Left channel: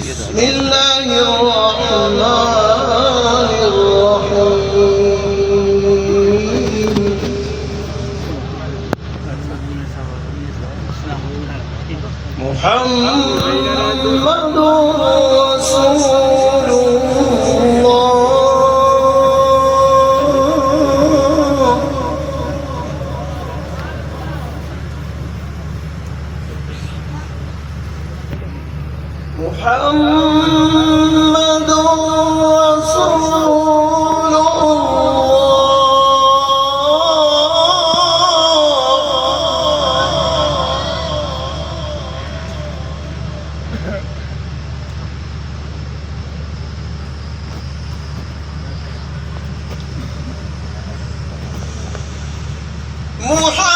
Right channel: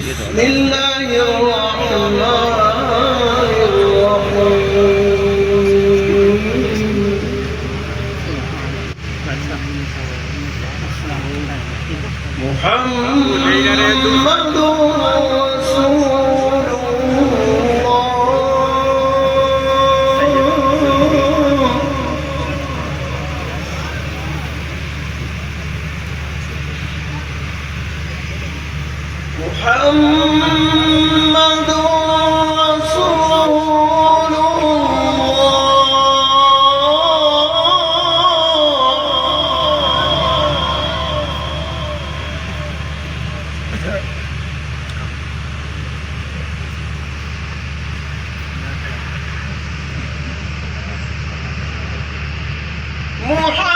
بسم الله الرحمن الرحيم محمد رسول الله محمد رسول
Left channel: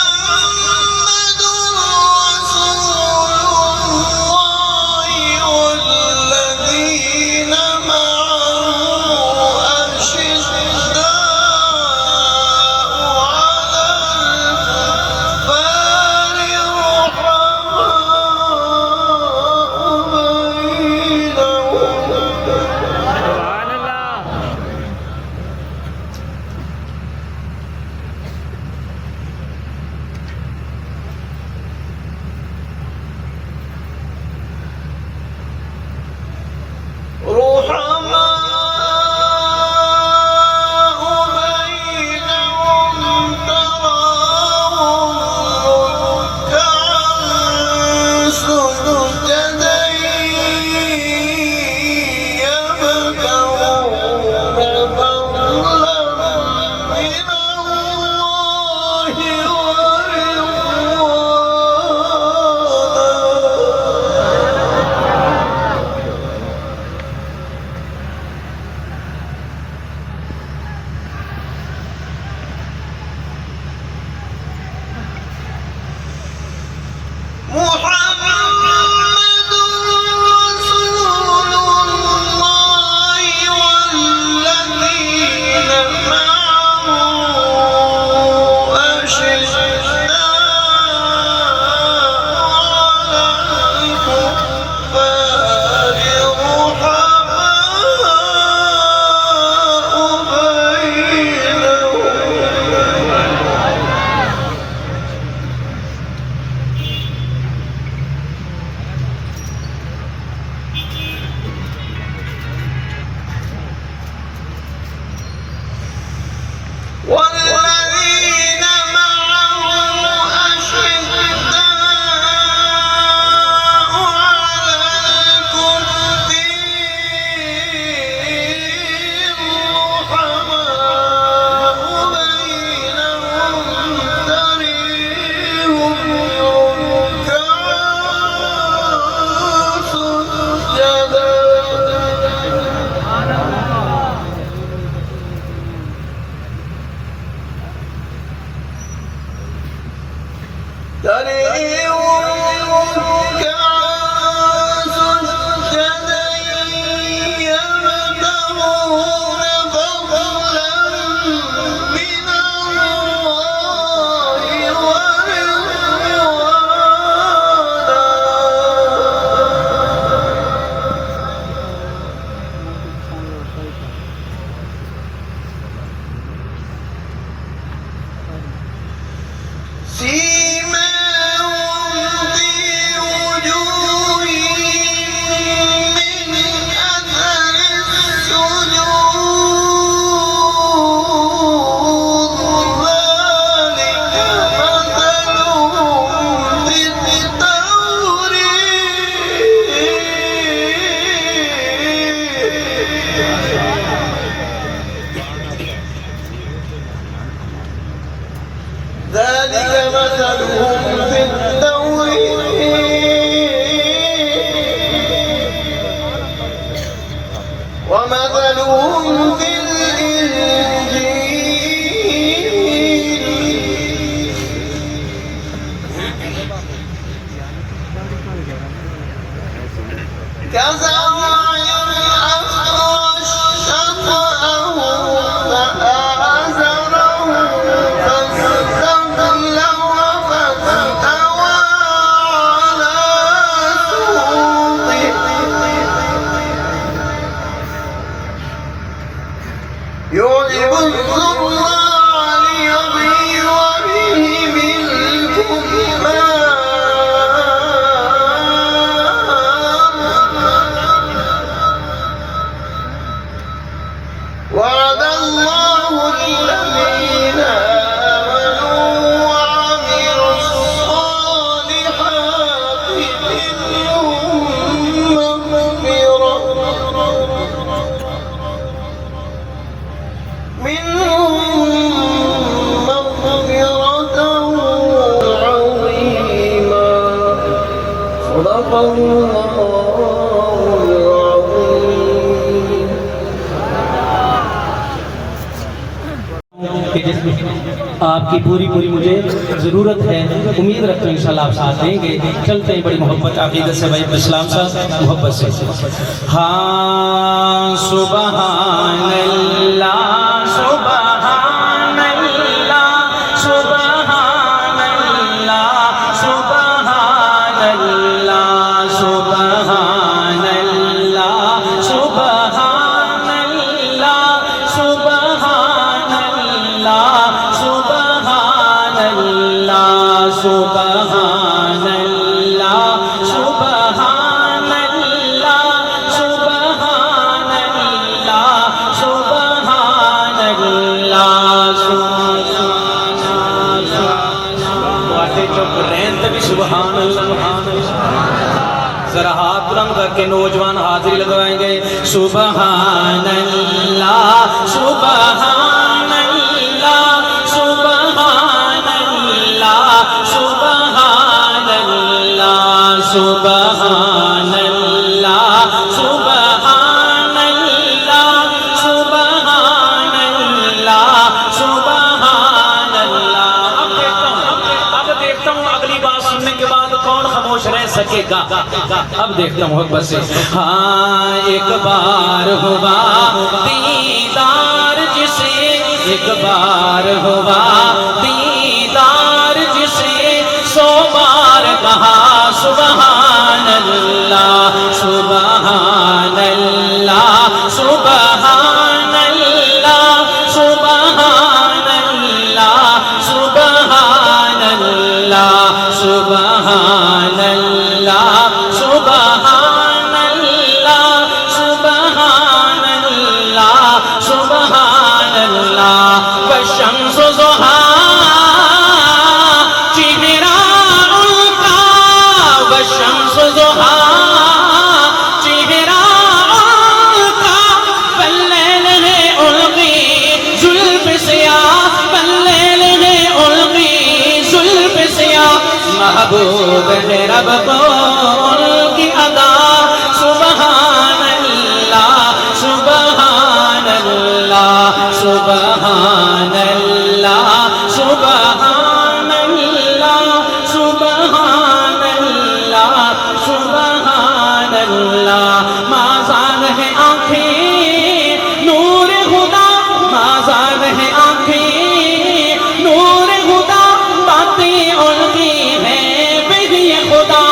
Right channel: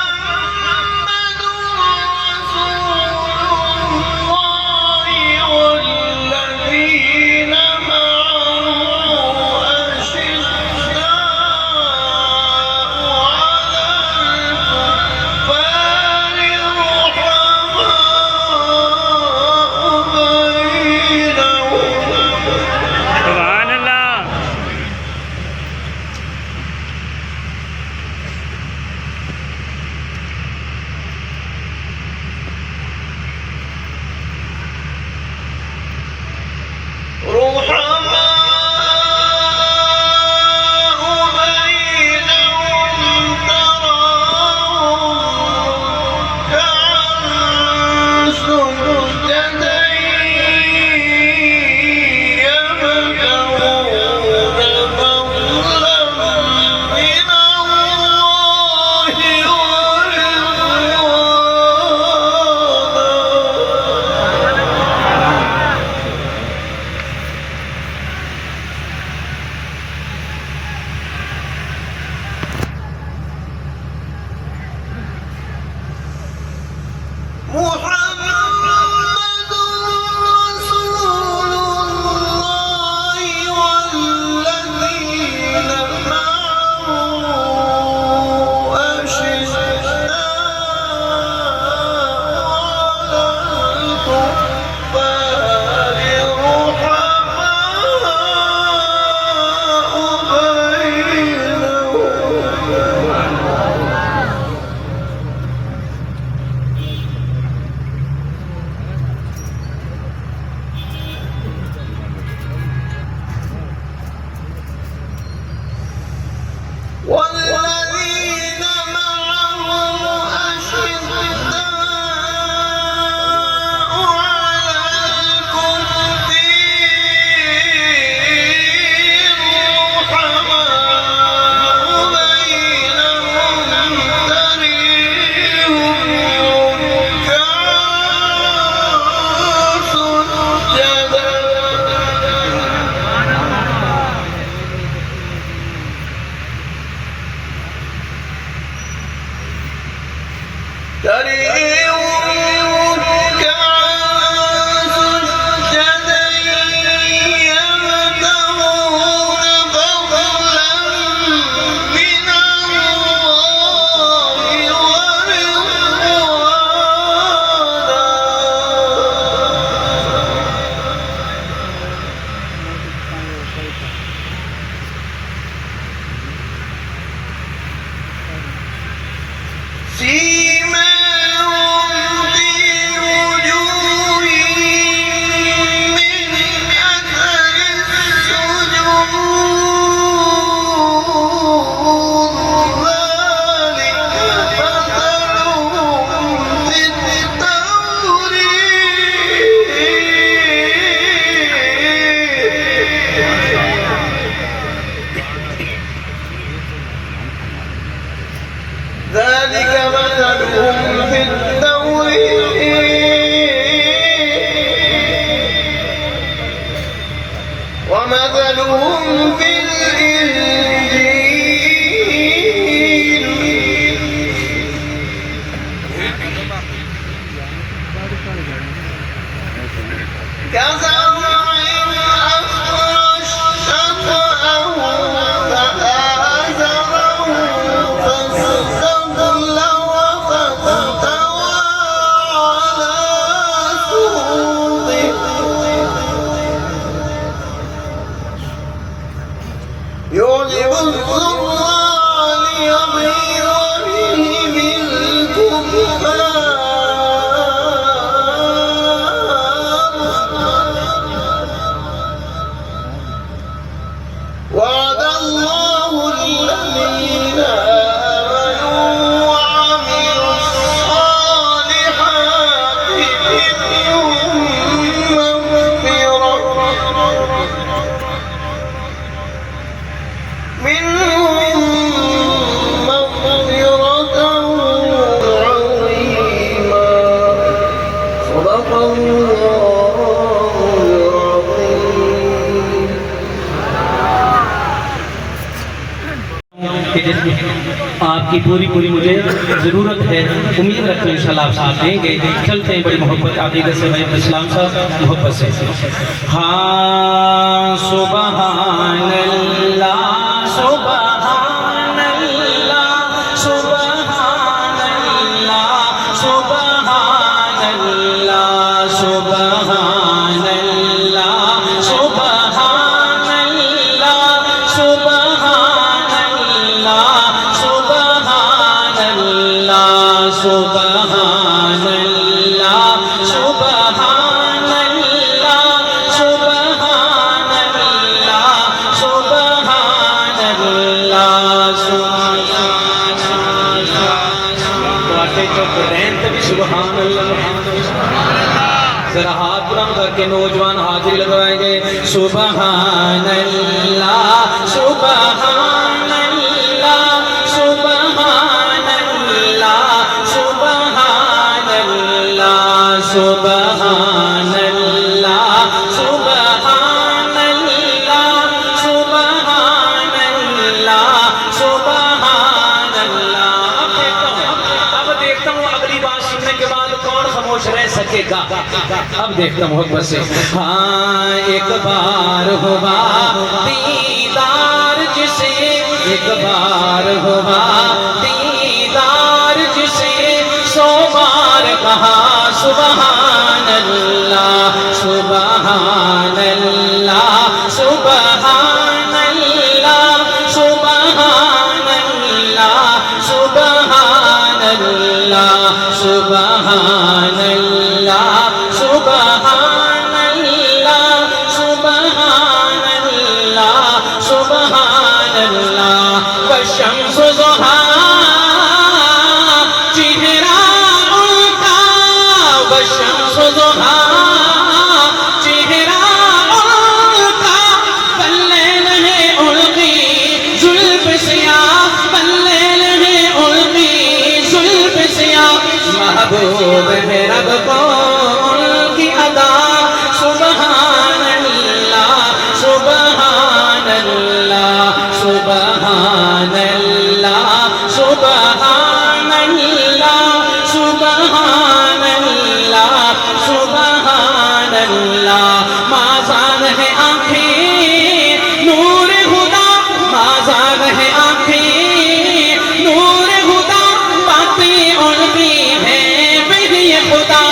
محمد رسول الله والذين معه أشداء على الكفار رحماء بينهم سبحان الله. رحماء بينهم تراهم ركعا سجدا يبتغون فضلا من الله محمد رسول الله والذين معه أشداء على الكفار رحماء بينهم والذين معه أشداء على الكفار رحماء بينهم تريهم ركعا سجدا تريهم ركعا سجدا يبتغون فضلا من الله ورضوانا سيماهم في وجوههم من أثر السجود ذلك مثلهم في التوراة ذلك مثلهم في التوراة ومثلهم في الإنجيل كزرع أخرج شطأه فآزره فاستغلظ فاستوى على سوقه لیکن آپ کی پوری مجھے ضرورت ہے، امید رکھتے ہیں انشاءاللہ آپ ساتھ دیں گے۔ چلتے ہیں بڑی محبت عقیدت سے بھائی اسلام صاحب محبت سے۔ ہاں سبحان اللہ سبحان اللہ سبحان اللہ سبحان اللہ سبحان اللہ سبحان اللہ سبحان اللہ سبحان اللہ سبحان اللہ سبحان اللہ سبحان اللہ سبحان اللہ سبحان اللہ۔ ذرا ہاتھ بلند کر کے نوجوان حاضری لگوائیں گے۔ سبحان اللہ سبحان اللہ سبحان اللہ سبحان اللہ سبحان اللہ سبحان اللہ سبحان اللہ سبحان اللہ۔ اب دیکھتا ہوں اگلی بات سننے کے بعد کون خاموش رہ سکے گا۔ اب دیکھتا ہوں محبت سے۔ ہاں ایک بار ہوا دیدار جسے، ایک بار ہوا دیدار جسے، 100 بار کہا سبحان اللہ سبحان اللہ سبحان اللہ سبحان اللہ سبحان اللہ سبحان اللہ سبحان اللہ سبحان اللہ سبحان اللہ۔ والشمس ضحاها چہرہ ان کا، والشمس ضحاها چہرہ ان کا، واللیل ہے القی زلف سیاہ، واللیل ہے القی زلف سیاہ، محبوب ہے رب کو ان کی ادا سبحان اللہ سبحان اللہ سبحان اللہ سبحان اللہ سبحان اللہ سبحان اللہ۔ مازال ہے آنکھیں نور خدا، مازال ہے آنکھیں نور خدا، باتیں ان کی ہیں بہی خدا،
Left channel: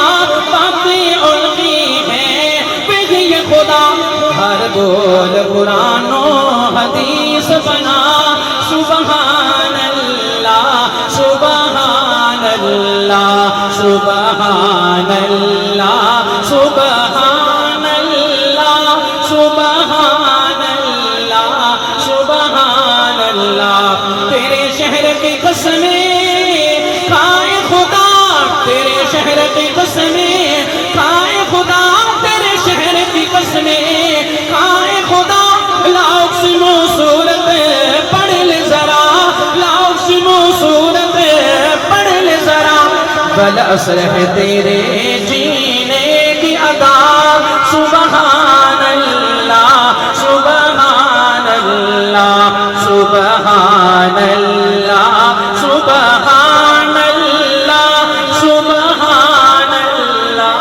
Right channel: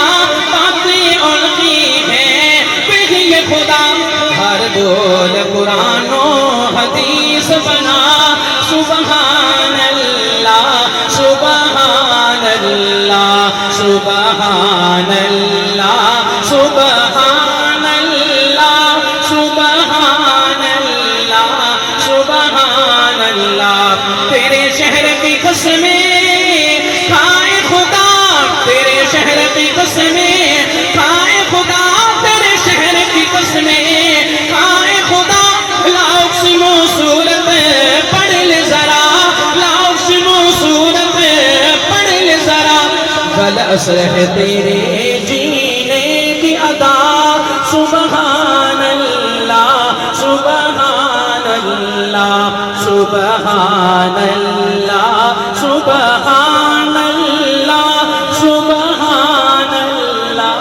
باتیں ان کی ہیں بہی خدا، ہر بول قرآن و حدیث بنا سبحان اللہ سبحان اللہ سبحان اللہ سبحان اللہ سبحان اللہ سبحان اللہ۔ تیرے شہر کی قسمیں کھائے خدا، تیرے شہر کی قسمیں کھائے خدا، تیرے شہر کی قسمیں کھائے خدا، لاقسم صورت پڑھ لے ذرا، لاقسم صورت پڑھ لے ذرا، بالعصر ہے تیرے جینے کی ادا سبحان اللہ سبحان اللہ سبحان اللہ سبحان اللہ سبحان اللہ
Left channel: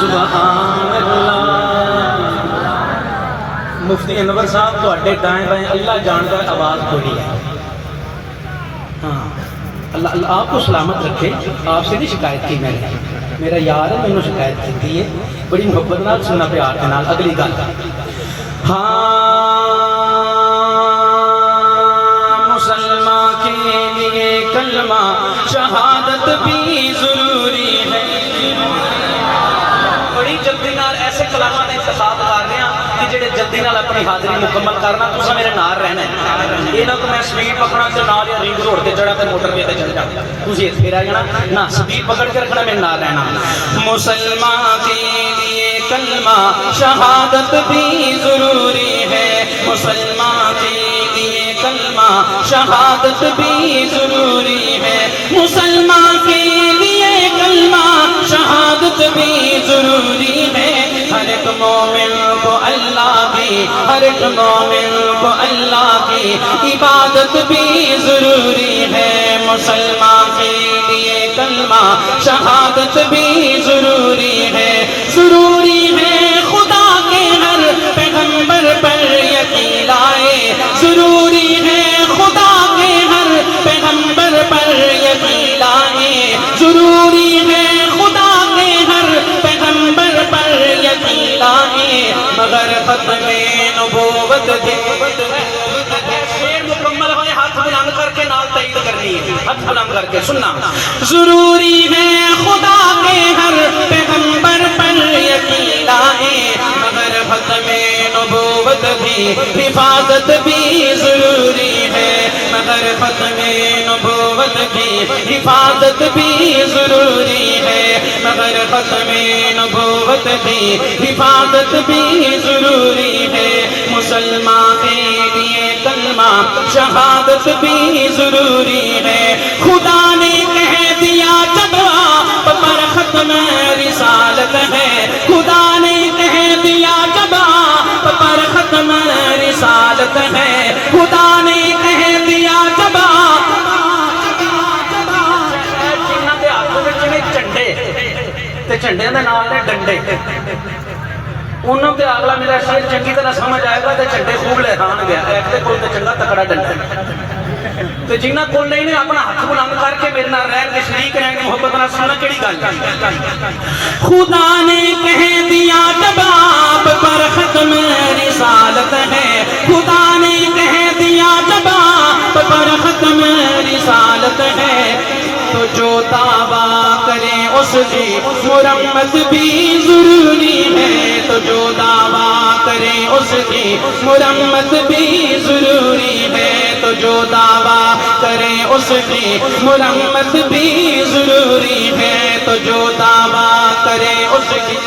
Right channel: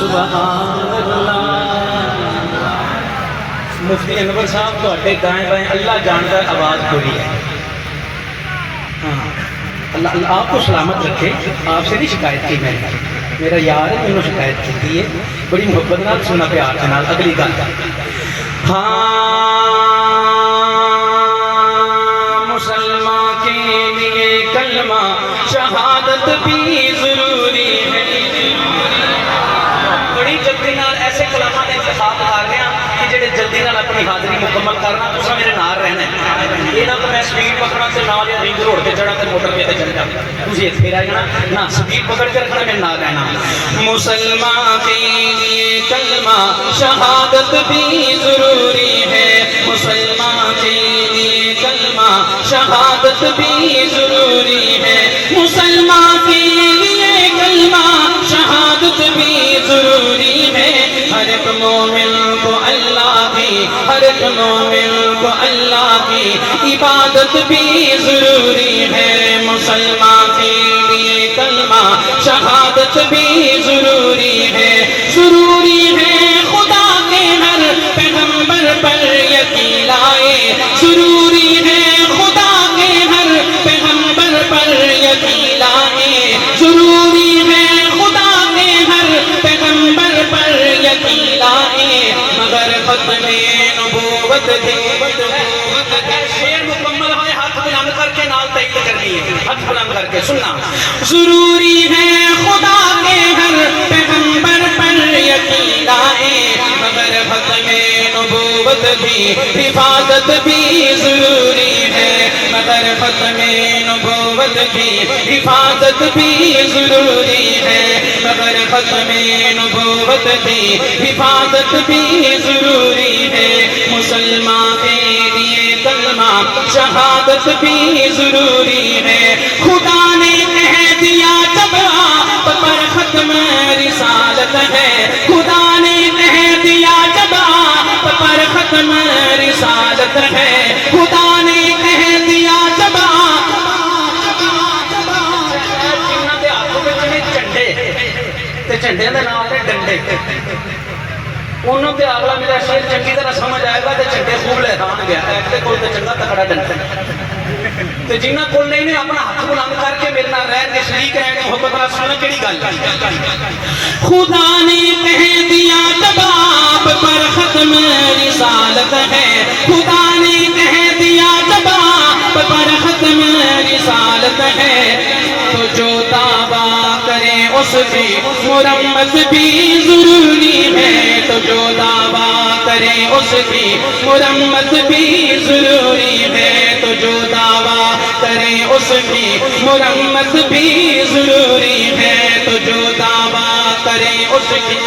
سبحان اللہ۔ مفتی انور صاحب تواڈے دائیں بائیں اللہ جانتا ہے آواز کوئی ہے۔ ہاں اللہ آپ کو سلامت رکھے، آپ سے نہیں شکایت کی میں نے، میرا یار ہے میں نے شکایت کی ہے، بڑی محبت نال سننا پیار کے نال۔ اگلی گل ہاں مسلمان کے لیے کلمہ شہادت بھی ضروری ہے۔ بڑی جلدی نال ایسے کلامات کا انتخاب کر رہے ہیں کہ جڑے جلدی نال اپنی حاضری مکمل کرنا، تساں میرے نال رہنا ہے۔ یہ نہ کہ میں سپیڈ پکڑا تے نال یا رنگ روڈ تے چڑھا تے موٹر تے چڑھ جا، تسی اتنے رہ جانا نہ، سپیڈ پکڑ کے رکھنا، میرے نال رہنا۔ مسلمان کے لیے کلمہ شہادت بھی ضروری ہے، مسلمان کے لیے کلمہ شہادت بھی ضروری ہے، مسلمان کے لیے کلمہ شہادت بھی ضروری ہے۔ ہر ایک مومن کو اللہ بھی ہر ایک مومن کو اللہ کی عبادت بھی ضروری ہے، مسلمان کے لیے کلمہ شہادت بھی ضروری ہے، ضروری ہے خدا کے ہر پیغمبر پر یقین لائے، ضروری ہے خدا کے ہر پیغمبر پر یقین لائے، ضروری ہے خدا کے ہر پیغمبر پر یقین لائے، مگر ختم نبوت کے شعر مکمل ہوئے ہاتھ بلند کر کے نال تائید کرنی ہے، ہاتھ بلند کر کے سننا، ضروری ہے خدا کے ہر پیغمبر پر یقین لائے، مگر ختم نبوت کی حفاظت بھی ضروری ہے، مگر ختم نبوت کی حفاظت بھی ضروری ہے، مگر ختم نبوت کی حفاظت بھی ضروری ہے، مسلمان کے لیے کلمہ شہادت بھی ضروری ہے، خدا نے کہہ دیا جب آپ پر ختم رسالت ہے، خدا نے کہہ دیا جب آپ پر ختم رسالت ہے، خدا نے کہہ دیا جب آپ جنہاں دے ہاتھ وچ نے جھنڈے تے جھنڈے دے نال نے ڈنڈے، انہوں تے اگلا میرا شعر چنگی طرح سمجھ آئے گا تے جھنڈے خوب لہران گیا تے کوئی تے چنگا تکڑا ڈنڈا، تو جنہ کول نہیں نے اپنا ہاتھ بلند کر کے میرے نال رہ کے شریک رہنے محبت نال سننا کیڑی گل خدا نے کہہ دیا جب آپ پر ختم رسالت ہے، خدا نے کہہ دیا جب آپ پر ختم رسالت ہے، تو جو دعویٰ کرے اس کی مرمت بھی ضروری ہے، تو جو دعویٰ کرے اس کی مرمت بھی ضروری ہے، تو جو دعویٰ کرے اس کی مرمت بھی ضروری ہے، تو جو دعویٰ کرے اس کی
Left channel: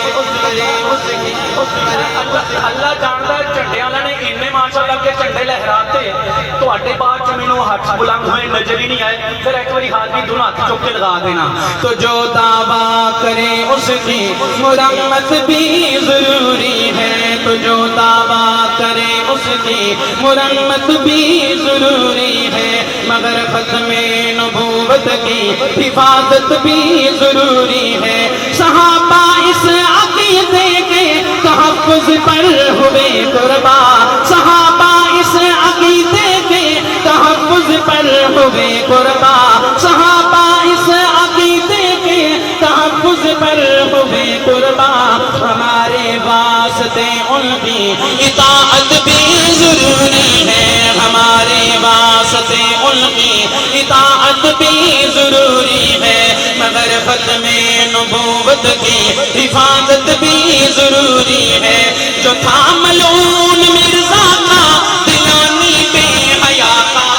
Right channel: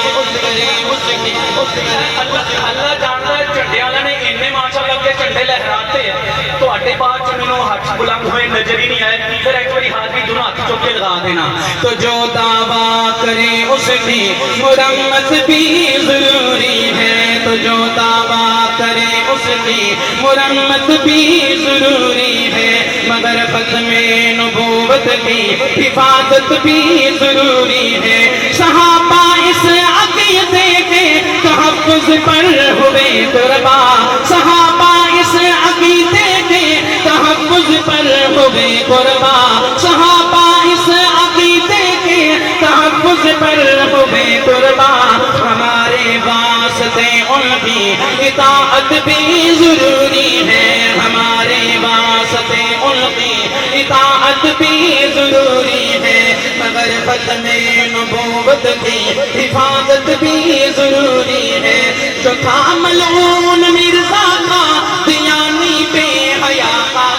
اللہ جانتا ہے جھنڈے والے نے اننے ماشاءاللہ کے جھنڈے لہراتے ہیں تو اٹے بعد چ مینوں ہاتھ بلند ہوئے نظر ہی نہیں آئے، پھر ایک باری ہاتھ بھی دونوں ہاتھ چوک کے لگا دینا، تو جو دعویٰ کرے اس کی مرمت بھی ضروری ہے، تو جو دعویٰ کرے اس کی مرمت بھی ضروری ہے، مگر ختم نبوت کی حفاظت بھی ضروری ہے، صحابہ اس عقیدے کے تحفظ پر ہوئے قربان، صحابہ اس عقیدے کے تحفظ پر ہوئے قربان، صحابہ اس عقیدے کے تحفظ پر ہوئے قربان، ہمارے واسطے ان کی اطاعت بھی ضروری ہے، ہمارے واسطے ان کی اطاعت بھی ضروری ہے، مگر ختم نبوت کی حفاظت بھی ضروری ہے، جو تھا ملعون مرزا کا دیانی بے حیا کا،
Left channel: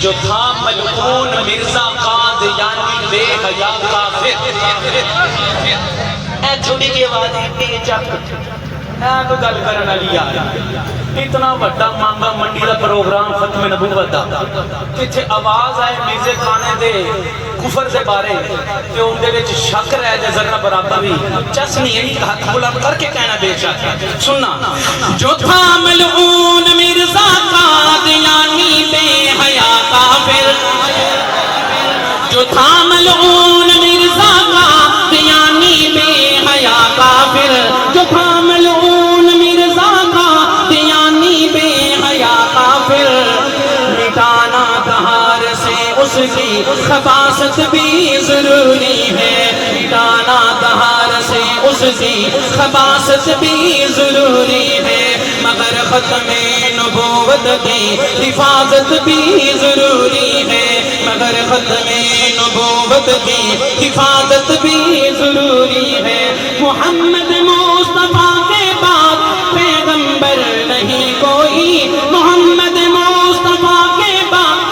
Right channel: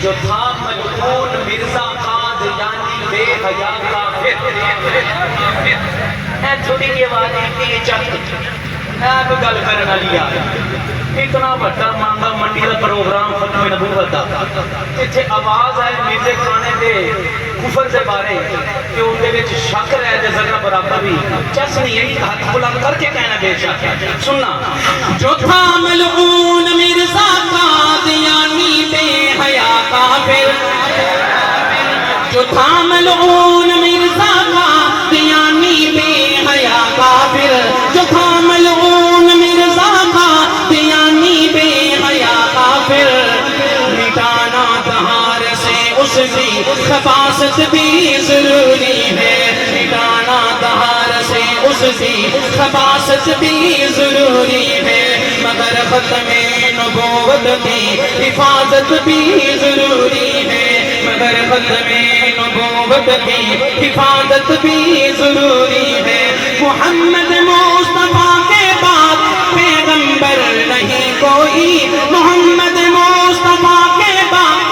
جو تھا ملعون مرزا کا دیانی بے حیا کا، اے چھوٹی کی آواز ہے چک کوئی گل کرنے والی آ اتنا وڈا مانگا منڈی کا پروگرام ختم نبوت دا اتنے آواز آئے میزے کھانے دے کفر دے بارے کہ ان دے وچ شک رہ جائے ذرا برابر بھی چس نہیں ہے ہاتھ بلند کر کے کہنا بے شک سننا، جو تھا ملعون مرزا کا دیانی بے حیا کافر، جو تھا ملعون مرزا کا دیانی بے حیا کافر، جو تھا ملعون مرزا کا دیانی بے حیا کافر، مٹانا تہار سے اس کی خباثت بھی ضروری ہے، مٹانا تہار سے اس کی خباثت بھی ضروری ہے، مگر ختم نبوت کی حفاظت بھی ضروری ہے، مگر ختم نبوت کی حفاظت بھی ضروری ہے، محمد مصطفیٰ کے بعد پیغمبر نہیں کوئی، محمد مصطفیٰ کے بعد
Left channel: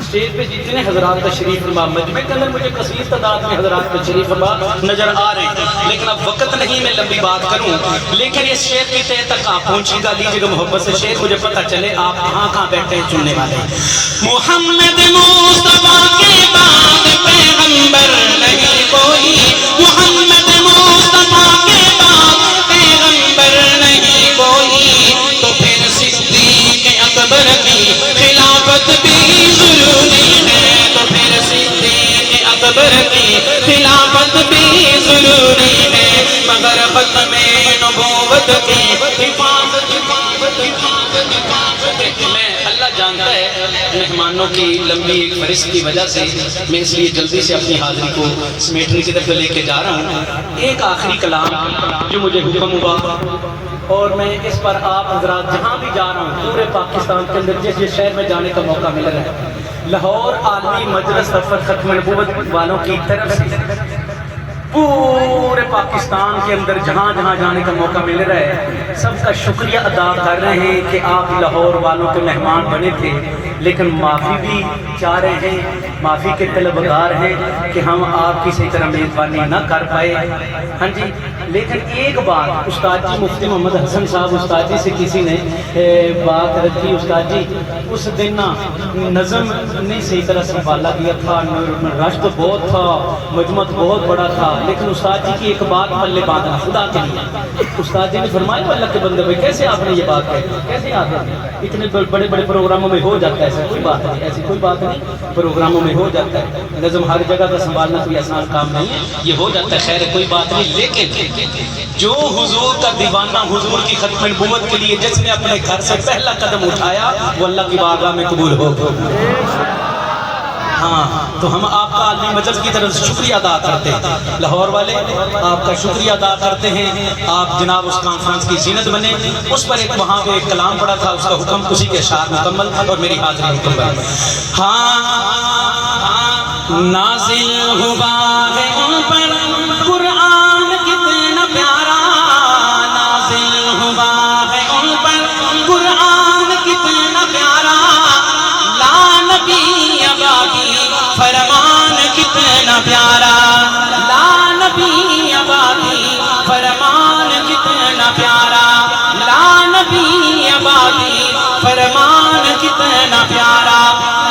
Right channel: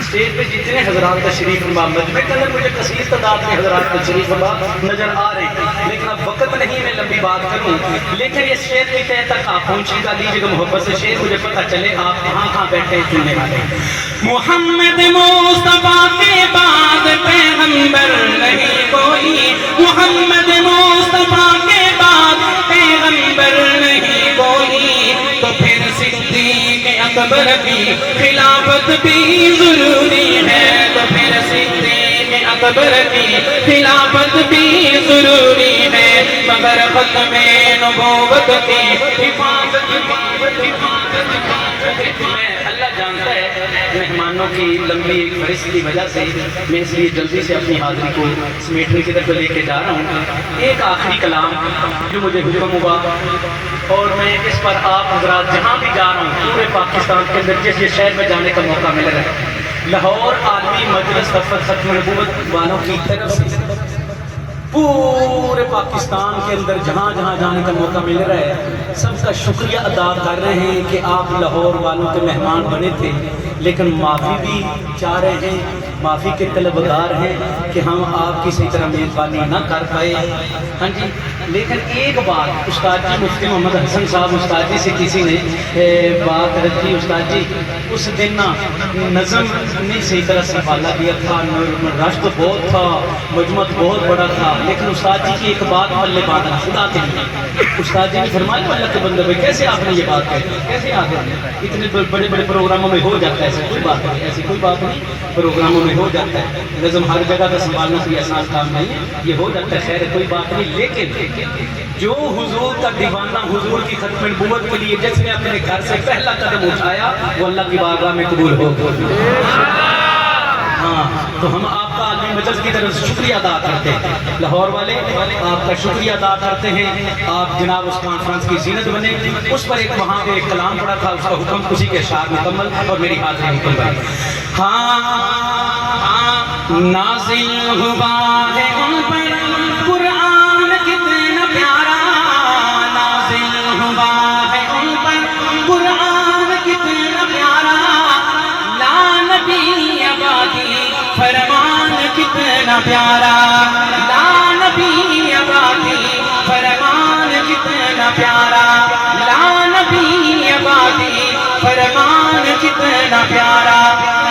اسٹیج پہ جتنے حضرات تشریف فرما مجمع کے اندر مجھے کثیر تعداد میں حضرات تشریف فرما نظر آ رہے ہیں، لیکن اب وقت نہیں میں لمبی بات کروں، لیکن اس شعر کی تہ تک آپ پہنچی گا، دیجیے گا محبت سے شعر مجھے پتہ چلے آپ کہاں بیٹھے ہیں سننے والے۔ محمد مصطفیٰ کے بعد پیغمبر پیغمبر نہیں کوئی، محمد مصطفیٰ کے بعد پیغمبر نہیں کوئی، تو پھر صدیق اکبر کی خلافت بھی ضروری ہے، تو پھر صدیق اکبر کی خلافت بھی ضروری ہے، مگر ختم نبوت کی حفاظت میں اللہ جانتا ہے مہمانوں کی لمبی ایک فہرست کی وجہ سے میں اس لیے جلدی سے اپنی حاضری کو سمیٹنے کی طرف لے کے جا رہا ہوں۔ ایک آخری کلام جو مجھے حکم ہوا اور میں اس پر آپ حضرات جہاں بھی جا رہا ہوں پورے پاکستان کے اندر جس شہر میں جانے کا موقع مل رہا ہے، لاہور عالمی مجلس دفتر ختم نبوت والوں کی طرف سے پورے پاکستان کے اندر جہاں جہاں جانے کا موقع مل رہا ہے، سب کا شکریہ ادا کر رہے ہیں کہ آپ لاہور والوں کے مہمان بنے تھے، لیکن معافی بھی چاہ رہے ہیں، معافی کے طلبگار ہیں کہ ہم آپ کی صحیح طرح میزبانی نہ کر پائے۔ ہاں جی، لیکن ایک بات استاد جی مفتی محمد حسن صاحب استاد جی سے کسی نے بات رکھی، استاد جی اس دن نظم نہیں صحیح طرح سنبھالا گیا تھا، رش تو بہت تھا، مجمع بہت بڑا تھا، لیکن استاد جی کی ایک بات پلے باندھنا خدا کے لیے، استاد جی نے فرمایا اللہ کے بندے بھائی کیسے آپ نے یہ بات کہی، کیسے آپ نے اتنے بڑے بڑے پروگراموں میں ہو جاتا ہے، ایسی کوئی بات نہیں، ایسی کوئی بات نہیں، پروگراموں میں ہو جاتا ہے، نظم ہر جگہ کا سنبھالنا کوئی آسان کام نہیں ہے، یہ ہو جاتا ہے، خیر کوئی بات نہیں، لیکن جو حضور کا دیوانہ حضور کی ختم نبوت کے لیے جس نے اپنے گھر سے پہلا قدم اٹھایا وہ اللہ کی بارگاہ میں قبول ہو۔ ہاں تو ہم آپ کا عالمی مجلس کی طرف سے شکریہ ادا کرتے ہیں، لاہور والے آپ کا شکریہ ادا کرتے ہیں، آپ جناب اس کانفرنس کی زینت بنے۔ اس پر ایک وہاں پہ ایک کلام پڑا تھا، اس کا حکم اسی کے اشعار مکمل اور میری حاضری مکمل۔ ہاں نازل ہوا ہے ان پر قرآن کتنا پیارا، نازل ہوا ہے ان پر قرآن کتنا پیارا، لا نبی آبادی فرمان کتنا پیارا، لا نبی آبادی فرمان کتنا پیارا، لا نبی آبادی فرمان کتنا پیارا،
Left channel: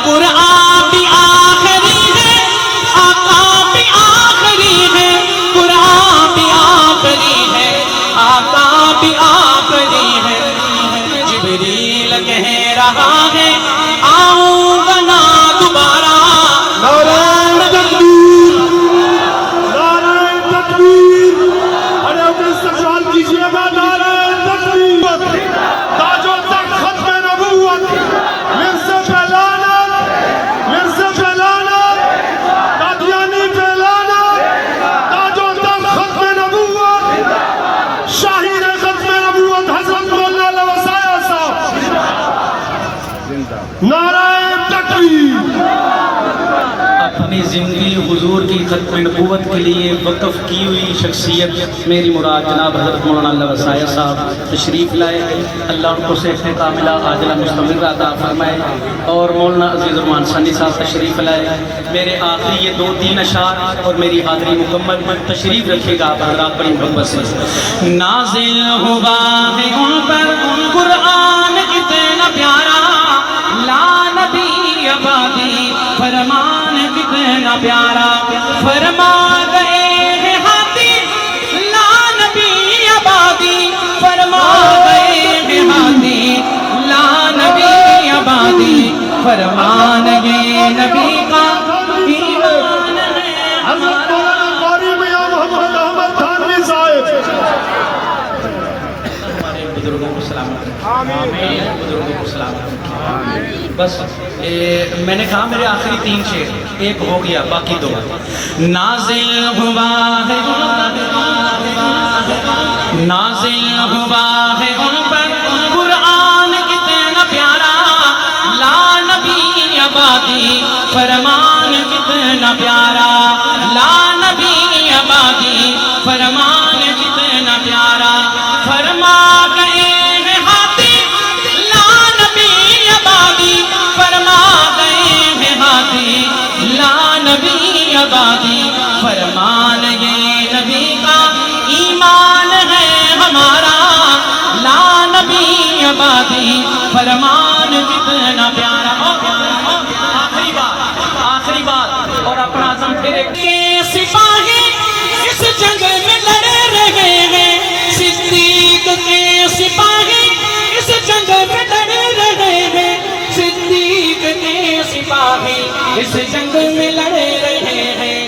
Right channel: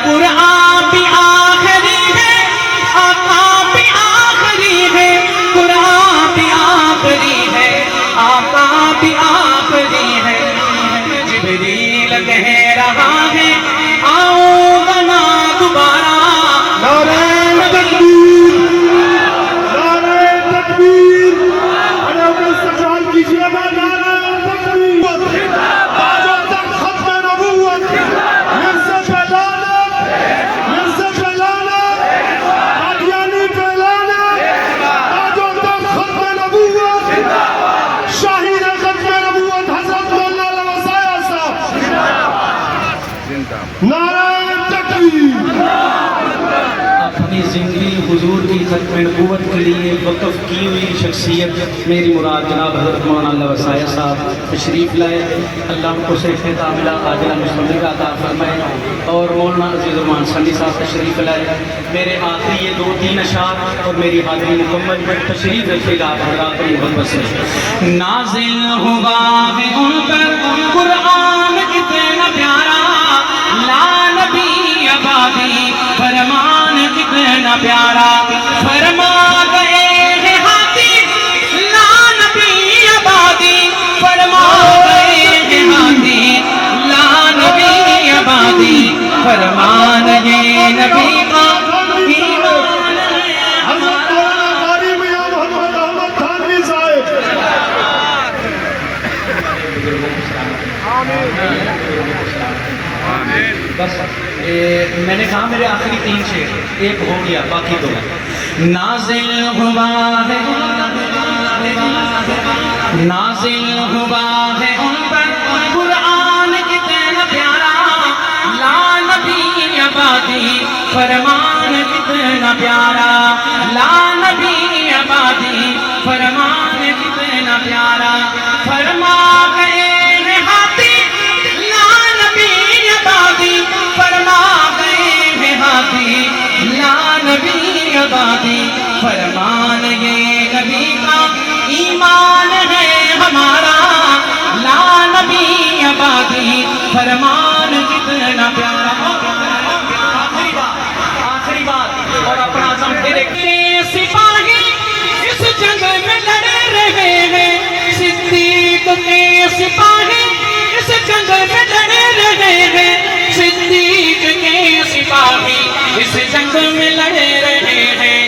قرآن بھی آخری ہے، آقا بھی آخری ہے، قرآن بھی آخری ہے، آقا بھی آخری ہے، جبریل کہہ رہا ہے آؤں گا نا دوبارہ، نعرہ تکبیر، نعرہ تکبیر، ارے اپنے استقبال کیجیے گا، نعرہ تکبیر، تاج و تخت ختم نبوت، مرزا پہ لعنت، مرزا پہ لعنت، قادیانی پہ لعنت، تاج و تخت ختم نبوت، شاہین ختم نبوت حضرت مولانا لوسایا صاحب، نعرہ تکبیر۔ اپنی زندگی حضور کی ختم نبوت کے لیے وقف کی ہوئی شخصیت میری مراد جناب حضرت مولانا لوسایا صاحب تشریف لائے، اللہ ان کو صحت کاملہ عاجلہ مستمرہ عطا فرمائے، اور مولانا عزیز الرحمان ثانی صاحب تشریف لائے۔ میرے آخری یہ 2-3 اشعار اور میری حاضری مکمل، تشریف رکھیے گا آپ حضرات بڑی محبت سے۔ نازل ہوا ہے ان پر قرآن کتنا پیارا، لا نبی آبادی فرمان کتنا پیارا، فرما گئے ہیں ہاتھی لا نبی آبادی، فرما گئے ہیں ہاتھی لا نبی آبادی، فرمان گئے نبی کا ایمان ہے ہمارا۔ قاری میاں محمد احمد تھانوی صاحب، بس میں نے کہا میرے آخری 3 شعر، ایک ہو گیا باقی 2۔ نازل ہوا ہے، نازل ہوا ہے ان پر قرآن کتنا پیارا، لا نبی آبادی فرمان کتنا پیارا، لا نبی آبادی فرمان کتنا پیارا، فرما گئے ہیں ہاتھی لا نبی آبادی، فرما گئے ہیں ہاتھی لا نبی آبادی، فرمان یہ نبی کا ایمان ہے ہمارا، لا نبی آبادی فرمان کتنا پیارا۔ آخری بات اور اپنا عزم پھر ایک اس جنگ میں لڑے رہے ہیں،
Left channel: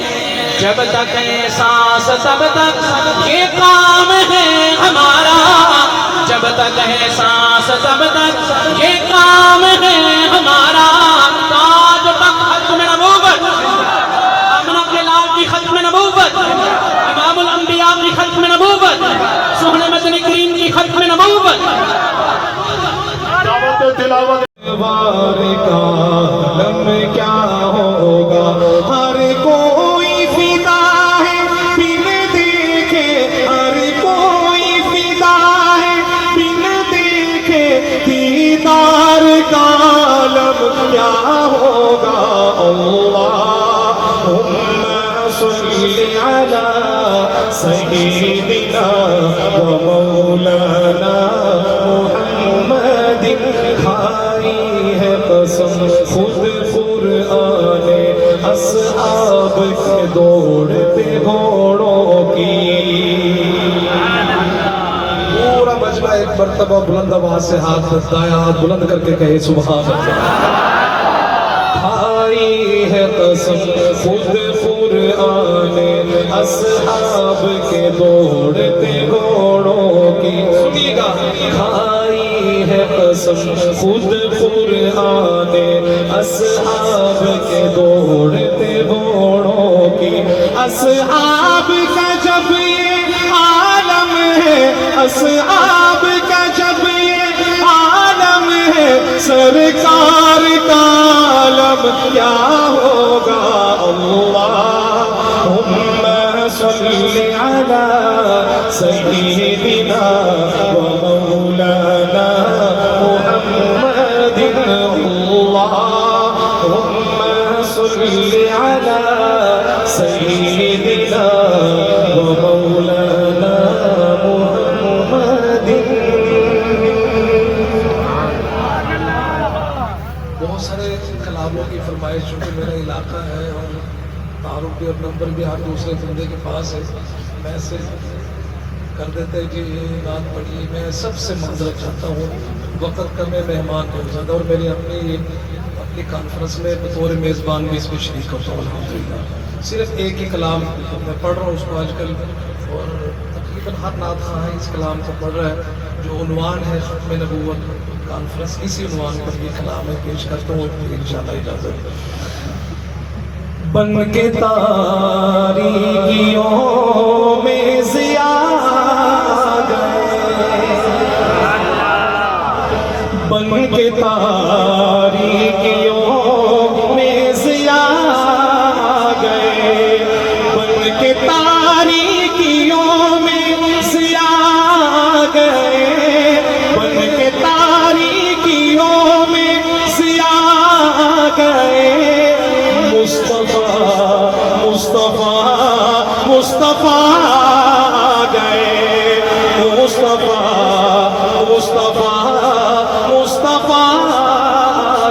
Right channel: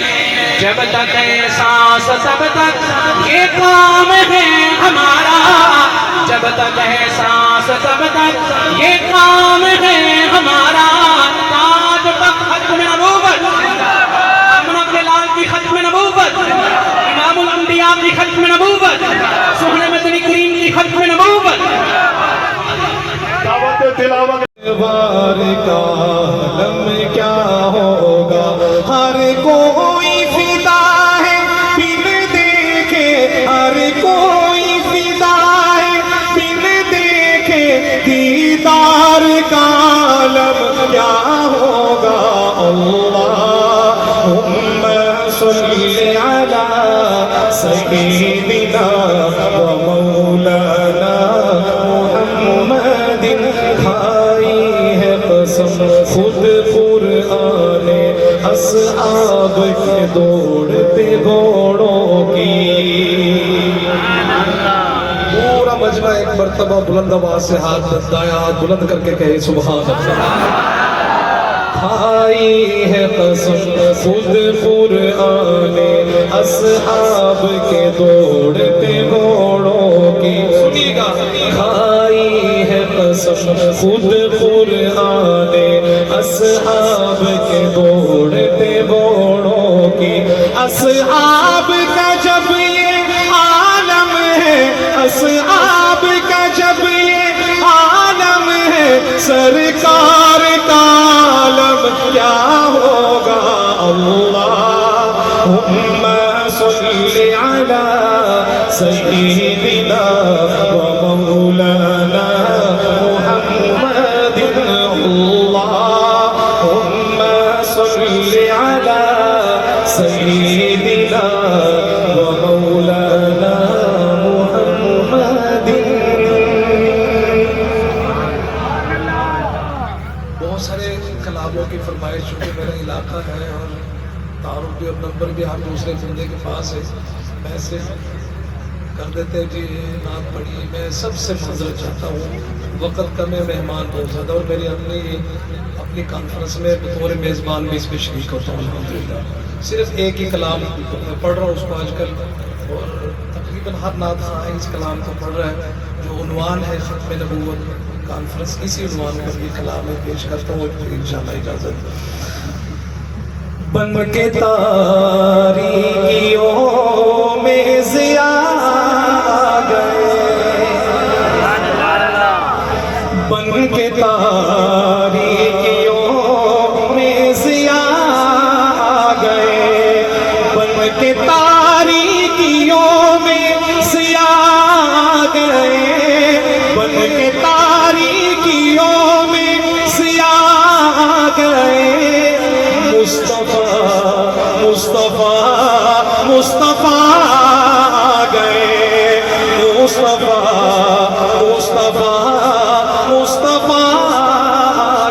جب تک ہے سانس تب تک یہ کام ہے ہمارا، جب تک ہے سانس تب تک یہ کام ہے ہمارا، تاج تک ختم نبوت، آمنہ کے لال کی ختم نبوت، امام الانبیاء کی ختم نبوت، سہن مدنی کریم کی ختم نبوت۔ دعوت تلاوت وار کا عالم کیا ہوگا، ہر کوئی فدا ہے بن دیکھے، ہر کوئی فدا ہے بن دیکھے، دیدار کا عالم کیا ہوگا۔ اللہم صلی علی سیدنا و مولانا محمد، کھائی ہے قسم خود قرآن اصحاب کے دوڑتے گھوڑوں کی۔ پورا مجمع ایک مرتبہ بلند آواز سے ہاتھ دائیں ہاتھ بلند کر کے کہے سبحان اللہ۔ کھائی ہے قسم خود قرآن اصحاب کے دوڑتے گھوڑوں کی، سنیے گا، کھائی ہے قسم خود قرآن اصحاب کے دوڑتے گھوڑوں کی۔ اصحاب کا جب یہ عالم ہے، اصحاب کا جب یہ عالم ہے، سرکار کا عالم کیا ہوگا۔ اللہم صلی علی سیدنا و مولانا محمد، اللہم صلی علی سیدنا و مولانا محمد۔ بہت سارے کلاموں کی فرمائش، چونکہ میرا علاقہ ہے اور تعارف بھی اب نمبر بھی ہر دوسرے بندے کے پاس ہے، میں سے کر دیتے جی یہ نعت پڑھی، میں سب سے معذرت چاہتا ہوں، وقت کا میں مہمان بہت زیادہ، اور میری اپنی کانفرنس میں بطور میزبان بھی اس میں شریک کرتا ہوں الحمدللہ۔ صرف ایک ہی کلام میں پڑھ رہا ہوں اس کو آج کل، اور تقریباً ہر نعت خواہ اس کلام کو پڑھ رہا ہے، جو عنوان ہے ختم نبوت کانفرنس، اسی عنوان پر بھی کلام میں پیش کرتا ہوں انشاءاللہ اجازت۔ بن کے تاریکیوں میں ضیاء گئے، بن کے تاریکیوں میں ضیاء گئے، بن کے تاریکیوں میں ضیاء گئے، بن کے تاریکیوں میں ضیاء گئے۔ مصطفیٰ گئے، مصطفیٰ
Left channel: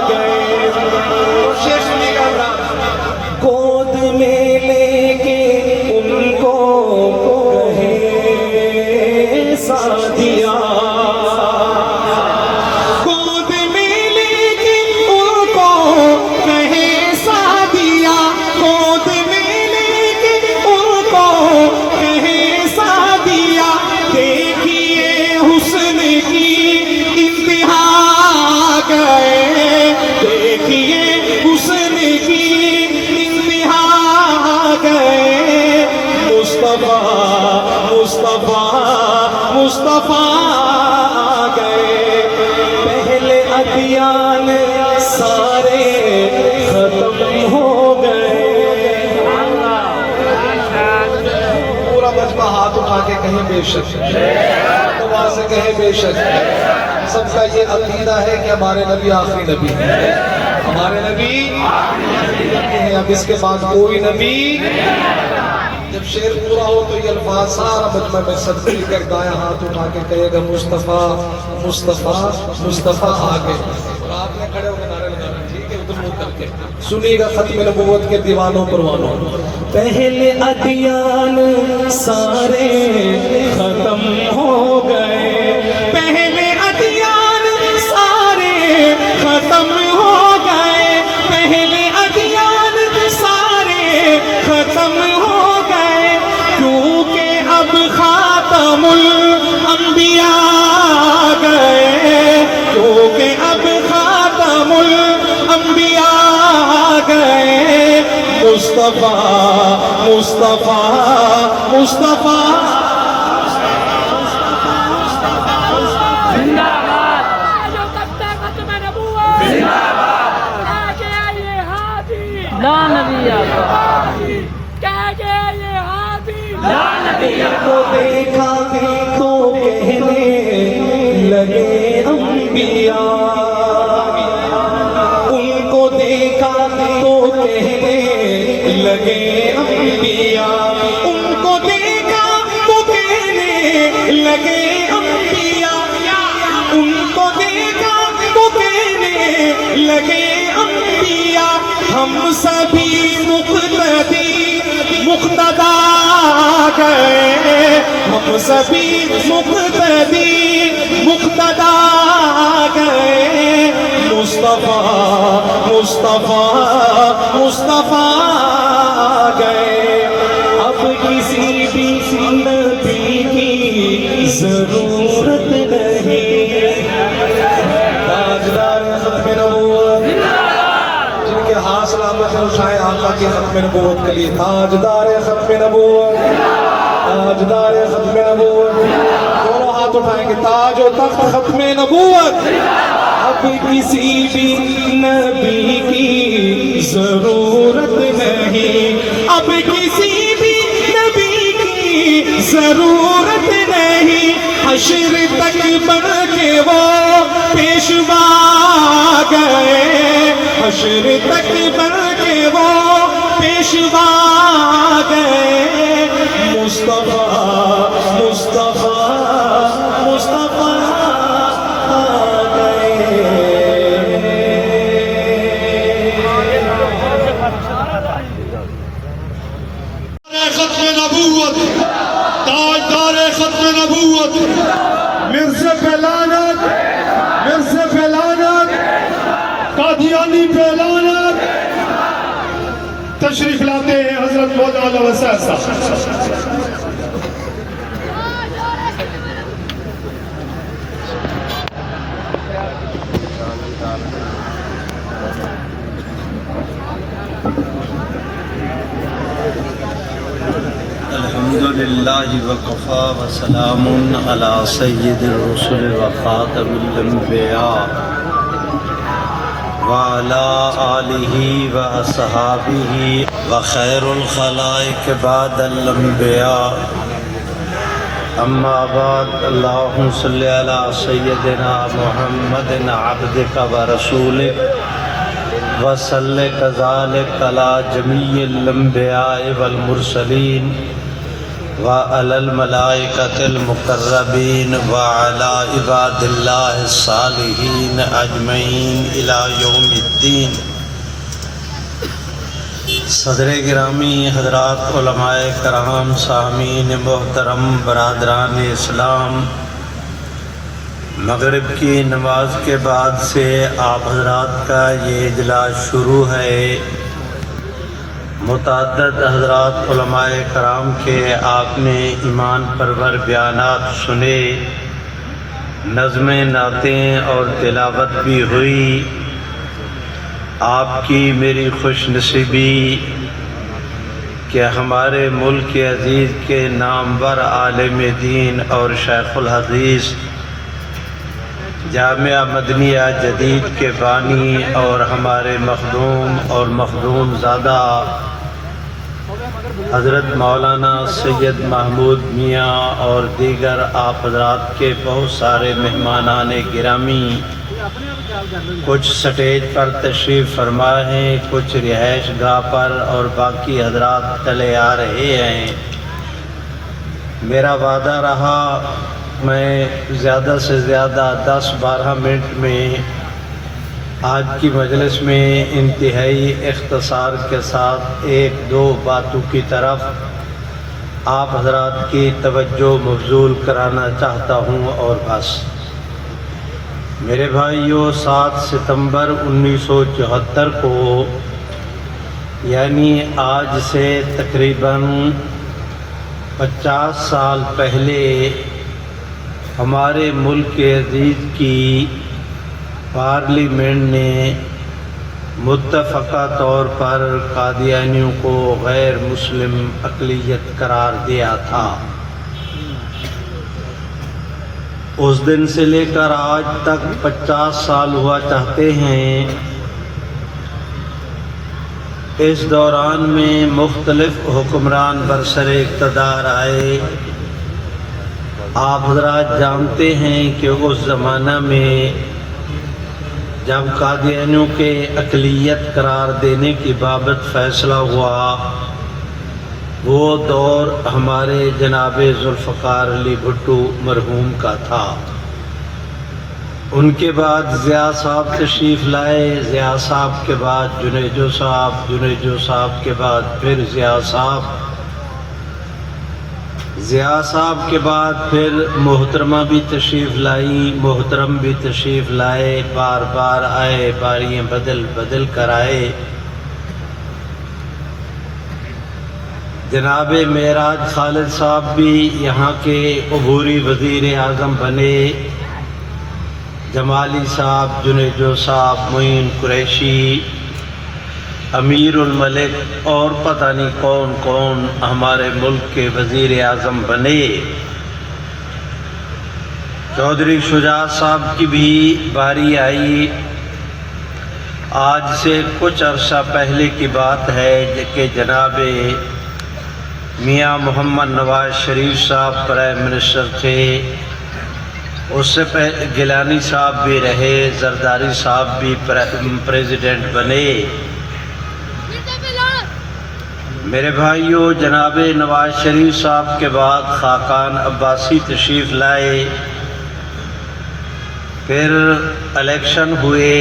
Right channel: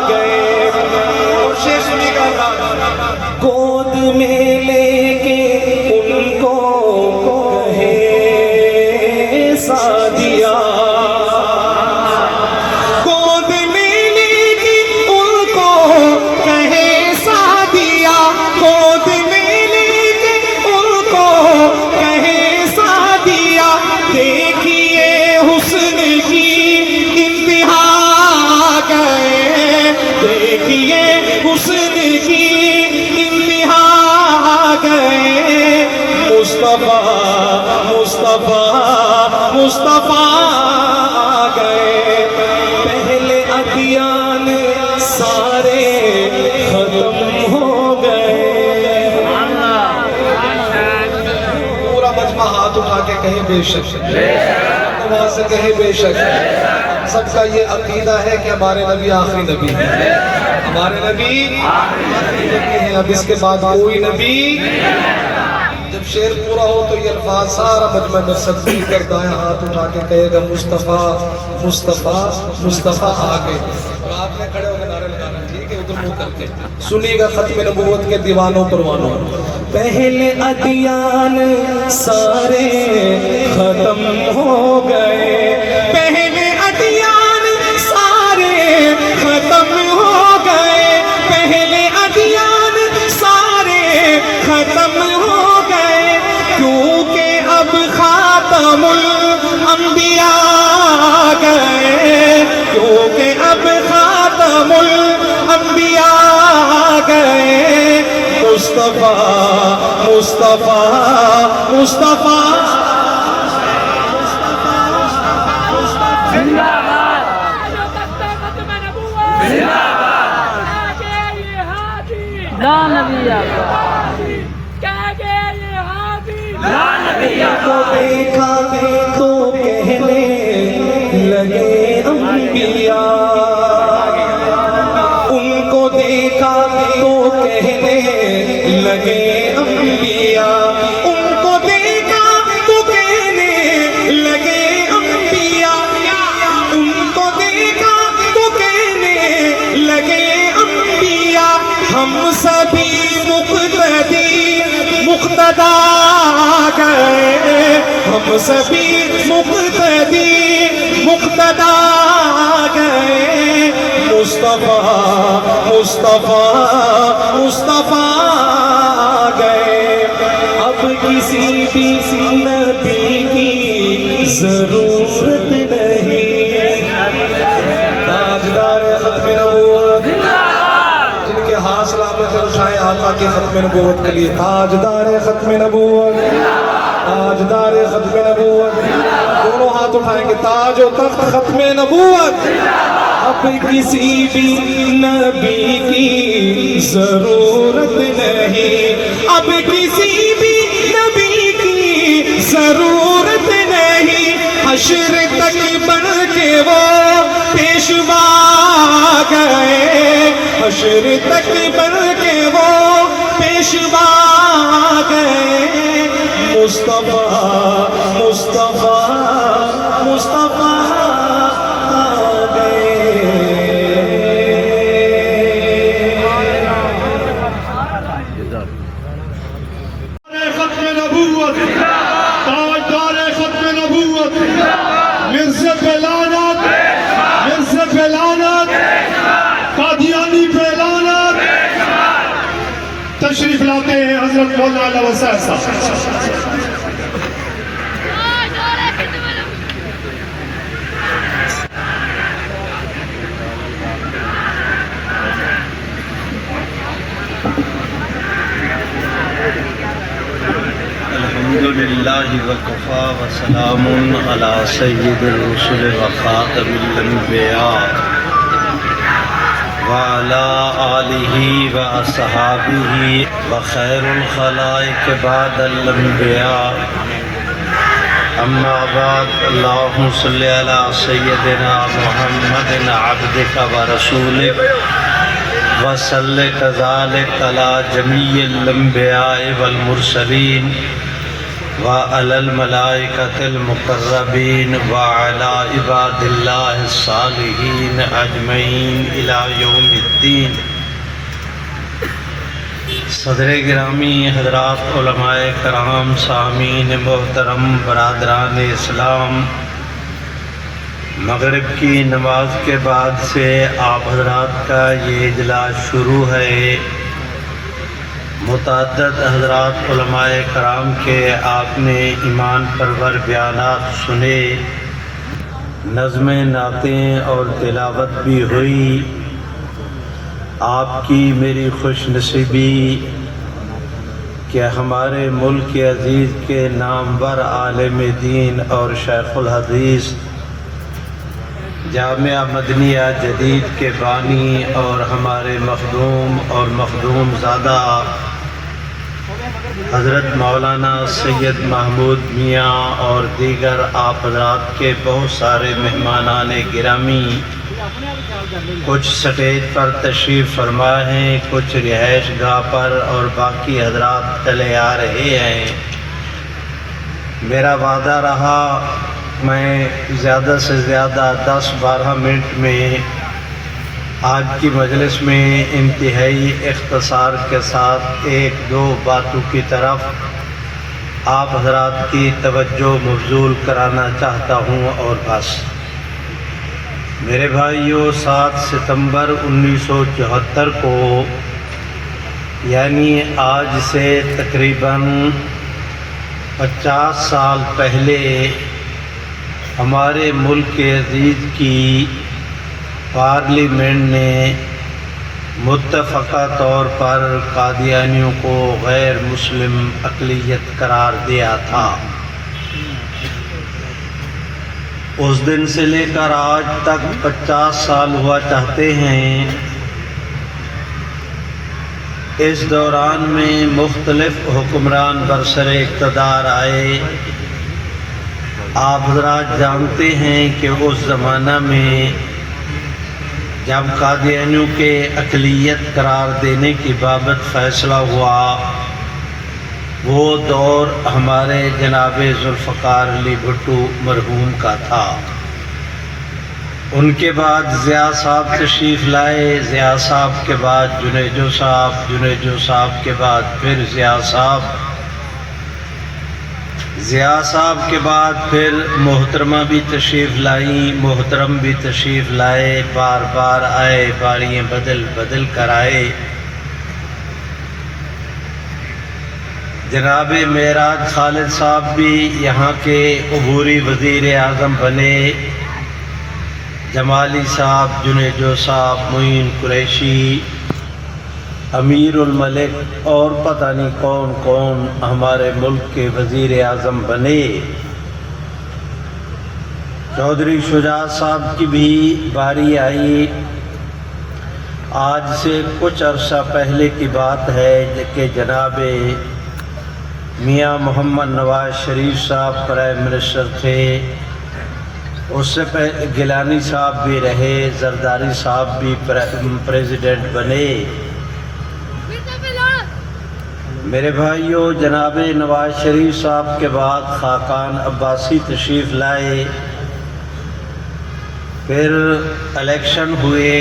گئے۔ شیش نکالا گود میں لے کے ان کو کہے سعدیہ، گود میں لے کے ان کو کہے سعدیہ، گود میں لے کے ان کو کہے سعدیہ۔ دیکھیے حسن کی انتہا گئے، دیکھیے حسن کی انتہا گئے۔ مصطفیٰ مصطفیٰ مصطفیٰ گئے، پہلے ادیان سارے ختم ہو گئے۔ پورا مجمع ہاتھ اٹھا کے کہیں بے شک، وہاں سے کہیں بے شک۔ سب کا یہ عقیدہ ہے کہ ہمارے نبی آخری نبی ہیں، ہمارے نبی آخری نبی ہیں، اب اس کے بعد کوئی نبی۔ جب شعر پورا ہو تو یہ الفاظ سارا مجمع میں سب مل کر دائیں ہاتھ اٹھا کے کہے گا مصطفیٰ مصطفیٰ مصطفیٰ آگے، اور آپ نے کھڑے ہو کے نعرے لگانا، ٹھیک ہے، ادھر منہ کر کے سنیے گا ختم نبوت کے دیوانوں پروانوں۔ پہلے ادیان سارے ختم ہو گئے، پہلے ادیان سارے ختم ہو گئے، پہلے ادیان مصطفیٰ مصطفیٰ مصطفیٰ لا نبی آقا لا نبی کو دیکھا تو کہنے لگے انبیاء، ان کو دیکھا تو کہنے لگے انبیاء، ان کو دیکھا تو کہنے لگے انبیاء، ان کو دیکھا تو کہنے لگے انبیاء، ہم سبھی مقتدا گئے، ہم سبھی مقتدا گئے، مصطفیٰ مصطفیٰ مصطفیٰ گئے، اب کسی بھی نبی کی ضرورت نہیں، تاجدار ختم نبوت جن کے حاصل آپ نے اٹھائے آقا کے ختم نبوت کے لیے، تاجدار ختم نبوت، تاجدار ختم نبوت، دونوں ہاتھ اٹھائیں گے، تاج و تخت ختم نبوت، اب کسی بھی نبی کی ضرورت نہیں، اب کسی بھی نبی کی ضرورت نہیں، حشر تک بن کے وہ پیشوا گئے، حشر تک بن کے وہ پیشوا گئے، مصطفیٰ مصطفیٰ مصطفیٰ گئے۔ ختم نبوت، تاجدار ختم نبوت، مرزا پہ لعنت، مرزا پہ لعنت، قادیانی پہ لعنت، تشریف لاتے ہیں حضرت مولانا وسائل صاحب۔ الحمدللہ وکفا وسلام علی سید الرسل وخاتم الانبیاء وعلی آلہ واصحابہ وخیر الخلائق بعد الانبیاء، اما بعد، اللہم صلی علی سیدنا محمد عبدک ورسولک وصلی کذالک علی جمیع الانبیاء والمرسلین وعلی الملائکۃ المقربین وعلی عباد اللہ الصالحین اجمعین الی یوم الدین۔ صدر گرامی حضرات علماء کرام، سامعین محترم، برادران اسلام، مغرب کی نماز کے بعد سے آپ حضرات کا یہ اجلاس شروع ہے۔ متعدد حضرات علماء کرام کے آپ نے ایمان پرور بیانات سنے، نظمیں، نعتیں اور تلاوت بھی ہوئی۔ آپ کی میری خوش نصیبی کہ ہمارے ملک عزیز کے نامور عالم دین اور شیخ الحدیث، جامعہ مدنیہ جدید کے بانی اور ہمارے مخدوم اور مخدوم زادہ حضرت مولانا سید محمود میاں اور دیگر آپ حضرات کے بہت سارے مہمانان گرامی، کچھ سٹیج پر تشریف فرما ہیں، کچھ رہائش گاہ پر، اور باقی حضرات چلے آ رہے ہیں۔ میرا وعدہ رہا میں زیادہ سے زیادہ 10-12 منٹ میں آج کی مجلس میں انتہائی اختصار کے ساتھ 1-2 باتوں کی طرف آپ حضرات کی توجہ مبذول کرانا چاہتا ہوں، اور بس۔ میرے بھائیوں، 7 ستمبر 1974 کو، یعنی آج سے تقریباً 50 سال پہلے، ہمارے ملک عزیز کی پارلیمنٹ نے متفقہ طور پر قادیانیوں کو غیر مسلم اقلیت قرار دیا تھا۔ اس دن سے لے کر آج تک 50 سال ہوا چاہتے ہیں۔ اس دوران میں مختلف حکمران برسر اقتدار آئے۔ آپ حضرات جانتے ہیں کہ اس زمانہ میں جب قادیانیوں کے اقلیت قرار دینے کی بابت فیصلہ ہوا، وہ دور ہمارے جناب ذوالفقار علی بھٹو مرحوم کا تھا۔ ان کے بعد ضیاء صاحب تشریف لائے، ضیاء صاحب کے بعد جنیجو صاحب، جنیجو صاحب کے بعد پھر ضیاء صاحب، ضیاء صاحب کے بعد پھر محترمہ بھی تشریف لائی، محترم بھی تشریف لائے، بار بار آئے، باریاں بدل بدل کر آئے۔ جناب معراج خالد صاحب بھی یہاں کے عبوری وزیر اعظم بنے، جمالی صاحب، جنیجو صاحب، معین قریشی، امیر الملک اور پتہ نہیں کون کون ہمارے ملک کے وزیر اعظم بنے۔ چودھری شجاع صاحب کی بھی باری آئی۔ آج سے کچھ عرصہ پہلے کی بات ہے کہ جناب میاں محمد نواز شریف صاحب پرائم منسٹر تھے، اس سے پہلے گیلانی صاحب بھی رہے، زرداری صاحب بھی پریزیڈنٹ بنے۔ میرے بھائیوں، جناب نواز شریف صاحب کے بعد خاقان عباسی تشریف لائے، پھر الیکشن ہوئے،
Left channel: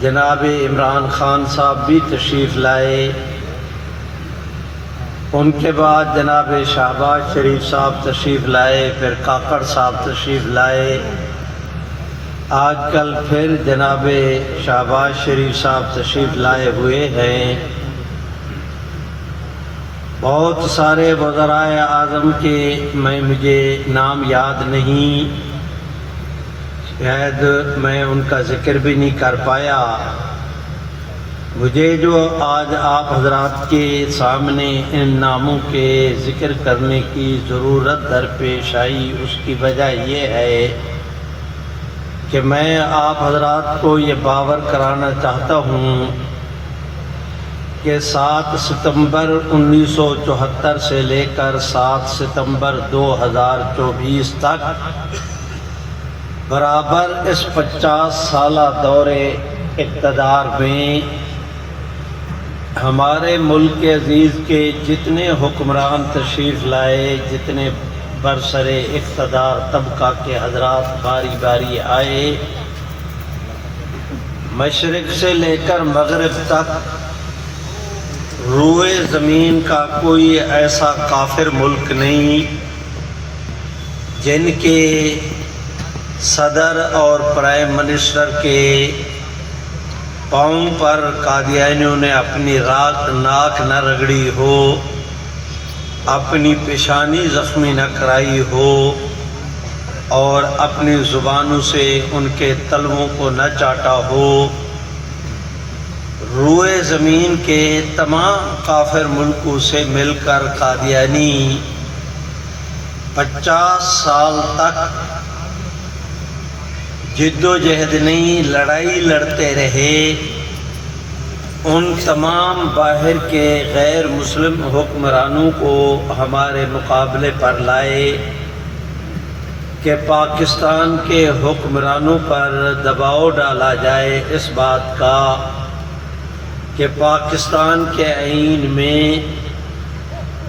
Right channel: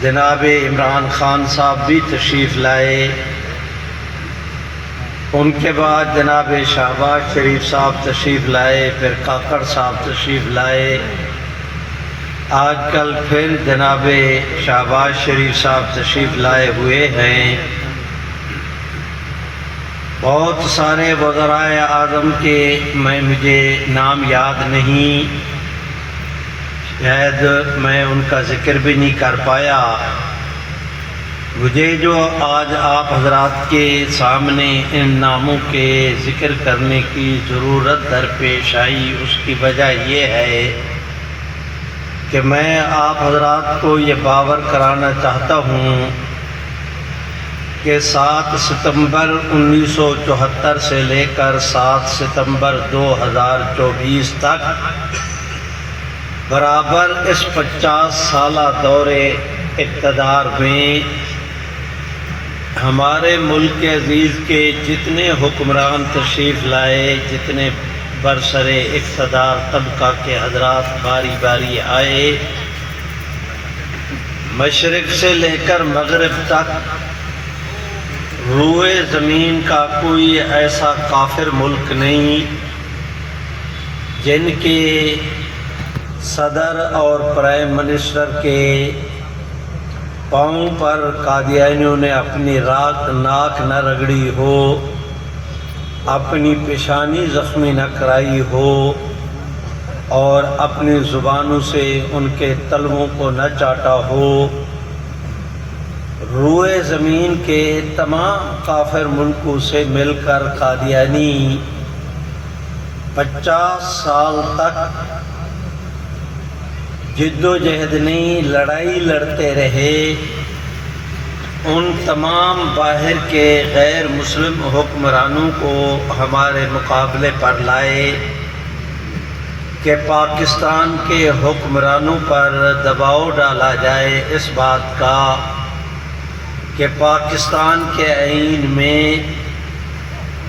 جناب عمران خان صاحب بھی تشریف لائے، ان کے بعد جناب شہباز شریف صاحب تشریف لائے، پھر کاکڑ صاحب تشریف لائے، آج کل پھر جناب شہباز شریف صاحب تشریف لائے ہوئے ہیں۔ بہت سارے وزرائے اعظم کے مجھے نام یاد نہیں، شاید میں ان کا ذکر بھی نہیں کر پایا۔ مجھے جو آج آپ حضرات کے سامنے ان ناموں کے ذکر کرنے کی ضرورت درپیش آئی، اس کی وجہ یہ ہے کہ میں آپ حضرات کو یہ باور کرانا چاہتا ہوں کہ 7 ستمبر 1974 سے لے کر 7 ستمبر 2024 تک برابر اس 50 سالہ دور اقتدار میں ہمارے ملک عزیز کے جتنے حکمران تشریف لائے، جتنے برسر اقتدار طبقہ کے حضرات باری باری آئے، مشرق سے لے کر مغرب تک روئے زمین کا کوئی ایسا کافر ملک نہیں جن کے صدر اور پرائم منسٹر کے پاؤں پر قادیانیوں نے اپنی ناک نہ رگڑی ہو، اپنی پیشانی زخمی نہ کرائی ہو، اور اپنی زبانوں سے ان کے تلووں کو نہ چاٹا ہو۔ روئے زمین کے تمام کافر ملکوں سے مل کر قادیانی 50 سال تک جد و جہد نہیں، لڑائی لڑتے رہے، ان تمام باہر کے غیر مسلم حکمرانوں کو ہمارے مقابلے پر لائے کہ پاکستان کے حکمرانوں پر دباؤ ڈالا جائے اس بات کا کہ پاکستان کے آئین میں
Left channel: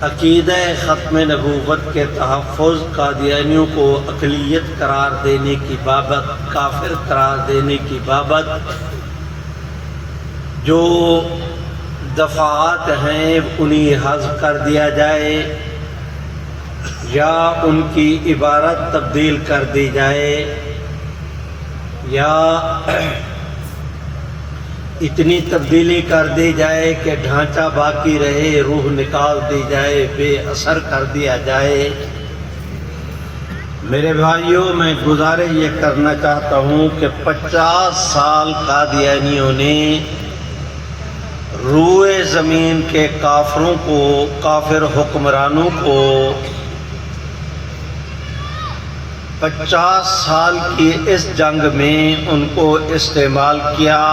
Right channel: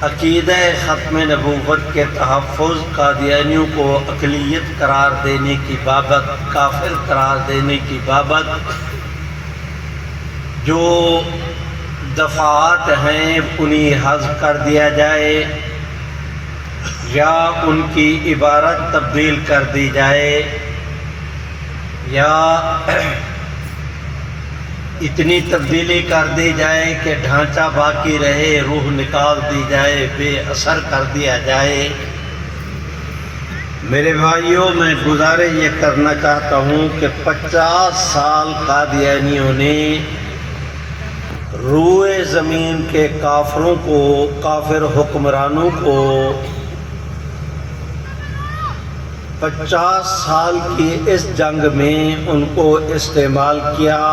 عقیدہ ختم نبوت کے تحفظ، قادیانیوں کو اقلیت قرار دینے کی بابت، کافر قرار دینے کی بابت جو دفعات ہیں انہیں حذف کر دیا جائے یا ان کی عبارت تبدیل کر دی جائے یا اتنی تبدیلی کر دی جائے کہ ڈھانچہ باقی رہے، روح نکال دی جائے، بے اثر کر دیا جائے۔ میرے بھائیوں، میں گزارش یہ کرنا چاہتا ہوں کہ 50 سال قادیانیوں نے روئے زمین کے کافروں کو، کافر حکمرانوں کو 50 سال کی اس جنگ میں ان کو استعمال کیا.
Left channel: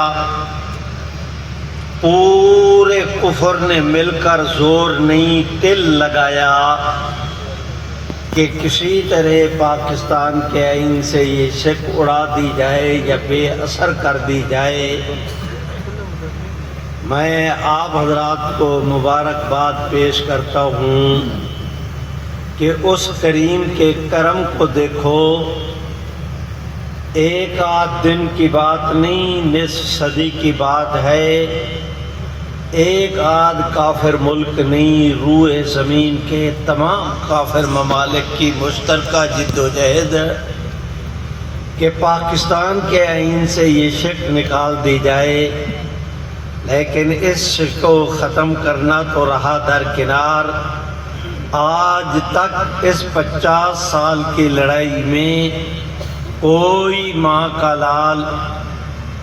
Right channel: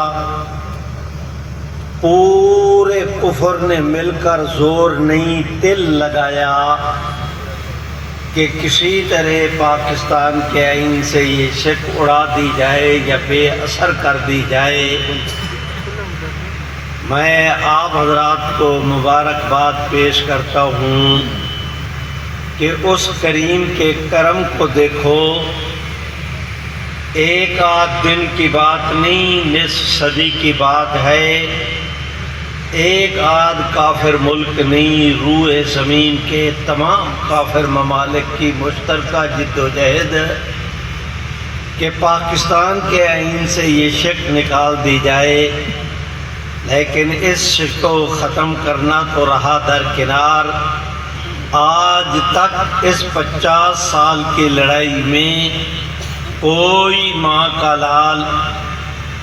پورے کفر نے مل کر زور نہیں دل لگایا کہ کسی طرح پاکستان کے آئین سے یہ شک اڑا دی جائے یا بے اثر کر دی جائے. میں آپ حضرات کو مبارکباد پیش کرتا ہوں کہ اس کریم کے کرم کو دیکھو. ایک آدھ دن کی بات نہیں، نصف صدی کی بات ہے. ایک آدھ کافر ملک نہیں، روئے زمین کے تمام کافر ممالک کی مشترکہ جد و جہد کہ پاکستان کے آئین سے یہ شک نکال دی جائے. لیکن اس شک کو ختم کرنا تو رہا درکنار. آج تک اس 50 سال کی لڑائی میں کوئی ماں کا لال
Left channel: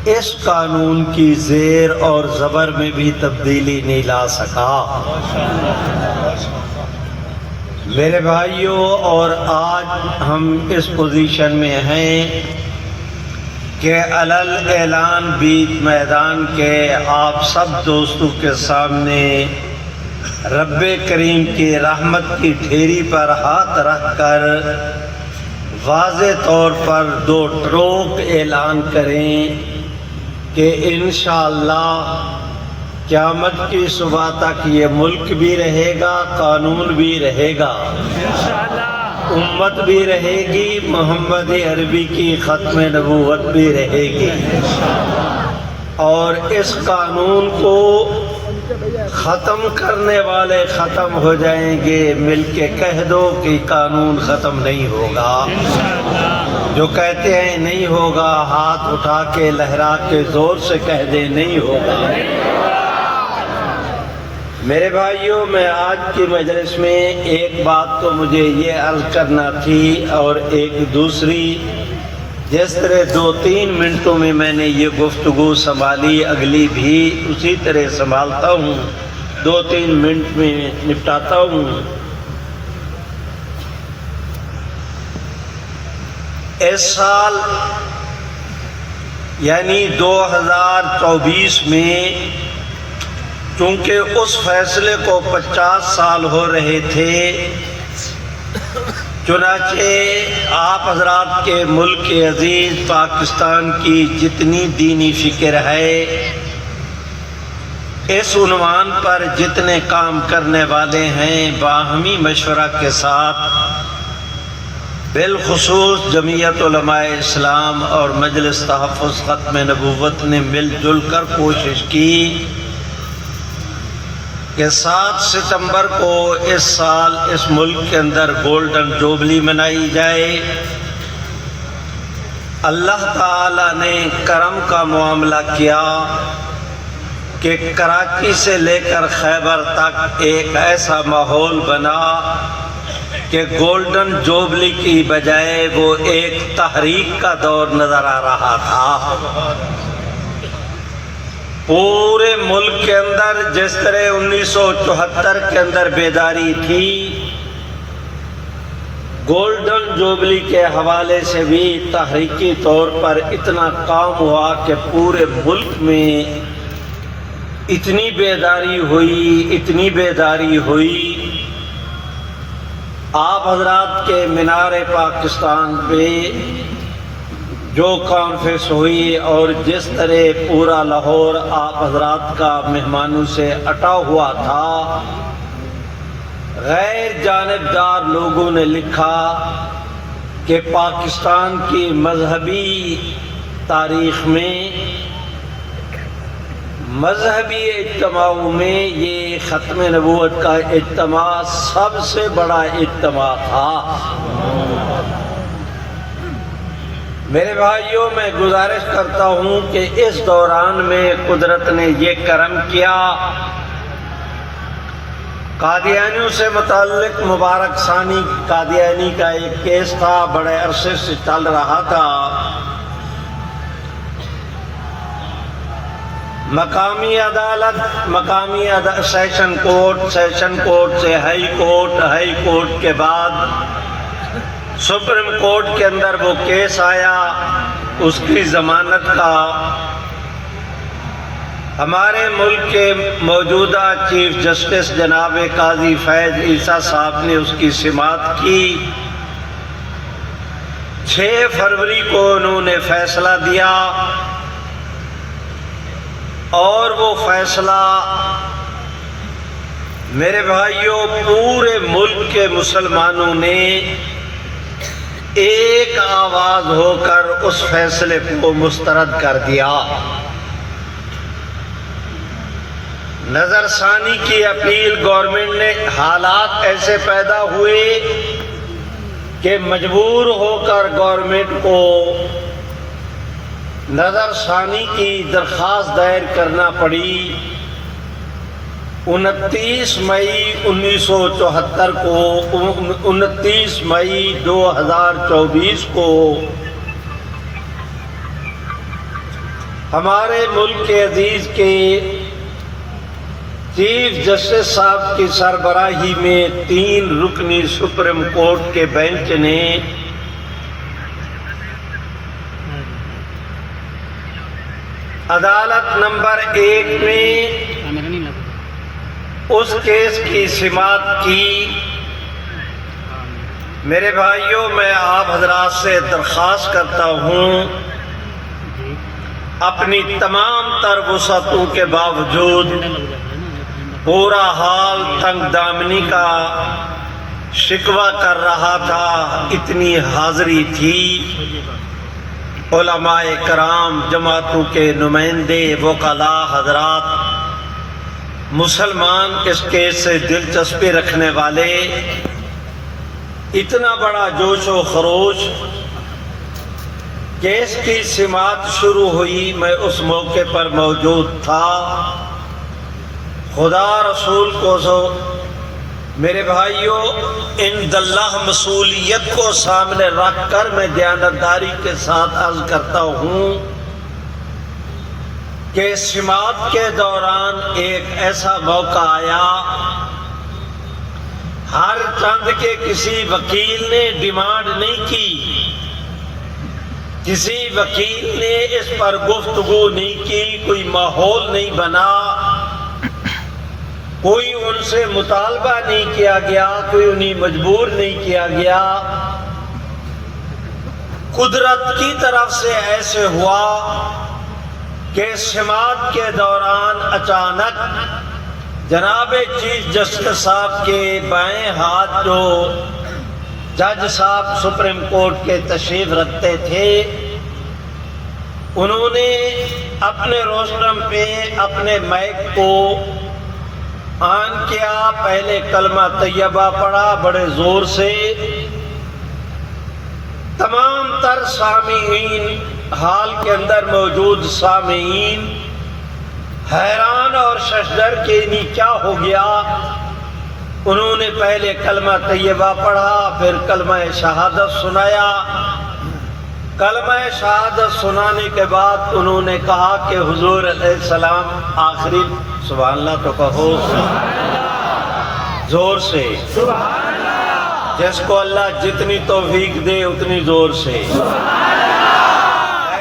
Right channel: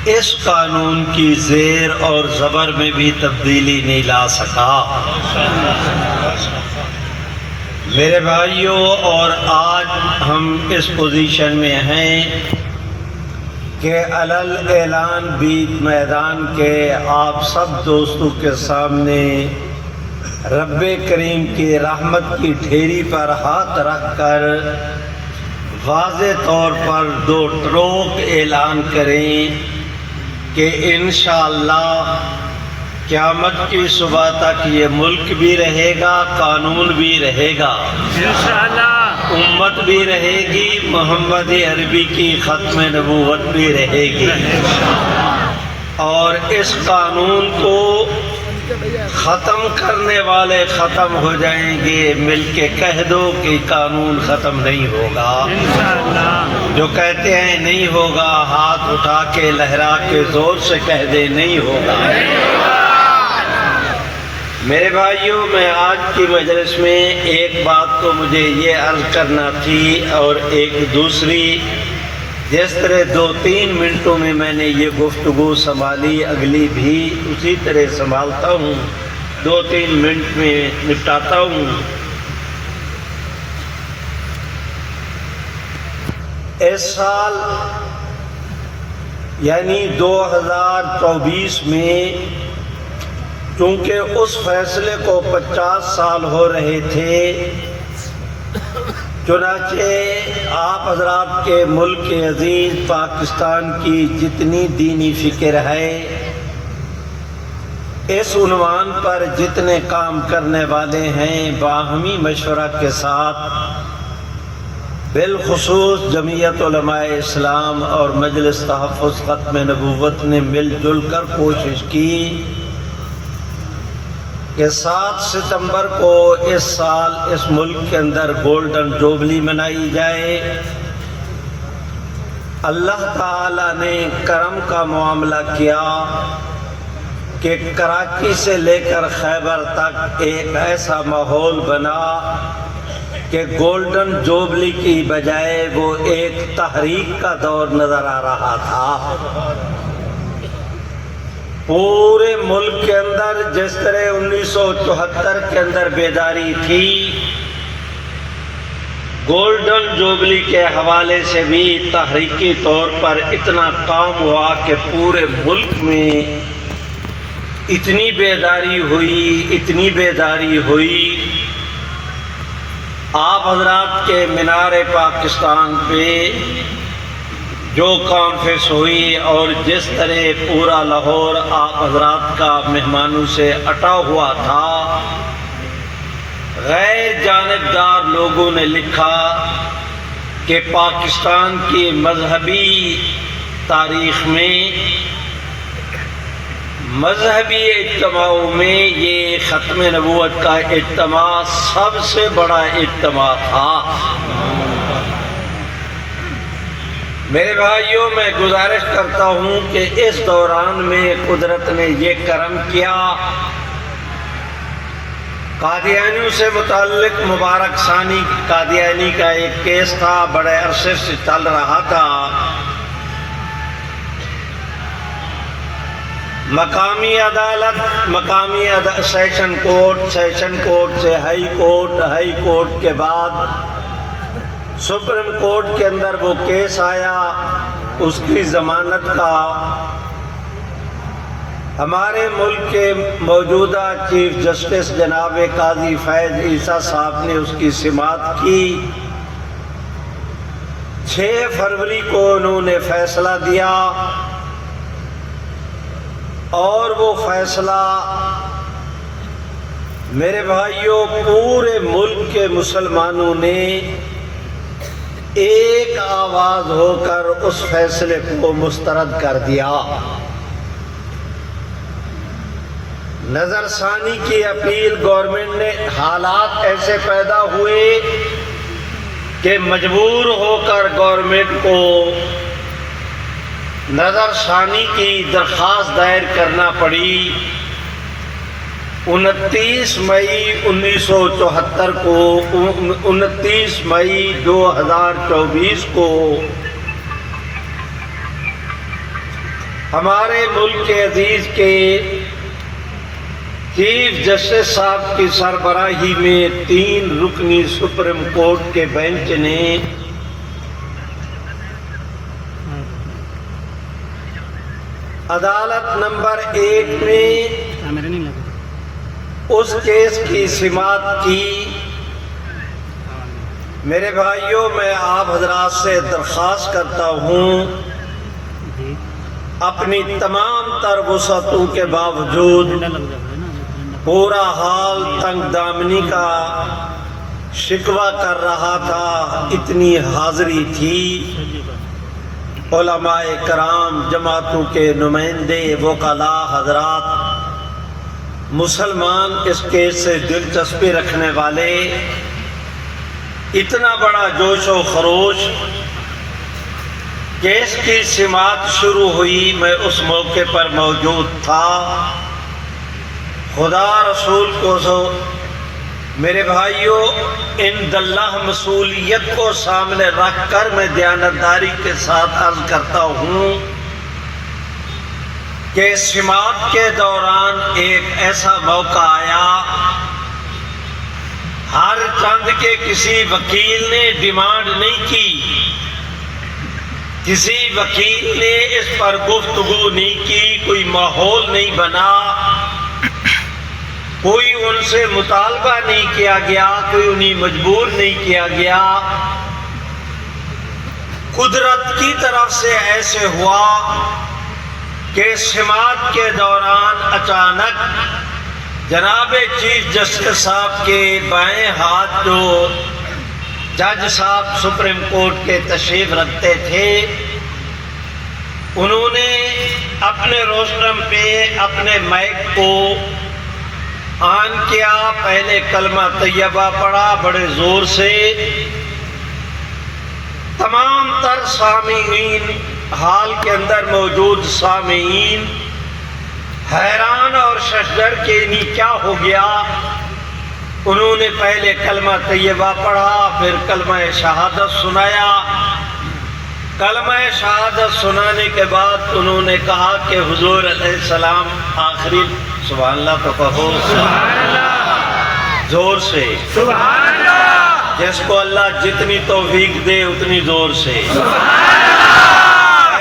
اس قانون کی زیر اور زبر میں بھی تبدیلی نہیں لا سکا. میرے بھائیوں، اور آج ہم اس پوزیشن میں ہیں کہ علل اعلان بیچ میدان کے آپ سب دوستوں کے سامنے رب کریم کی رحمت کی ڈھیری پر ہاتھ رکھ کر واضح طور پر 2 ٹروک اعلان کریں کہ انشاءاللہ قیامت کی صبح تک یہ ملک بھی رہے گا، قانون بھی رہے گا، امت بھی رہے گی، محمد عربی کی ختم نبوت بھی رہے گی. اور اس قانون کو ختم کرنے والے ختم ہو جائیں گے. مل کے کہہ دو کہ قانون ختم نہیں ہوگا. جو کہتے ہیں نہیں ہوگا، ہاتھ اٹھا کے لہرا کے زور سے کہہ دیں نہیں ہوگا. میرے بھائیوں، میں آج کی مجلس میں ایک بات تو مجھے یہ عرض کرنا تھی، اور ایک دوسری، جس طرح 2-3 منٹوں میں میں نے یہ گفتگو سنبھالی، اگلی بھی اسی طرح سنبھالتا ہوں، 2-3 منٹ میں نپٹاتا ہوں. اس سال یعنی 2024 میں چونکہ اس فیصلے کو 50 سال ہو رہے تھے، چنانچہ آپ حضرات کے ملک عزیز پاکستان کی جتنی دینی فکر ہے، اس عنوان پر جتنے کام کرنے والے ہیں، باہمی مشورہ کے ساتھ بالخصوص جمعیت علماء اسلام اور مجلس تحفظ ختم نبوت نے مل جل کر کوشش کی کہ 7 ستمبر کو اس سال اس ملک کے اندر گولڈن جوبلی منائی جائے. اللہ تعالیٰ نے کرم کا معاملہ کیا کہ کراچی سے لے کر خیبر تک ایک ایسا ماحول بنا کہ گولڈن جوبلی کی بجائے وہ ایک تحریک کا دور نظر آ رہا تھا. پورے ملک کے اندر جس طرح 1974 کے اندر بیداری تھی، گولڈن جوبلی کے حوالے سے بھی تحریکی طور پر اتنا کام ہوا کہ پورے ملک میں اتنی بیداری ہوئی. آپ حضرات کے مینار پاکستان پہ جو کانفرنس ہوئی اور جس طرح پورا لاہور آپ حضرات کا مہمانوں سے اٹا ہوا تھا، غیر جانبدار لوگوں نے لکھا کہ پاکستان کی مذہبی تاریخ میں، مذہبی اجتماعوں میں یہ ختم نبوت کا اجتماع سب سے بڑا اجتماع تھا. میرے بھائیوں، میں گزارش کرتا ہوں کہ اس دوران میں قدرت نے یہ کرم کیا قادیانیوں سے متعلق مبارک ثانی قادیانی کا ایک کیس تھا، بڑے عرصے سے چل رہا تھا۔ مقامی عدالت، سیشن کورٹ سے ہائی کورٹ کے بعد سپریم کورٹ کے اندر وہ کیس آیا اس کی ضمانت کا۔ ہمارے ملک کے موجودہ چیف جسٹس جناب قاضی فیض عیسیٰ صاحب نے اس کی سماعت کی۔ 6 فروری کو انہوں نے فیصلہ دیا اور وہ فیصلہ میرے بھائیوں پورے ملک کے مسلمانوں نے ایک آواز ہو کر اس فیصلے کو مسترد کر دیا۔ نظر ثانی کی اپیل گورنمنٹ نے، حالات ایسے پیدا ہوئے کہ مجبور ہو کر گورنمنٹ کو نظر ثانی کی درخواست دائر کرنا پڑی۔ 29 مئی 1974 کو 29 مئی 2024 کو ہمارے ملک کے عزیز کے چیف جسٹس صاحب کی سربراہی میں 3 رکنی سپریم کورٹ کے بینچ نے عدالت نمبر 1 میں اس کیس کی سماعت کی۔ میرے بھائیوں، میں آپ حضرات سے درخواست کرتا ہوں اپنی تمام تر وسعتوں کے باوجود پورا حال تنگ دامنی کا شکوہ کر رہا تھا، اتنی حاضری تھی، علماء کرام، جماعتوں کے نمائندے، وکلاء حضرات، مسلمان اس کیس سے دلچسپی رکھنے والے، اتنا بڑا جوش و خروش۔ کیس کی سماعت شروع ہوئی، میں اس موقع پر موجود تھا۔ خدا رسول کو میرے بھائیوں، عند اللہ مسئولیت کو سامنے رکھ کر میں دیانتداری کے ساتھ عرض کرتا ہوں کہ سماعت کے دوران ایک ایسا موقع آیا، ہر چند کے کسی وکیل نے ڈیمانڈ نہیں کی، کسی وکیل نے اس پر گفتگو نہیں کی، کوئی ماحول نہیں بنا، کوئی ان سے مطالبہ نہیں کیا گیا، کوئی انہیں مجبور نہیں کیا گیا۔ قدرت کی طرف سے ایسے ہوا کہ سماعت کے دوران اچانک جناب چیف جسٹس صاحب کے بائیں ہاتھ جو جج صاحب سپریم کورٹ کے تشریف رکھتے تھے، انہوں نے اپنے روسٹرم پہ اپنے مائک کو آن کیا، پہلے کلمہ طیبہ پڑھا بڑے زور سے۔ تمام تر سامعین، حال کے اندر موجود سامعین حیران اور ششدر کہ انہیں کیا ہو گیا۔ انہوں نے پہلے کلمہ طیبہ پڑھا، پھر کلمہ شہادت سنایا۔ کلمہ شہادت سنانے کے بعد انہوں نے کہا کہ حضور علیہ السلام آخری، سبحان اللہ تو کہو زور سے، جس کو اللہ جتنی توفیق دے اتنی زور سے۔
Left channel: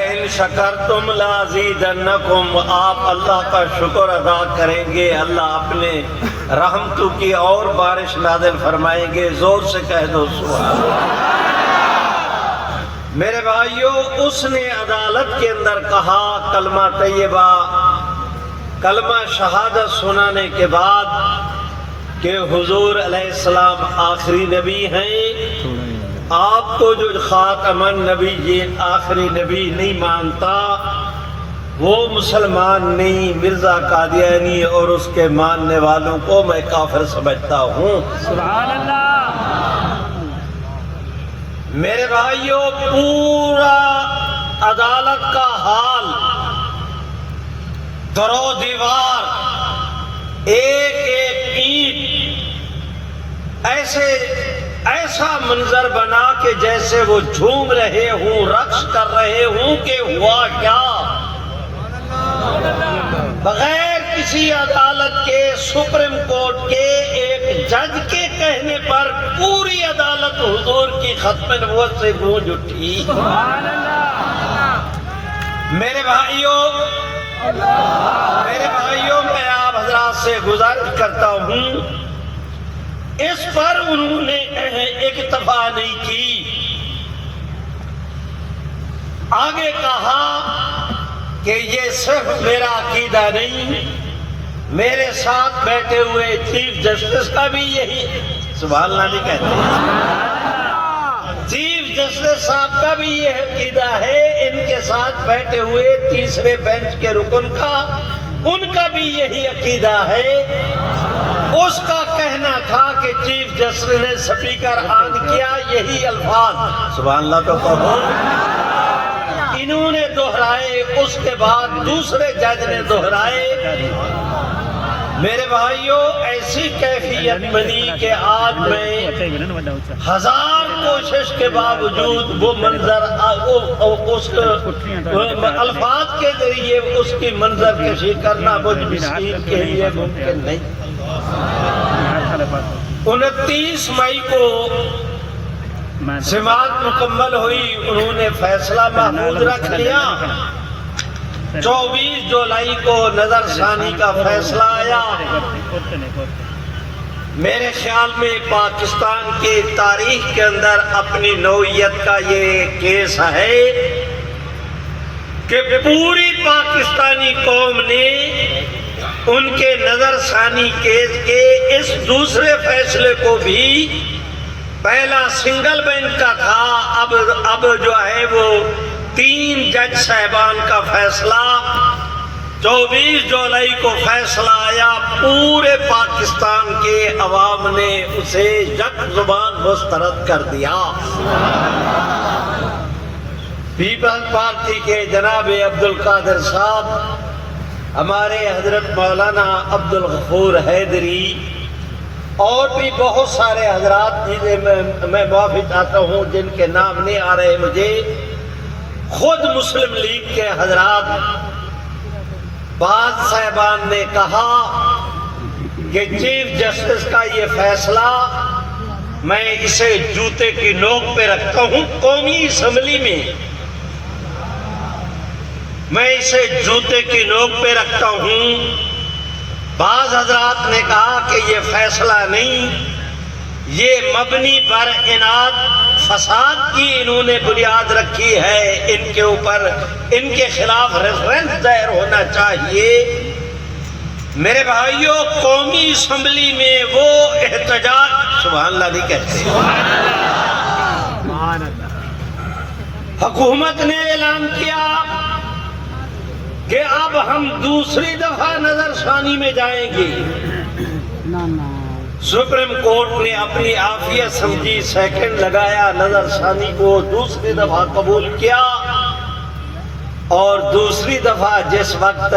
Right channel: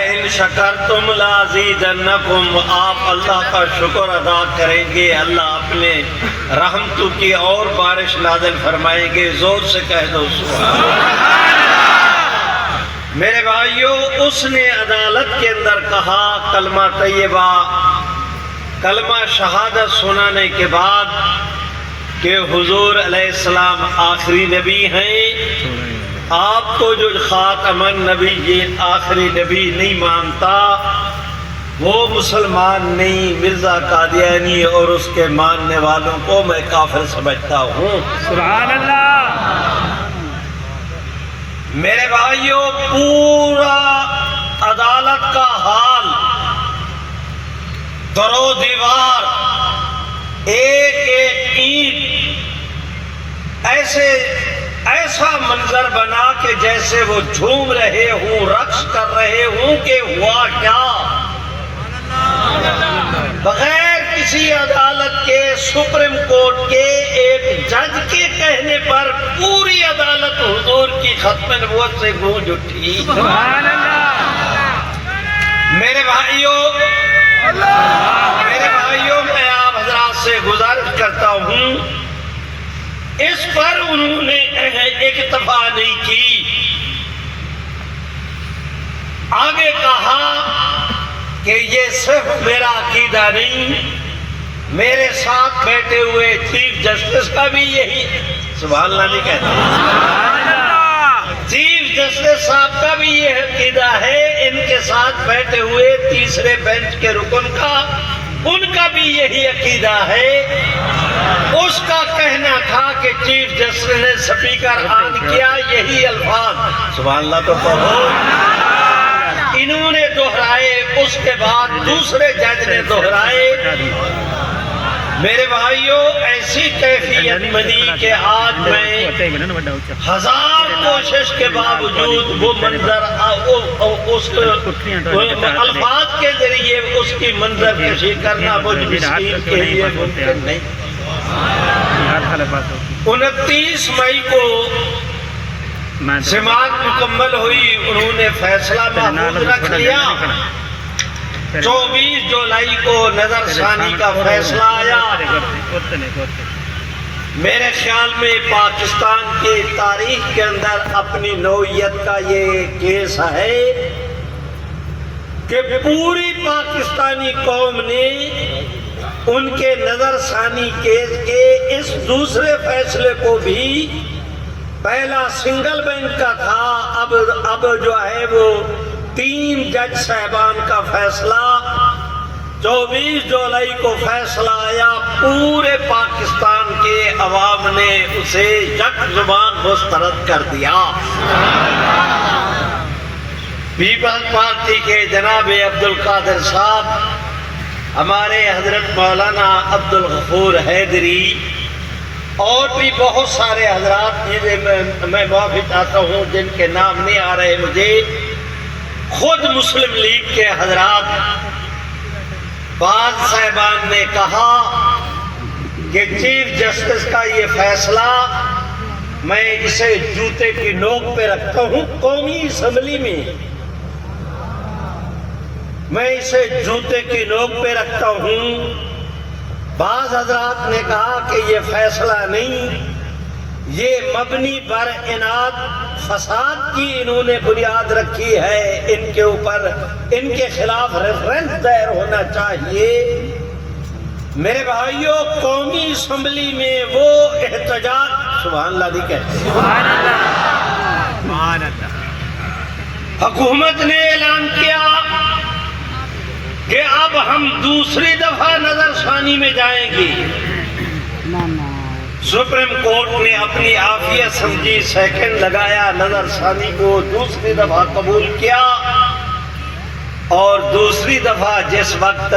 ان شکرتم لازیدنکم، آپ اللہ کا شکر ادا کریں گے، اللہ اپنے رحمتوں کی اور بارش نازل فرمائیں گے، زور سے کہہ دو سبحان اللہ۔ میرے بھائیوں، اس نے عدالت کے اندر کہا کلمہ طیبہ، کلمہ شہادت سنانے کے بعد کہ حضور علیہ السلام آخری نبی ہیں، آپ کو جو خاتم النبی یہ آخری نبی نہیں مانتا وہ مسلمان نہیں، مرزا قادیانی اور اس کے ماننے والوں کو میں کافر سمجھتا ہوں۔ سبحان اللہ۔ میرے بھائیوں، پورا عدالت کا حال، درو دیوار، ایک ایک اینٹ ایسا منظر بنا کہ جیسے وہ جھوم رہے ہوں، رقص کر رہے ہوں کہ ہوا کیا؟ بغیر کسی عدالت کے، سپریم کورٹ کے ایک جج کے کہنے پر پوری عدالت حضور کی ختم نبوت سے گونج اٹھی۔ میرے بھائیوں، میں آپ حضرات سے گزارش کرتا ہوں، اس پر انہوں نے اکتفا نہیں کی، آگے کہا کہ یہ صرف میرا عقیدہ نہیں، میرے ساتھ بیٹھے ہوئے چیف جسٹس کا بھی یہی، سبحان اللہ نہیں کہتے، چیف جسٹس صاحب کا بھی یہ عقیدہ ہے، ان کے ساتھ بیٹھے ہوئے تیسرے بینچ کے رکن کا، ان کا بھی یہی عقیدہ ہے۔ اس کا کہنا تھا کہ چیف جسٹس نے سپیکر آن کیا، یہی الفاظ، سبحان اللہ تو کہو، انہوں نے دہرائے، اس کے بعد دوسرے جج نے دہرائے۔ میرے بھائیوں، ایسی کیفیت بنی کہ آج میں ہزار کوشش کے باوجود وہ منظر اس الفاظ کے ذریعے اس کی منظر کشی کرنا مجھ مسکین کے لیے ممکن نہیں۔ 29 مئی کو سماعت مکمل ہوئی، انہوں نے فیصلہ محفوظ رکھ لیا۔ 24 جولائی کو نظر ثانی کا فیصلہ آیا۔ میرے خیال میں پاکستان کی تاریخ کے اندر اپنی نوعیت کا یہ کیس ہے کہ پوری پاکستانی قوم نے ان کے نظر ثانی کیس کے اس دوسرے فیصلے کو بھی، پہلا سنگل بینچ کا تھا، اب جو ہے وہ 3 جج صاحبان کا فیصلہ، 24 جولائی کو فیصلہ آیا، پورے پاکستان کے عوام نے اسے یک زبان مسترد کر دیا۔ پیپلز پارٹی کے جناب عبدالقادر صاحب، ہمارے حضرت مولانا عبدالغفور حیدری، اور بھی بہت سارے حضرات میں معافی چاہتا ہوں جن کے نام نہیں آ رہے مجھے، خود مسلم لیگ کے حضرات، بعض صاحبان نے کہا کہ چیف جسٹس کا یہ فیصلہ میں اسے جوتے کی نوک پہ رکھتا ہوں، قومی اسمبلی میں میں اسے جوتے کی نوک پہ رکھتا ہوں۔ بعض حضرات نے کہا کہ یہ فیصلہ نہیں، یہ مبنی بر اناد فساد کی انہوں نے بنیاد رکھی ہے، ان کے اوپر، ان کے خلاف ریفرنس دائر ہونا چاہیے۔ میرے بھائیوں، قومی اسمبلی میں وہ احتجاج، سبحان اللہ نہیں کہتے، حکومت نے اعلان کیا کہ اب ہم دوسری دفعہ نظر ثانی میں جائیں گے۔ سپریم کورٹ نے اپنی عافیت سمجھی، سیکنڈ لگایا، نظر ثانی کو دوسری دفعہ قبول کیا، اور دوسری دفعہ جس وقت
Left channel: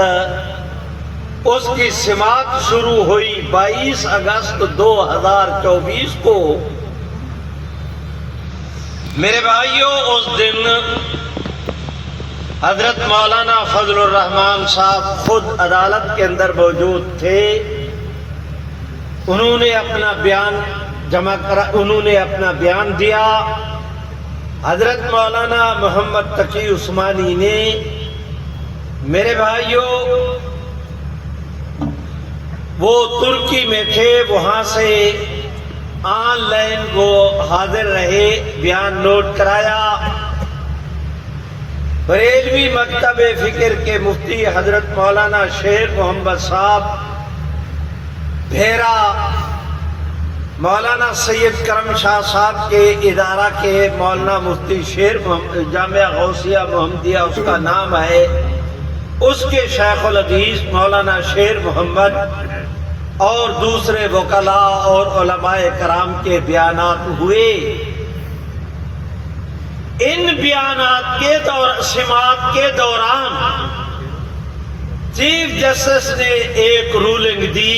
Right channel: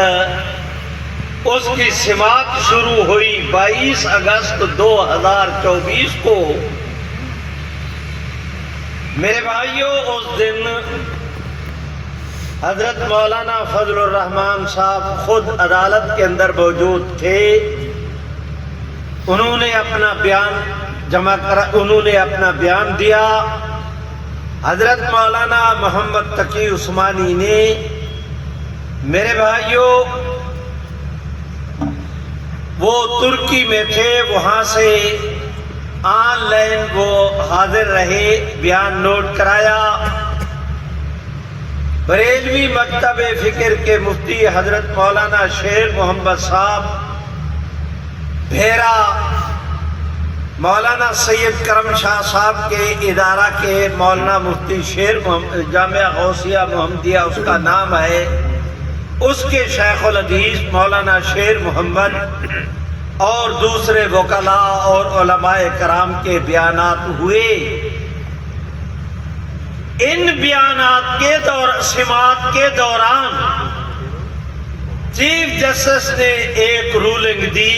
اس کی سماعت شروع ہوئی 22 اگست 2024 کو، میرے بھائیوں، اس دن حضرت مولانا فضل الرحمان صاحب خود عدالت کے اندر موجود تھے۔ انہوں نے اپنا بیان جمع کرا، انہوں نے اپنا بیان دیا۔ حضرت مولانا محمد تقی عثمانی نے، میرے بھائیوں، وہ ترکی میں تھے، وہاں سے آن لائن وہ حاضر رہے، بیان نوٹ کرایا۔ بریلوی مکتب فکر کے مفتی حضرت مولانا شیر محمد صاحب بھیرا، مولانا سید کرم شاہ صاحب کے ادارہ کے مولانا مفتی شیر جامعہ غوثیہ محمدیہ اس کا نام ہے، اس کے شیخ الحدیث مولانا شیر محمد اور دوسرے وکلاء اور علماء کرام کے بیانات ہوئے۔ ان بیانات کے سماعت کے دوران چیف جسٹس نے ایک رولنگ دی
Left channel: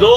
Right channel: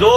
2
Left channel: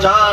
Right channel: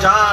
4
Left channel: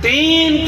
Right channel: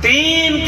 3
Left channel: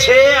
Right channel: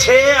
6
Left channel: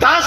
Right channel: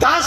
10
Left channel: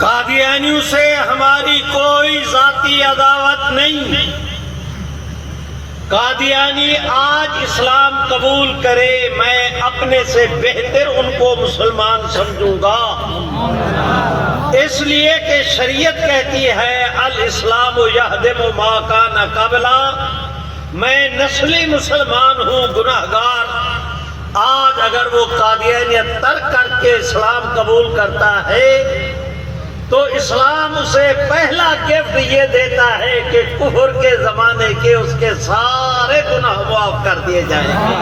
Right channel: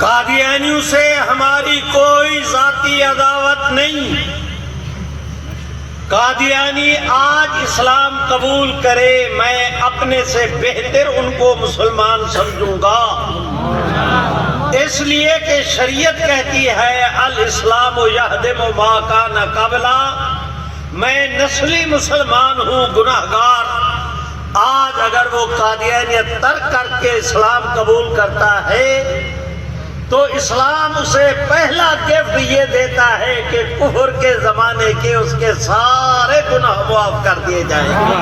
قادیانیوں سے ہماری کوئی ذاتی عداوت نہیں. قادیانی آج اسلام قبول کرے، میں اپنے سے بہتر ان کو مسلمان سمجھوں گا، اس لیے کہ شریعت کہتی ہے الاسلام یہدم ما کان قبلا. میں نسلی مسلمان ہوں، گناہگار. آج اگر وہ قادیانیت ترک کر کے اسلام قبول کرتا ہے تو اسلام اسے پہلا گفٹ یہ دیتا ہے کہ کفر کے زمانے کے اس کے سارے گناہ معاف کر دیے جائیں گے.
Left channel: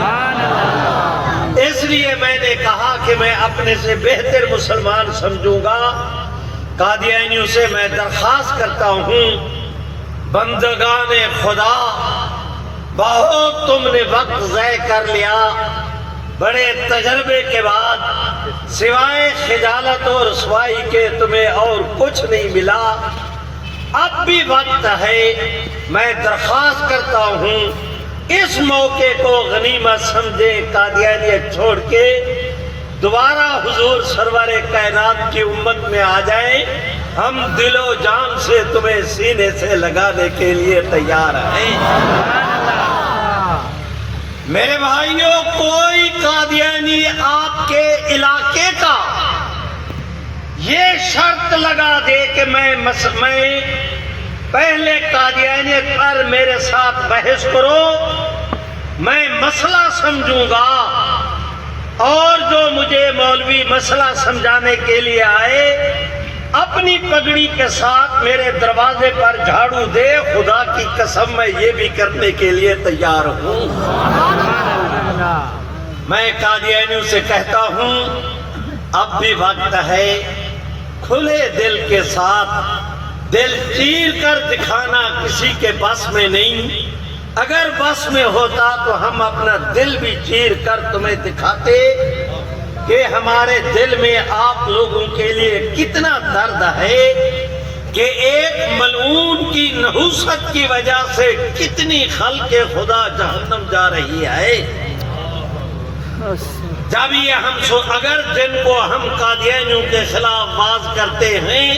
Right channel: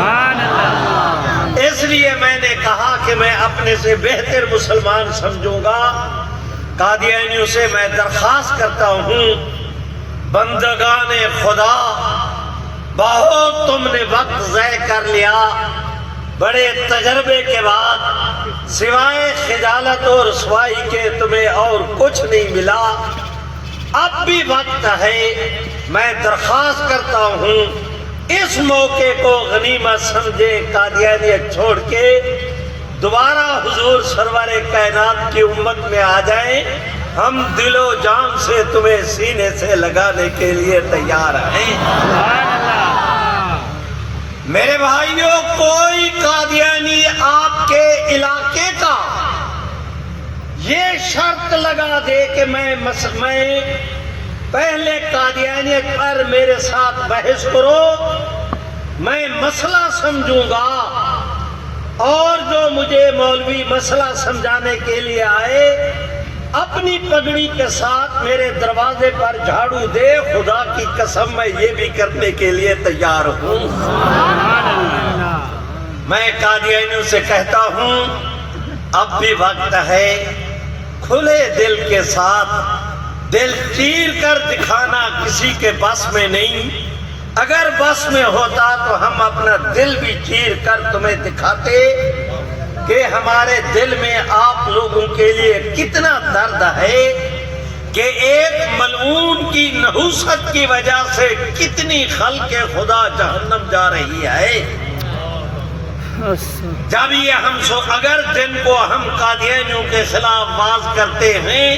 اس لیے میں نے کہا کہ میں اپنے سے بہتر مسلمان سمجھوں گا. قادیانیوں سے میں درخواست کرتا ہوں، بندگان خدا، بہت تم نے وقت ضائع کر لیا. بڑے تجربے کے بعد سوائے خجالت اور رسوائی کے تمہیں اور کچھ نہیں ملا. اب بھی وقت ہے. میں درخواست کرتا ہوں اس موقع کو غنیمت سمجھے، قادیانیت چھوڑ کے دوبارہ حضور سرور کائنات کی امت میں آ جائیں. ہم دل و جان سے تمہیں سینے سے لگانے کے لیے تیار ہیں. میرے بھائیوں، کوئی قادیانی آپ کے علاقے کا یہ شرط لگا دے کہ میں پہلے قادیانیت پر میرے ساتھ بحث کرو، میں مسئلہ سمجھوں گا، اور جو مجھے مولوی مسئلہ سمجھانے کے لیے آئے اپنی پگڑی کے ساتھ میرے دروازے پر جھاڑو دے، خدا کی قسم میں یہ بھی کرنے کے لیے تیار ہوں. میں قادیانیوں سے کہتا ہوں اب بھی وقت ہے. کھلے دل کے ساتھ دل چیر کر دکھانا کسی کے بس میں نہیں. اگر بس میں ہوتا تو ہم اپنا دل بھی چیر کر تمہیں دکھاتے کہ ہمارے دل میں آپ لوگوں کے لیے کتنا درد ہے کہ ایک ملعون کی نحوست کی وجہ سے کتنی خلق خدا جہنم جا رہی ہے. جب یہ اگر دن کو ہم قادیانیوں کے خلاف باز کرتے ہیں،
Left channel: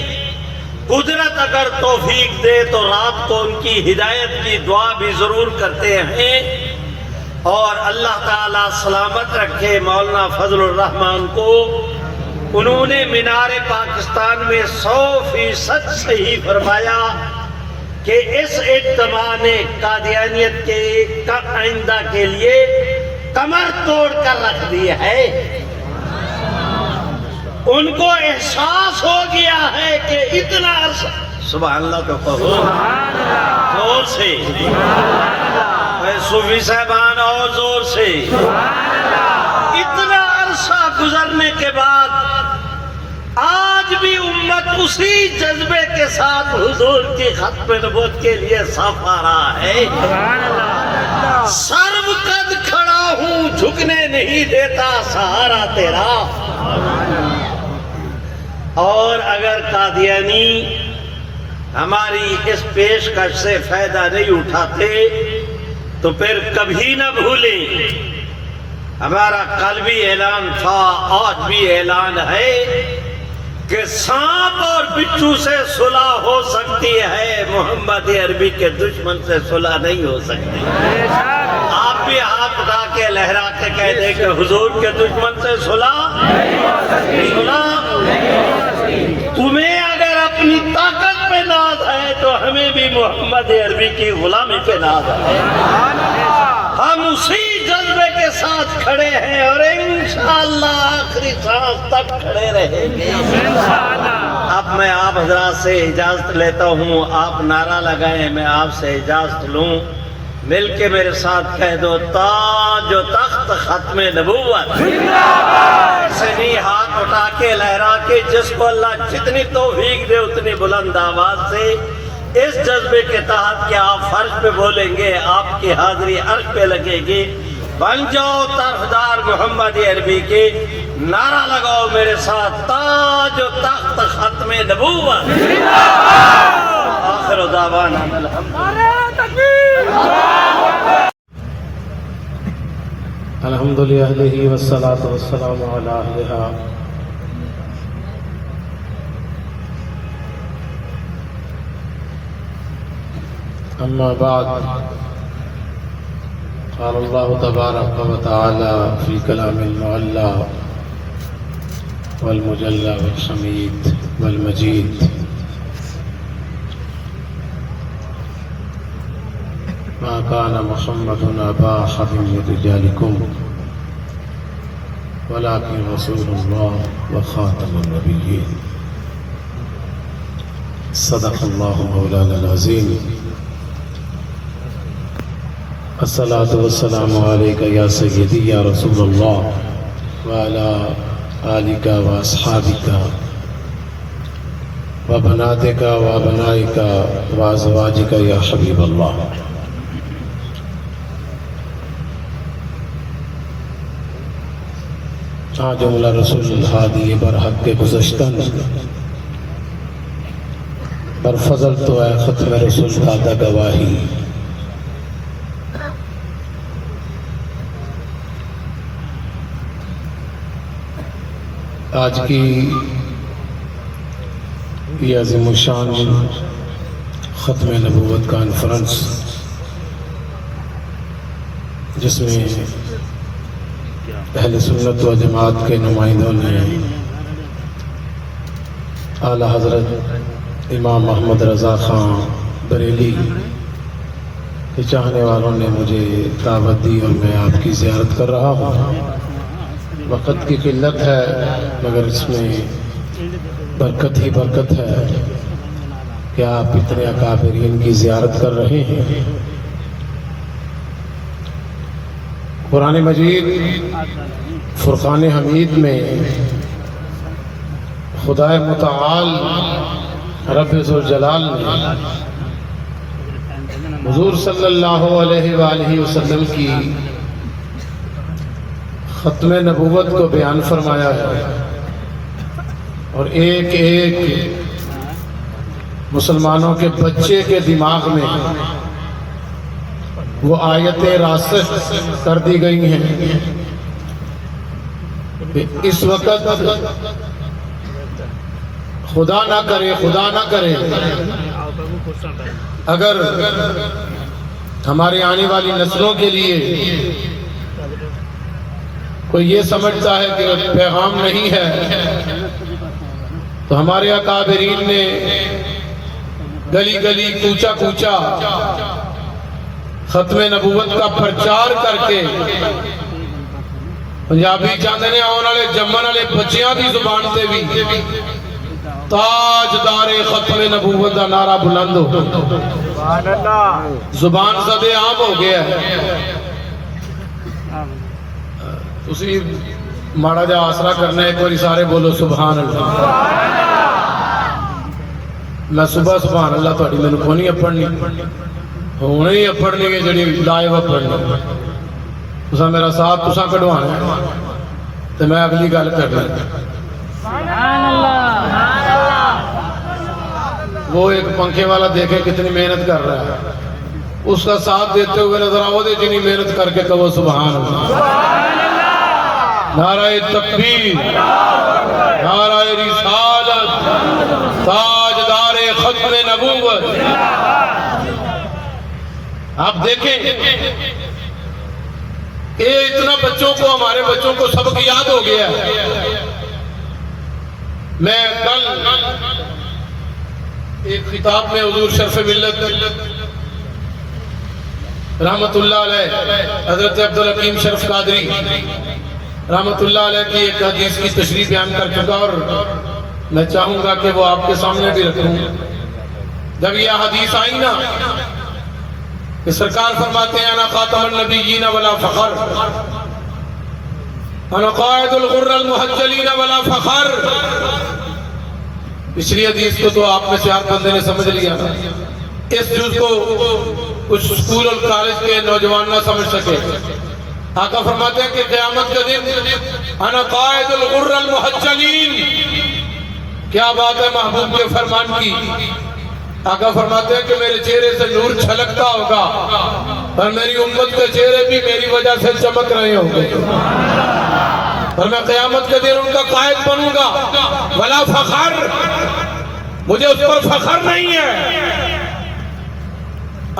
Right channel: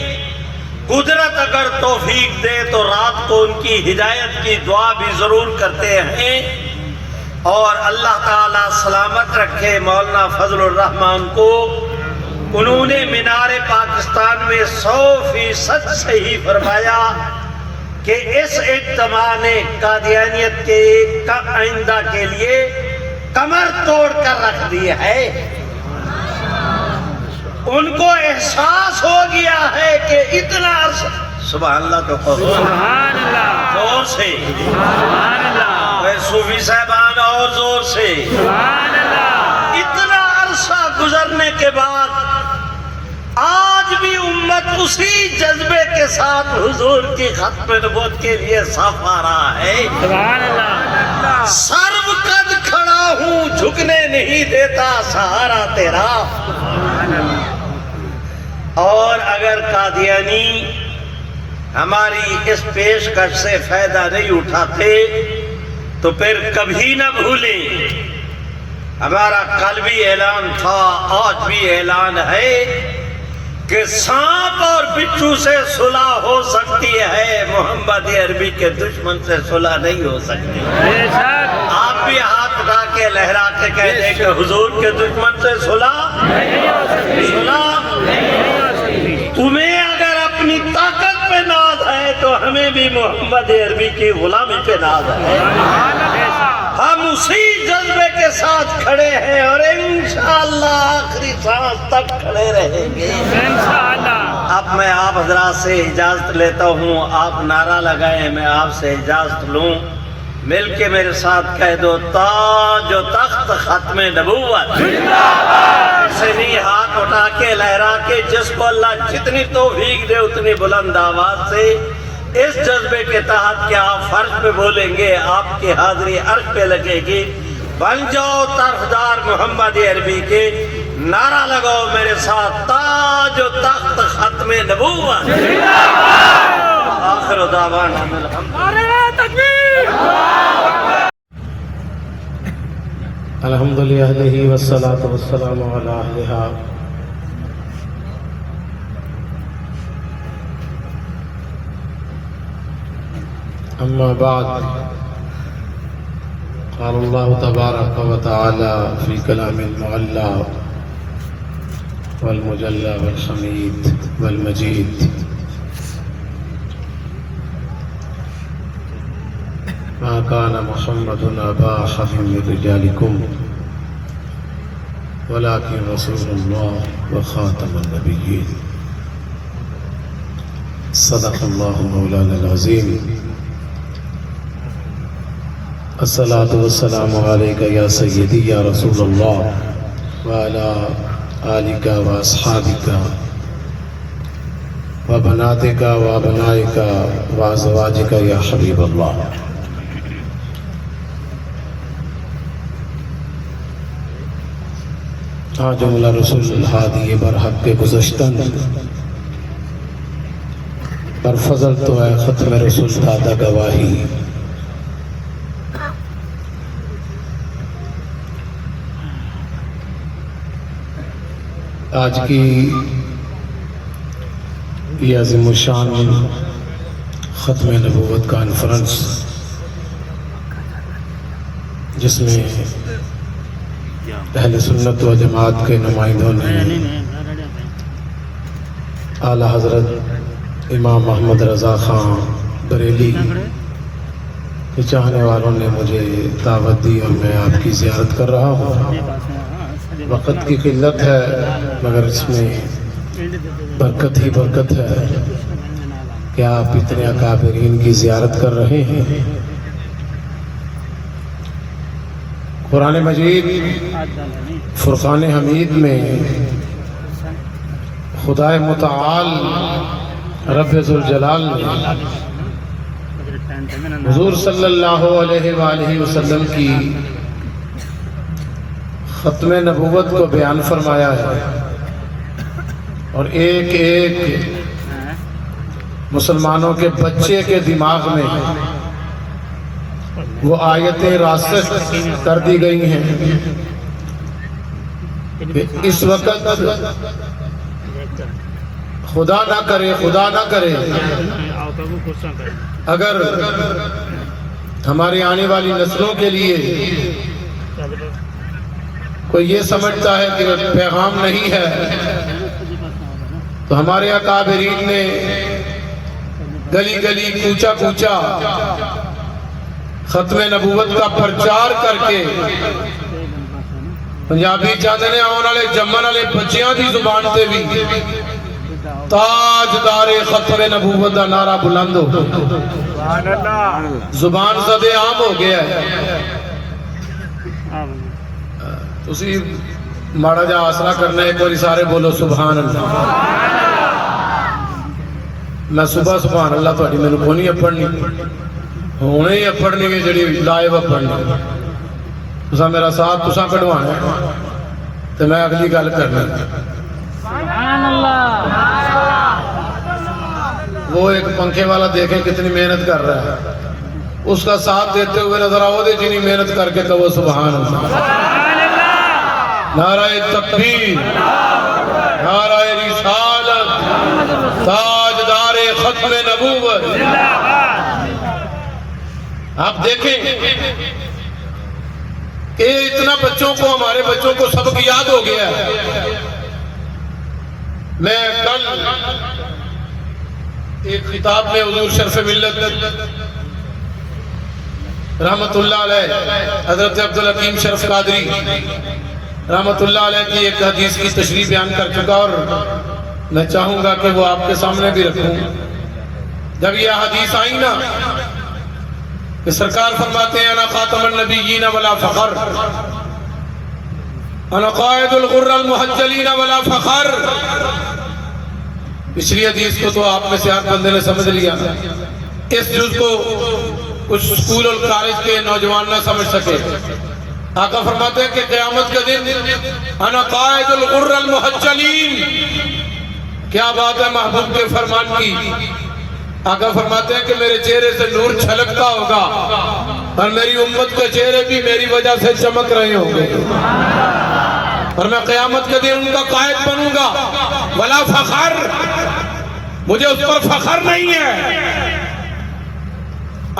قدرت اگر توفیق دے تو رات کو ان کی ہدایت کی دعا بھی ضرور کرتے ہیں. اور اللہ تعالیٰ سلامت رکھے مولانا فضل الرحمان کو. انہوں نے مینار پاکستان میں 100% صحیح فرمایا کہ اس اجتماع نے قادیانیت کے آئندہ کے لیے کمر توڑ کر رکھ دی ہے. ان کو احساس ہو گیا ہے کہ اتنا عرصہ، سبحان اللہ تو کہو زور سے، صوفی صاحبان اور زور سے، اتنا عرصہ گزرنے کے بعد آج بھی امت اسی جذبے کے ساتھ حضور کی ختم نبوت کے لیے صاف آ رہا ہے. سرو قد کھڑا ہوں، جھکنے نہیں دیتا سہارا تیرا. اور اگر قادیانی ہماری اس پیشکش سے فائدہ نہیں اٹھاتے تو پھر کبھی نہ بھولیں ہمارا قلبی اعلان تھا، آج بھی اعلان ہے کہ سانپ اور بچھو سے صلح ہو سکتی ہے، محمد عربی کے دشمن سے صلح نہیں ہو سکتی. آپ بھی ہاتھ اٹھا کے لہرا کے کہہ دیں کہ حضور کے دشمن سے صلح. تمہیں اگر اپنی طاقت پہ ناز ہے تو ہمیں بھی محمد عربی کی غلامی پہ ناز ہے. ہم اسی جذبے کے ساتھ کھڑے ہیں اور انشاءاللہ آخری سانس تک کھڑے رہیں گے. اب میں آپ حضرات سے اجازت لیتا ہوں. آپ نعرہ لگائیں، میں آپ سے اجازت لوں. مل کے میرے ساتھ کہہ دو تاج و تخت ختم نبوت. سے نہیں ہاتھ اٹھا کے لہرا کے، جس کو اللہ جتنی توفیق دے اتنی بلند آواز سے اس جذبے کے تحت کہ آپ فرش پہ بولیں گے، آپ کی حاضری عرش پہ لگے گی. بن جاؤ طرفدار محمد عربی کے. نعرہ لگاؤ میرے ساتھ تاج و تخت ختم نبوت. آخر دعوانا الحمد للہ والصلاة والسلام علی اہلہا. أما بعد قال الله تبارك وتعالى في الكلام المعلى والمجلى والحميد والمجيد ما كان محمد أبا أحد من رجالكم ولكن رسول الله وخاتم النبيين صدق الله مولانا العظيم. الصلاة والسلام عليك يا سيدي يا رسول الله وعلى آلك وأصحابك وبناتك وأبنائك وأزواجك يا حبيب الله. آج مولا رسول الحادی برحق کے گزشتن پر فضل تو ہے ختم رسول دادا گواہی. آج کی یہ عظیم الشان ختم نبوت کانفرنس جس میں اہل سنت و جماعت کے نمائندوں نے اعلیٰ حضرت امام محمد رضا خان بریلی کے چاہنے والوں نے مجھے دعوت دی اور میں آپ کی زیارت کر رہا ہوں. وقت کی قلت ہے مگر اس میں برکت ہی برکت ہے کہ آپ اتنے اکابرین کی زیارت کر رہے ہیں. قرآن مجید فرقان حمید میں خدائے متعال رب ذوالجلال نے حضور صلی اللہ علیہ وآلہ وسلم کی ختم نبوت کو بیان فرمایا ہے اور ایک ایک مسلمانوں کے بچے کے دماغ میں وہ آیتیں راسخ کر دی گئی ہیں کہ اس وقت خدا نہ کرے اگر ہماری آنے والی نسلوں کے لیے کوئی یہ سمجھتا ہے کہ پیغام نہیں ہے تو ہمارے اکابرین نے گلی گلی کوچا کوچا ختم نبوت کا پرچار کر کے پنجابی چاندنے آنے والے جمن والے بچیاں دی زبان تے بھی تاجدار ختم نبوت کا نعرہ بلند ہو زبان زدے عام ہو گیا ہے. اسی ماڑا جا آسرا کرنا ایک بار سارے بولو سبحان اللہ. میں صبح سبحان اللہ تھوڑی میرے کو نہیں اپڑنی ہونے ہی اپڑنی ہے جڑی لائیو اپڑنی تسا میرا ساتھ تسا کਢوانا ہے تو میں اگلی گل کرنا. سبحان اللہ. وہ ایک پنکھے والا دیکھے کتنی محنت کر رہا ہے اس کا ساتھ دیتے ہوئے نظر آؤ دے جنی محنت کر کے کہو سبحان اللہ. نعرہ تکبیر نعرہ رسالت تاجدار ختم نبوت. آپ دیکھیں کہ اتنا بچوں کو ہمارے بچوں کو سبق یاد ہو گیا ہے. میں کل ایک کتاب میں حضور شرف ملت رحمت اللہ علیہ حضرت عبدالحکیم شرف قادری رحمت اللہ علیہ کی ایک حدیث کی تشریح بیان کر چکا اور میں چاہوں گا کہ وہ آپ کے سامنے بھی رکھوں. جب یہ حدیث آئی نا کہ سرکار فرماتے ہیں انا خاتم النبیین ولا فخر انا قائد الغر المحجلین ولا فخر. پچھلی حدیث کو تو آپ میں سے ہر بندے نے سمجھ لیا. اس جز کو کچھ اسکول اور کالج کے نوجوان نہ سمجھ سکے. آقا فرماتے ہیں کہ قیامت کا دن انا قائد الغر المحجلین. کیا بات ہے محبوب کے فرمان کی. آقا فرماتے ہیں کہ میرے چہرے سے نور چھلکتا ہوگا اور میری امت کے چہرے بھی میری وجہ سے چمک رہے ہوں گے اور میں قیامت کے دن ان کا قائد بنوں گا. ولا فخر, مجھے اس پر فخر نہیں ہے.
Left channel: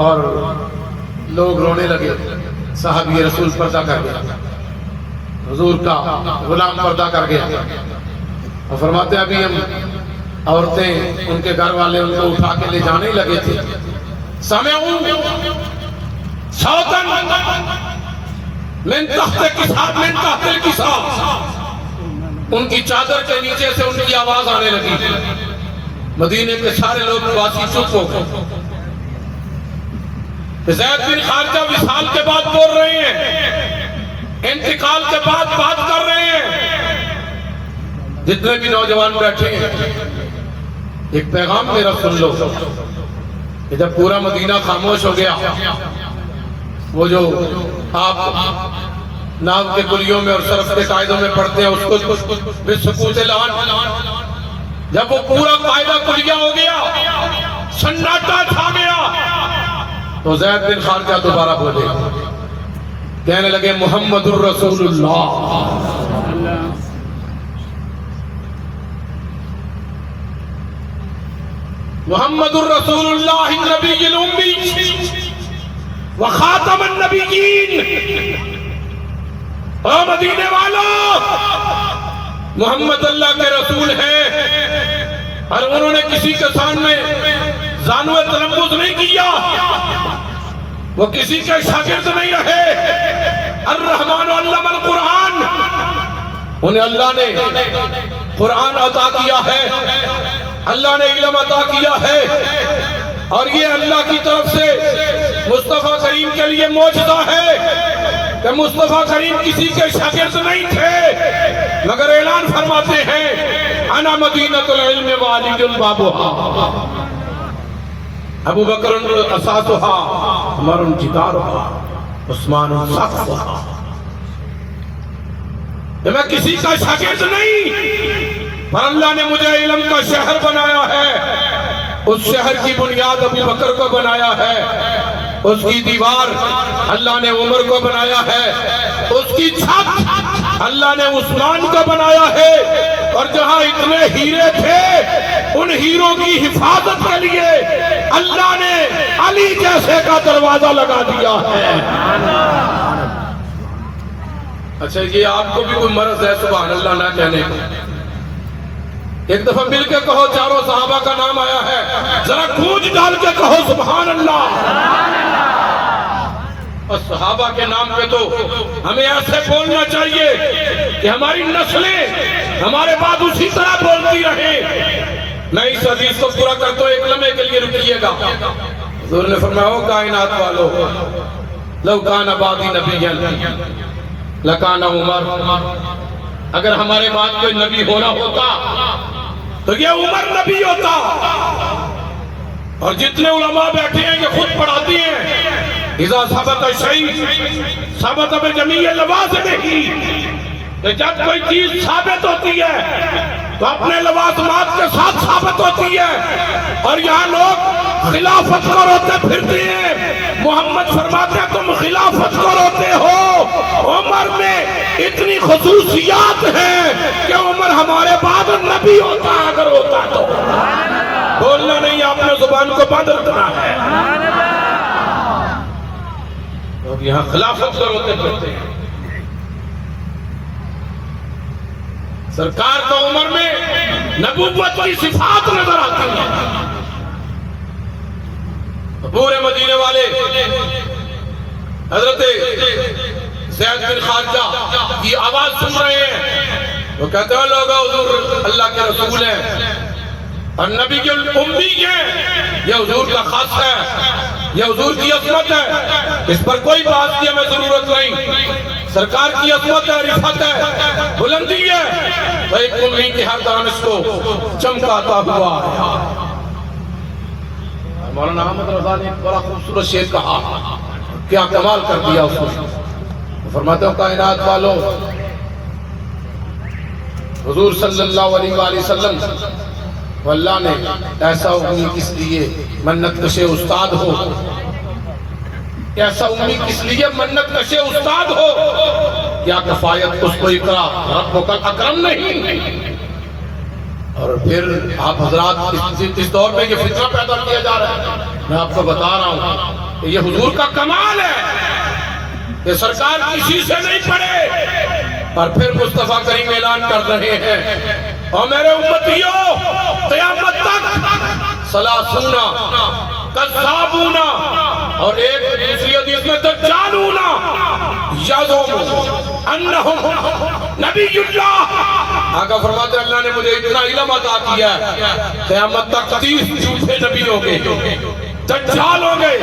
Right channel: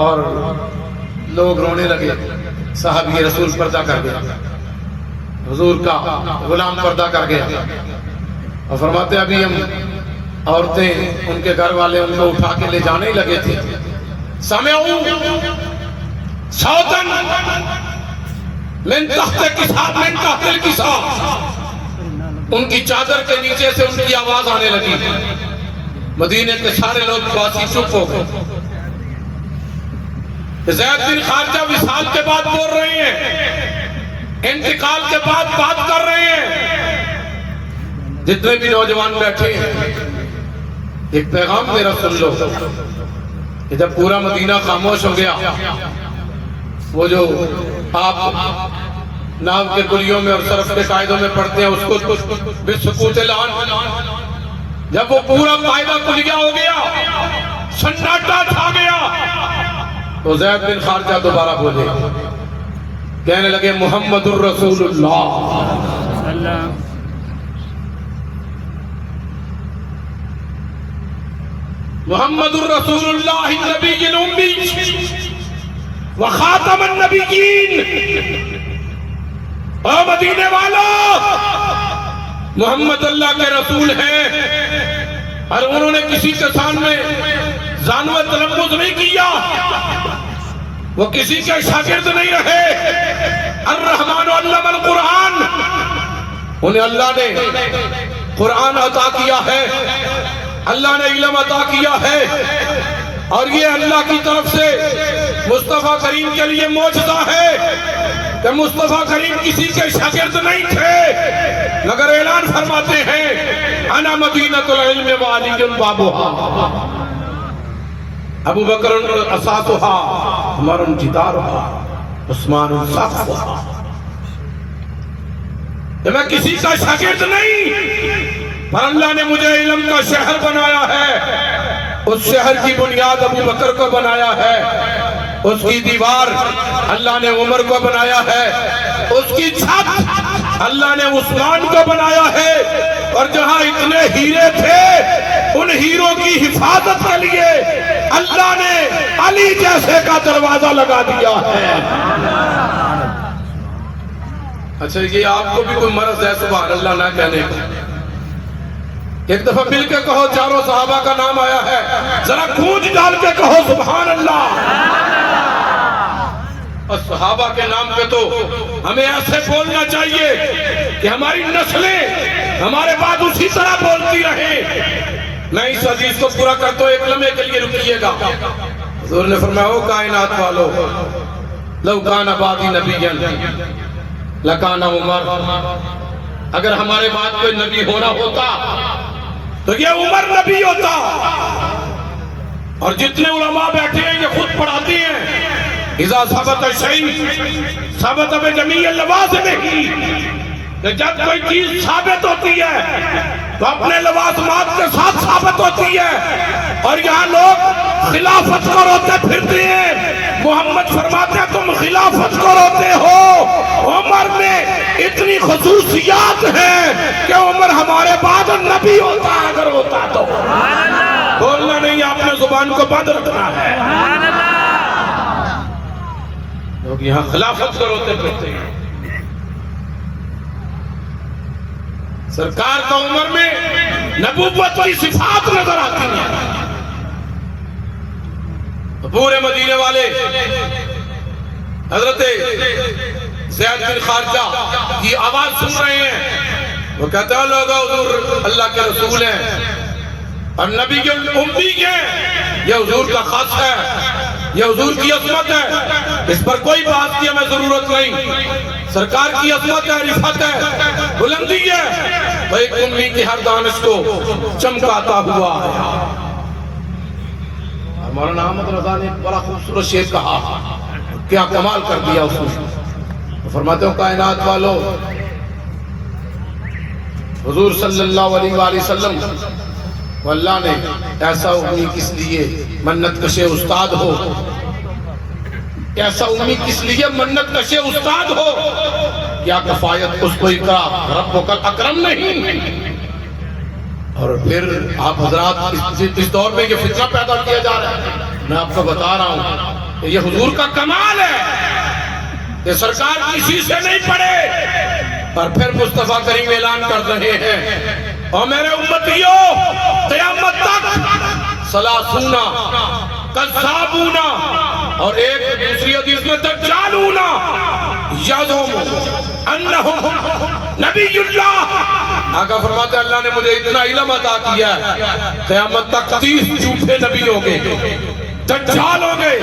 اور لوگ رونے لگے. صحابی رسول پردہ کر گیا, حضور کا غلام پردہ کر گیا, اور فرماتے ابھی ہم عورتیں ان کے گھر والے ان کو اٹھا کے لے جانے ہی لگے تھے. سمعوا صوتا من تحت الكساء, من تحت الكساء, ان کی چادر کے نیچے سے ان کی آواز آنے لگی. مدینے کے سارے لوگ باسی چپ ہو گئے. زید بن خارجہ وصال کے بعد بول رہے ہیں, انتقال کے بعد بات کر رہے ہیں. جتنے بھی نوجوان بیٹھے ہیں ایک پیغام میرا سن لو کہ جب پورا مدینہ خاموش ہو گیا, وہ جو آپ ناو کے گلیوں میں اور صرف کے قاعدوں میں پڑھتے ہیں اس کو بسکوت اعلان, جب وہ پورا قاعدہ کلیہ ہو گیا, سناٹا چھا گیا, تو زید بن خارجہ دوبارہ بولے, کہنے لگے محمد الرسول اللہ, محمد الرسول اللہ النبی الامی وخاتم النبیین. اے مدینے والا, محمد اللہ کے رسول ہیں, اور انہوں نے کسی کے سامنے زانو تلمذ نہیں کیا, وہ کسی کے شاگرد نہیں رہے. الرحمن علم القرآن, انہیں اللہ نے قرآن عطا کیا ہے, اللہ نے علم عطا کیا ہے, اور یہ اللہ کی طرف سے مصطفیٰ کریم کے لیے معجزہ ہے کہ مصطفیٰ کریم کسی کے شاگرد نہیں تھے, مگر اعلان فرماتے ہیں انا مدینۃ العلم وعلی بابها, ابو بکر اساسها, عمر جدارها, عثمان سقفها. کہ میں کسی کا شاگرد نہیں, پر اللہ نے مجھے علم کا شہر بنایا ہے. اس شہر کی بنیاد ابو بکر کو بنایا ہے, اس کی دیوار اللہ نے عمر کو بنایا ہے, اس کی چھت اللہ نے عثمان کو بنایا ہے, اور جہاں اتنے ہیرے تھے ان ہیروں کی حفاظت کے لیے اللہ نے علی جیسے کا دروازہ لگا دیا ہے. اچھا یہ آپ کو بھی کوئی مرض ہے سبحان اللہ نہ کہنے کا؟ ایک دفعہ مل کے کہو چاروں صحابہ کا نام آیا ہے, ذرا گونج ڈال کے کہو سبحان اللہ. اور صحابہ کے نام پہ تو ہمیں ایسے بولنا چاہیے کہ ہماری نسلیں ہمارے بعد اسی طرح بولتی رہے. میں اس حدیث کو پورا کرتا ہوں, ایک لمحے کے لیے رکیے گا. حضور نے فرمایا او کائنات والو, لو کان بعدی نبیا لکان عمر, اگر ہمارے بعد کوئی نبی ہونا ہوتا تو یہ عمر نبی ہوتا. اور جتنے علماء بیٹھے ہیں یہ خود پڑھاتی ہیں, اذا ثبت شیء ثبت بجمیع لوازمہ, کہ جب کوئی چیز ثابت ہوتی ہے تو اپنے لوازمات کے ساتھ ثابت ہوتی ہے. اور یہاں لوگ خلافت کو روتے پھرتے ہیں. محمد فرماتے ہیں تم خلافت کو روتے ہو, عمر میں اتنی خصوصیات ہیں کہ عمر ہمارے بعد نبی ہوتا, اگر ہوتا تو. بولنا نہیں, آپ نے زبان کو بند رکھنا ہے. لوگ یہاں خلافت کو روتے پھرتے ہیں. سرکار کو عمر میں نبوت کی صفات نظر آتی ہیں. پورے مدینے والے حضرت زید بن خارجہ کی آواز سن رہے ہیں. وہ کہتے ہیں لوگوں حضور اللہ کے رسول ہیں اور نبی کے امی ہیں, یہ حضور کا خاص ہے, یہ حضور کی عظمت ہے, اس پر کوئی بات کی ہمیں ضرورت نہیں. سرکار کی عظمت ہے, رفعت ہے, بلندی ہے, وہ ایک امی کی ہر دانش کو چمکاتا ہوا ہے. مولانا احمد رضا نے بڑا خوبصورت شعر کہا, کیا کمال کر دیا اس نے. فرماتے ہیں کائنات والو, حضور صلی اللہ علیہ وآلہ وسلم کو اللہ نے ایسا امی کس لیے منت کشے استاد ہو, ایسا امی کس لیے منت کشے استاد ہو, کیا کفایت اس کو اکرام رب اکرم نہیں. اور پھر آپ حضرات اس دور میں یہ فتنہ پیدا کیا جا رہا ہے. میں آپ کو بتا رہا ہوں یہ حضور کا کمال ہے کہ سرکار کسی سے نہیں پڑے اور پھر مصطفیٰ کریم اعلان کر رہے ہیں اور میرے امتیوں قیامت تک سلاسونا کذابونا اور ایک دوسری حدیث میں دجالونا یزوم انہم نبی اللہ. آقا فرماتے ہیں اللہ نے مجھے اتنا علم عطا کیا ہے قیامت تک 30 جھوٹے نبی ہوں گے دجال ہوں گے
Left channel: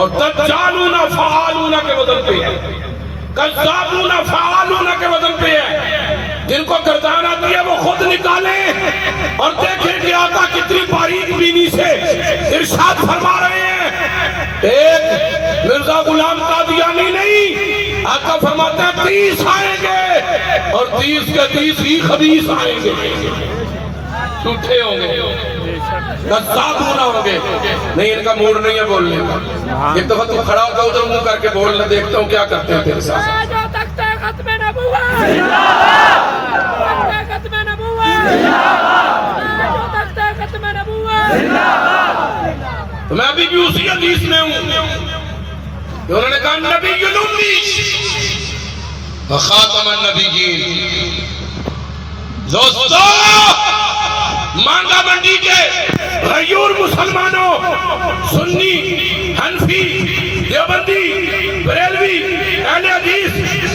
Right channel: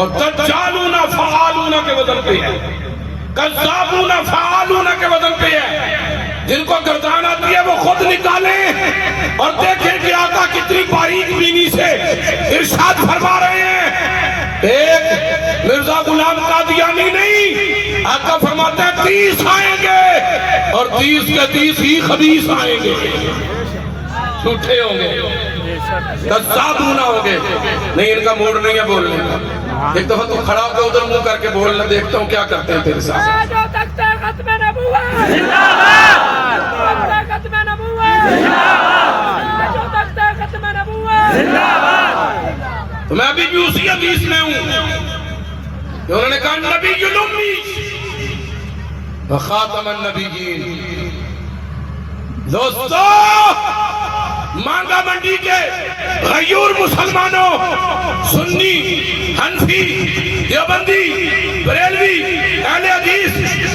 اور دجالونا فعالونا کے وزن پہ ہے کذابونا فعالونا کے وزن پہ ہے. جن کو گردانہ دیا وہ خود نکالیں اور دیکھیں کہ آقا کتنی باریک بینی سے ارشاد فرما رہے ہیں. ایک مرزا غلام قادیانی نہیں، آقا فرماتے ہیں 30 آئیں گے اور 30 کے 30 ہی خبیث آئیں گے، جھوٹے ہوں گے، کذابونا ہوں گے. نہیں ان کا موڈ نہیں ہے بولنے کا. ایک دفعہ تو کھڑا ہو کے ادھر منہ کر کے بولنے دیکھتا ہوں کیا کرتے ہیں تیرے ساتھ. ختم نبوت ختم نبوت ختم نبوت. تو میں ابھی بھی اسی حدیث میں ہوں کہ انہوں نے کہا نبی المی وخاتم النبیین. دوستو مانگا منڈی کے غیور مسلمانوں، سنی، حنفی، دیوبندی، بریلوی، اہل حدیث،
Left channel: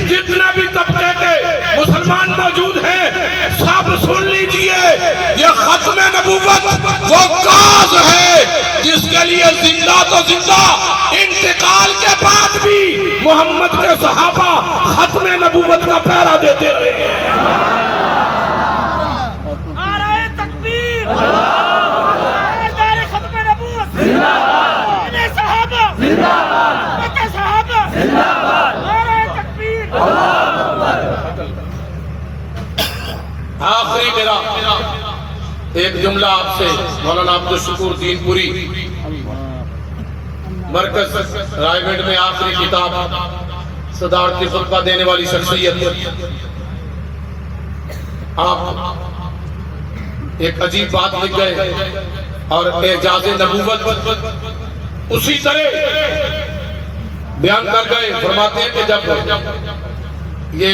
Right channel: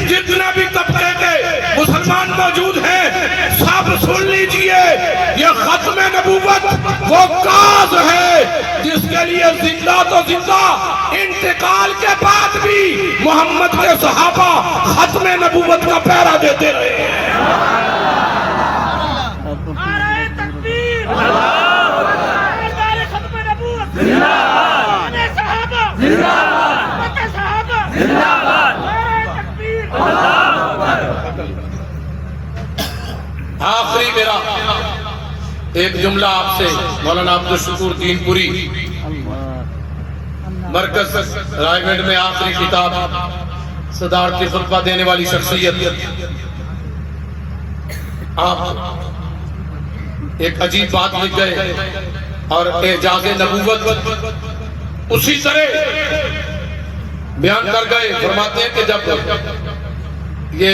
جتنا بھی طبقے کے مسلمان موجود ہیں سب سن لیجئے، یہ ختم نبوت وہ کاز ہے جس کے لیے زندہ تو زندہ انتقال کے بعد بھی محمد کے صحابہ ختم نبوت کا پہرا دیتے رہے ہیں. آخری میرا ایک جملہ آپ سے مولانا عبدالشکور دین پوری مرکز رائے گنج میں آخری کتاب صدارتی خطبہ دینے والی شخصیت. آپ ایک عجیب بات لکھ گئے اور اعجاز نبوت اسی طرح بیان کر گئے. فرماتے ہیں کہ جب یہ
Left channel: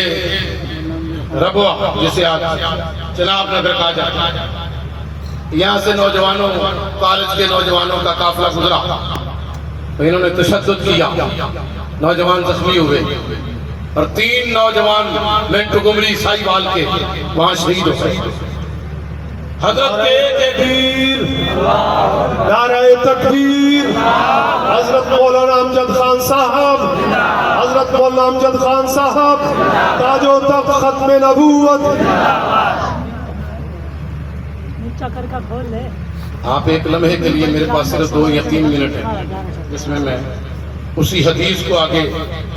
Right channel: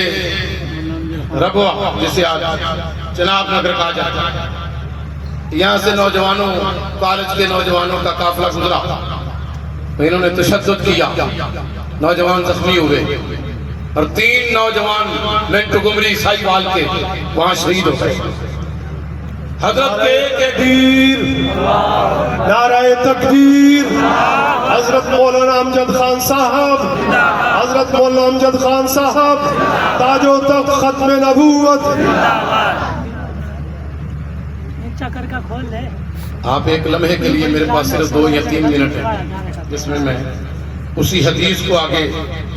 ربوہ جسے آج چناب نگر کہا جاتا ہے، یہاں سے نوجوانوں کالج کے نوجوانوں کا قافلہ گزرا تو انہوں نے تشدد کیا، نوجوان زخمی ہوئے اور 3 نوجوان منٹو گمری عیسائی وال کے وہاں شہید ہو گئے. حضرت کے تکبیر، نعرہ تکبیر. حضرت مولانا امجد خان صاحب، حضرت مولانا امجد خان صاحب تاج و تخت ختم نبوت. آپ ایک لمحے کے لیے میرے پاس صرف 2 یا 3 منٹ ہیں جس میں اسی حدیث کو آگے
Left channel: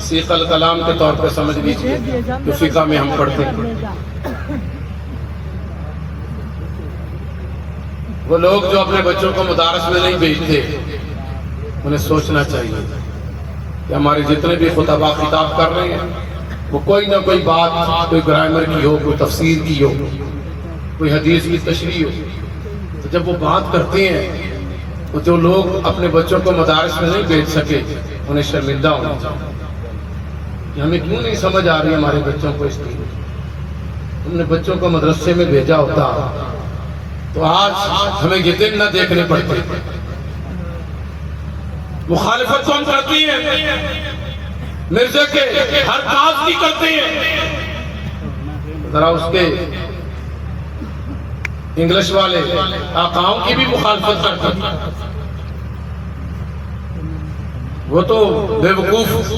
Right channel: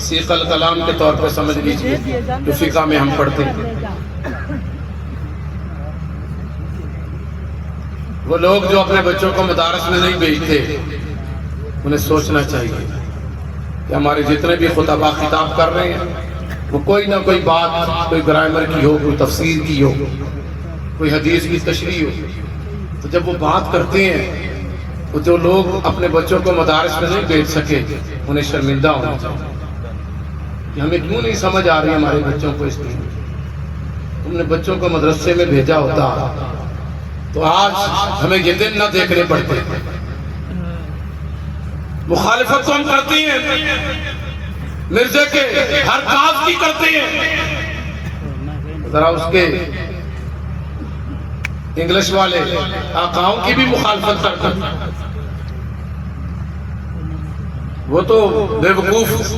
سیخ الکلام کے طور پر سمجھ لیجئے جو فقہ میں ہم پڑھتے ہیں. وہ لوگ جو اپنے بچوں کو مدارس میں نہیں بھیجتے انہیں سوچنا چاہیے کہ ہمارے جتنے بھی خطباء خطاب کر رہے ہیں وہ کوئی نہ کوئی بات، کوئی گرامر کی ہو، کوئی تفسیر کی ہو، کوئی حدیث کی تشریح ہو. تو جب وہ بات کرتے ہیں تو جو لوگ اپنے بچوں کو مدارس میں نہیں بھیج سکے انہیں شرمندہ ہونا چاہیے کہ ہمیں کیوں نہیں سمجھ آ رہی ہمارے بچوں کو. اس لیے ہم نے بچوں کو مدرسے میں بھیجا ہوتا تو آج ہمیں یہ دن نہ دیکھنے پڑتے. مخالفت تو ہم کرتی ہیں، مرزا کے ہر کاز کی کرتے ہیں. ذرا اس کے انگلش والے آقاؤں کی بھی مخالفت کرتے ہیں. وہ تو بے وقوف،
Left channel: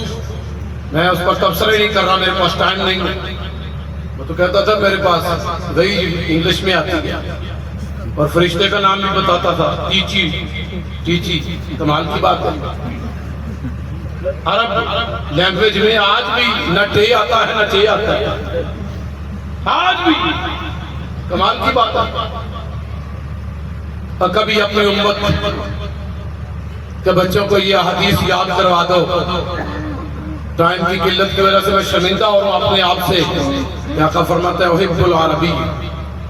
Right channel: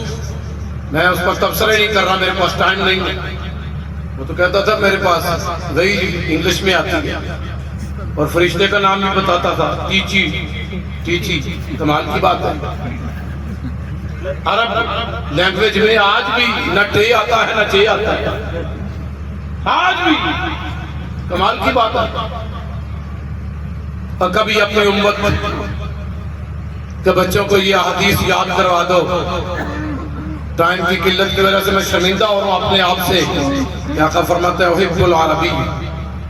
میں اس پر تبصرہ نہیں کر رہا، میرے پاس ٹائم نہیں. وہ تو کہتا تھا میرے پاس وہی انگلش میں آتی ہے اور فرشتے کا نام بھی بتاتا تھا، ٹیچی. کمال کی بات ہے. عرب لینگویج میں آج بھی نہ ٹے آتا ہے نہ چے آتا ہے، آج بھی. کمال کی بات ہے. اور کبھی اپنی امت کے بچوں کو یہ حدیث یاد کروا دو. ٹائم کی قلت کی وجہ سے میں شرمندہ ہوں اپنے آپ سے. آقا فرماتا ہے احب العربی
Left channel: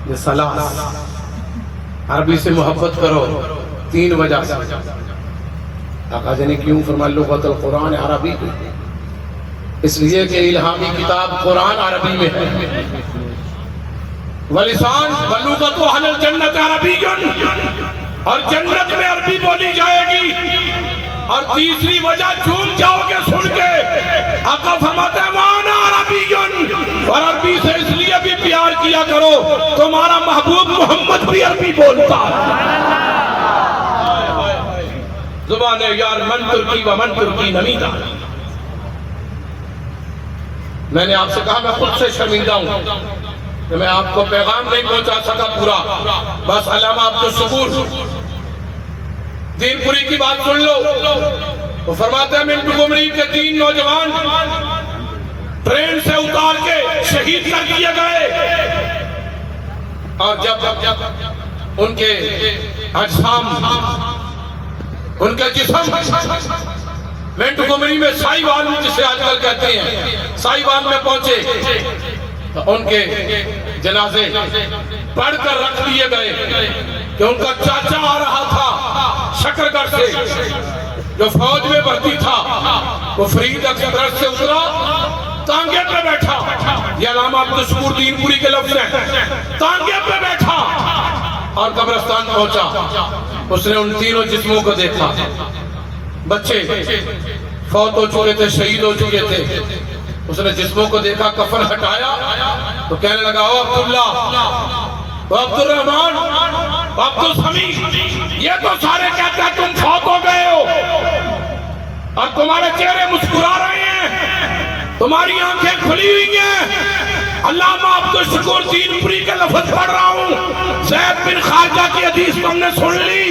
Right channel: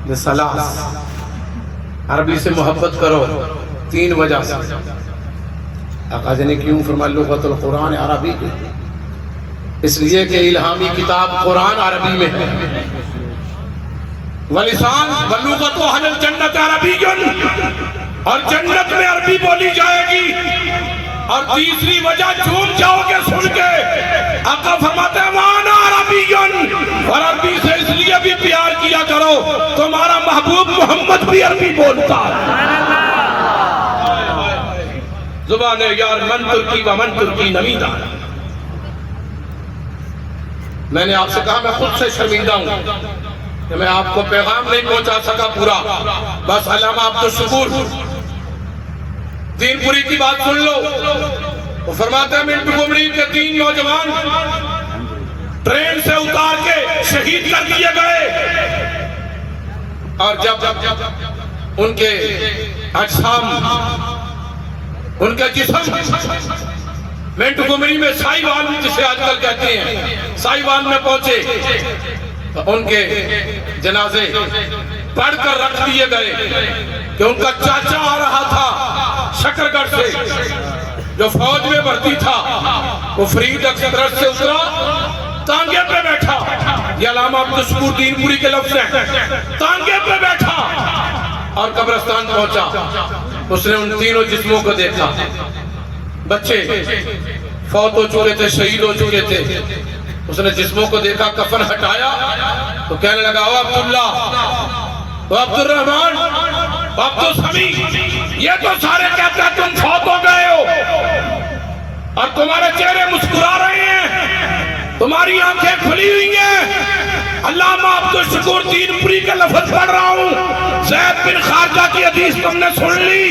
لثلاث، عربی سے محبت کرو 3 وجہ سے. آقا جی نے کیوں فرمایا لغت القرآن عربی کی؟ اس لیے کہ الہامی کتاب قرآن عربی میں ہے. ولسان ولغت اہل الجنت عربی، اور جنت میں عربی بولی جائے گی. اور تیسری وجہ جھوم جاؤ گے سن کے، آقا فرماتے ہیں وانا عربی، اور عربی سے اس لیے بھی پیار کیا کرو تمہارا محبوب محمد بھی عربی بولتا ہے. زبان یار من ترکی و من ترکی نمیدہ. میں نے آپ سے کہا میں خود سے شرمندہ ہوں کہ میں آپ کو پیغام نہیں پہنچا سکا پورا. بس علامہ عبدالشکور دین پوری کی بات سن لو. وہ فرماتے ہیں منٹو گمری کے 3 نوجوان ٹرین سے اتار کے شہید کر دیے گئے، اور جب ان کے اجسام، ان کے جسم منٹو گمری میں سائیوان جسے آج کل کہتے ہیں سائیوان میں پہنچے تو ان کے جنازے پڑھ کر رکھ دیے گئے کہ ان کا چاچا آ رہا تھا شکرگڑھ سے جو فوج میں بھرتی تھا، وہ فرید ایکسپریس سے اترا، تانگے پہ بیٹھا. یہ علامہ عبدالشکور دین پوری کے لفظ ہیں. تانگے پہ بیٹھا اور قبرستان پہنچا. اس نے ان تینوں جسموں کو دیکھا. بچے فوت ہو چکے تھے، شہید ہو چکے تھے. اس نے جسموں کو دیکھا، کفن ہٹایا تو کہنے لگا او عبداللہ، او عبد الرحمن، او عبد السمیع، یہ تو سارے کہتے ہیں تم فوت ہو گئے ہو، اور تمہارے چہرے مسکرا رہے ہیں، تمہاری آنکھیں کھلی ہوئی ہیں. علامہ عبدالشکور دین پوری کے لفظ پڑھ رہا ہوں. زید بن خارجہ کی حدیث تم نے سن لی،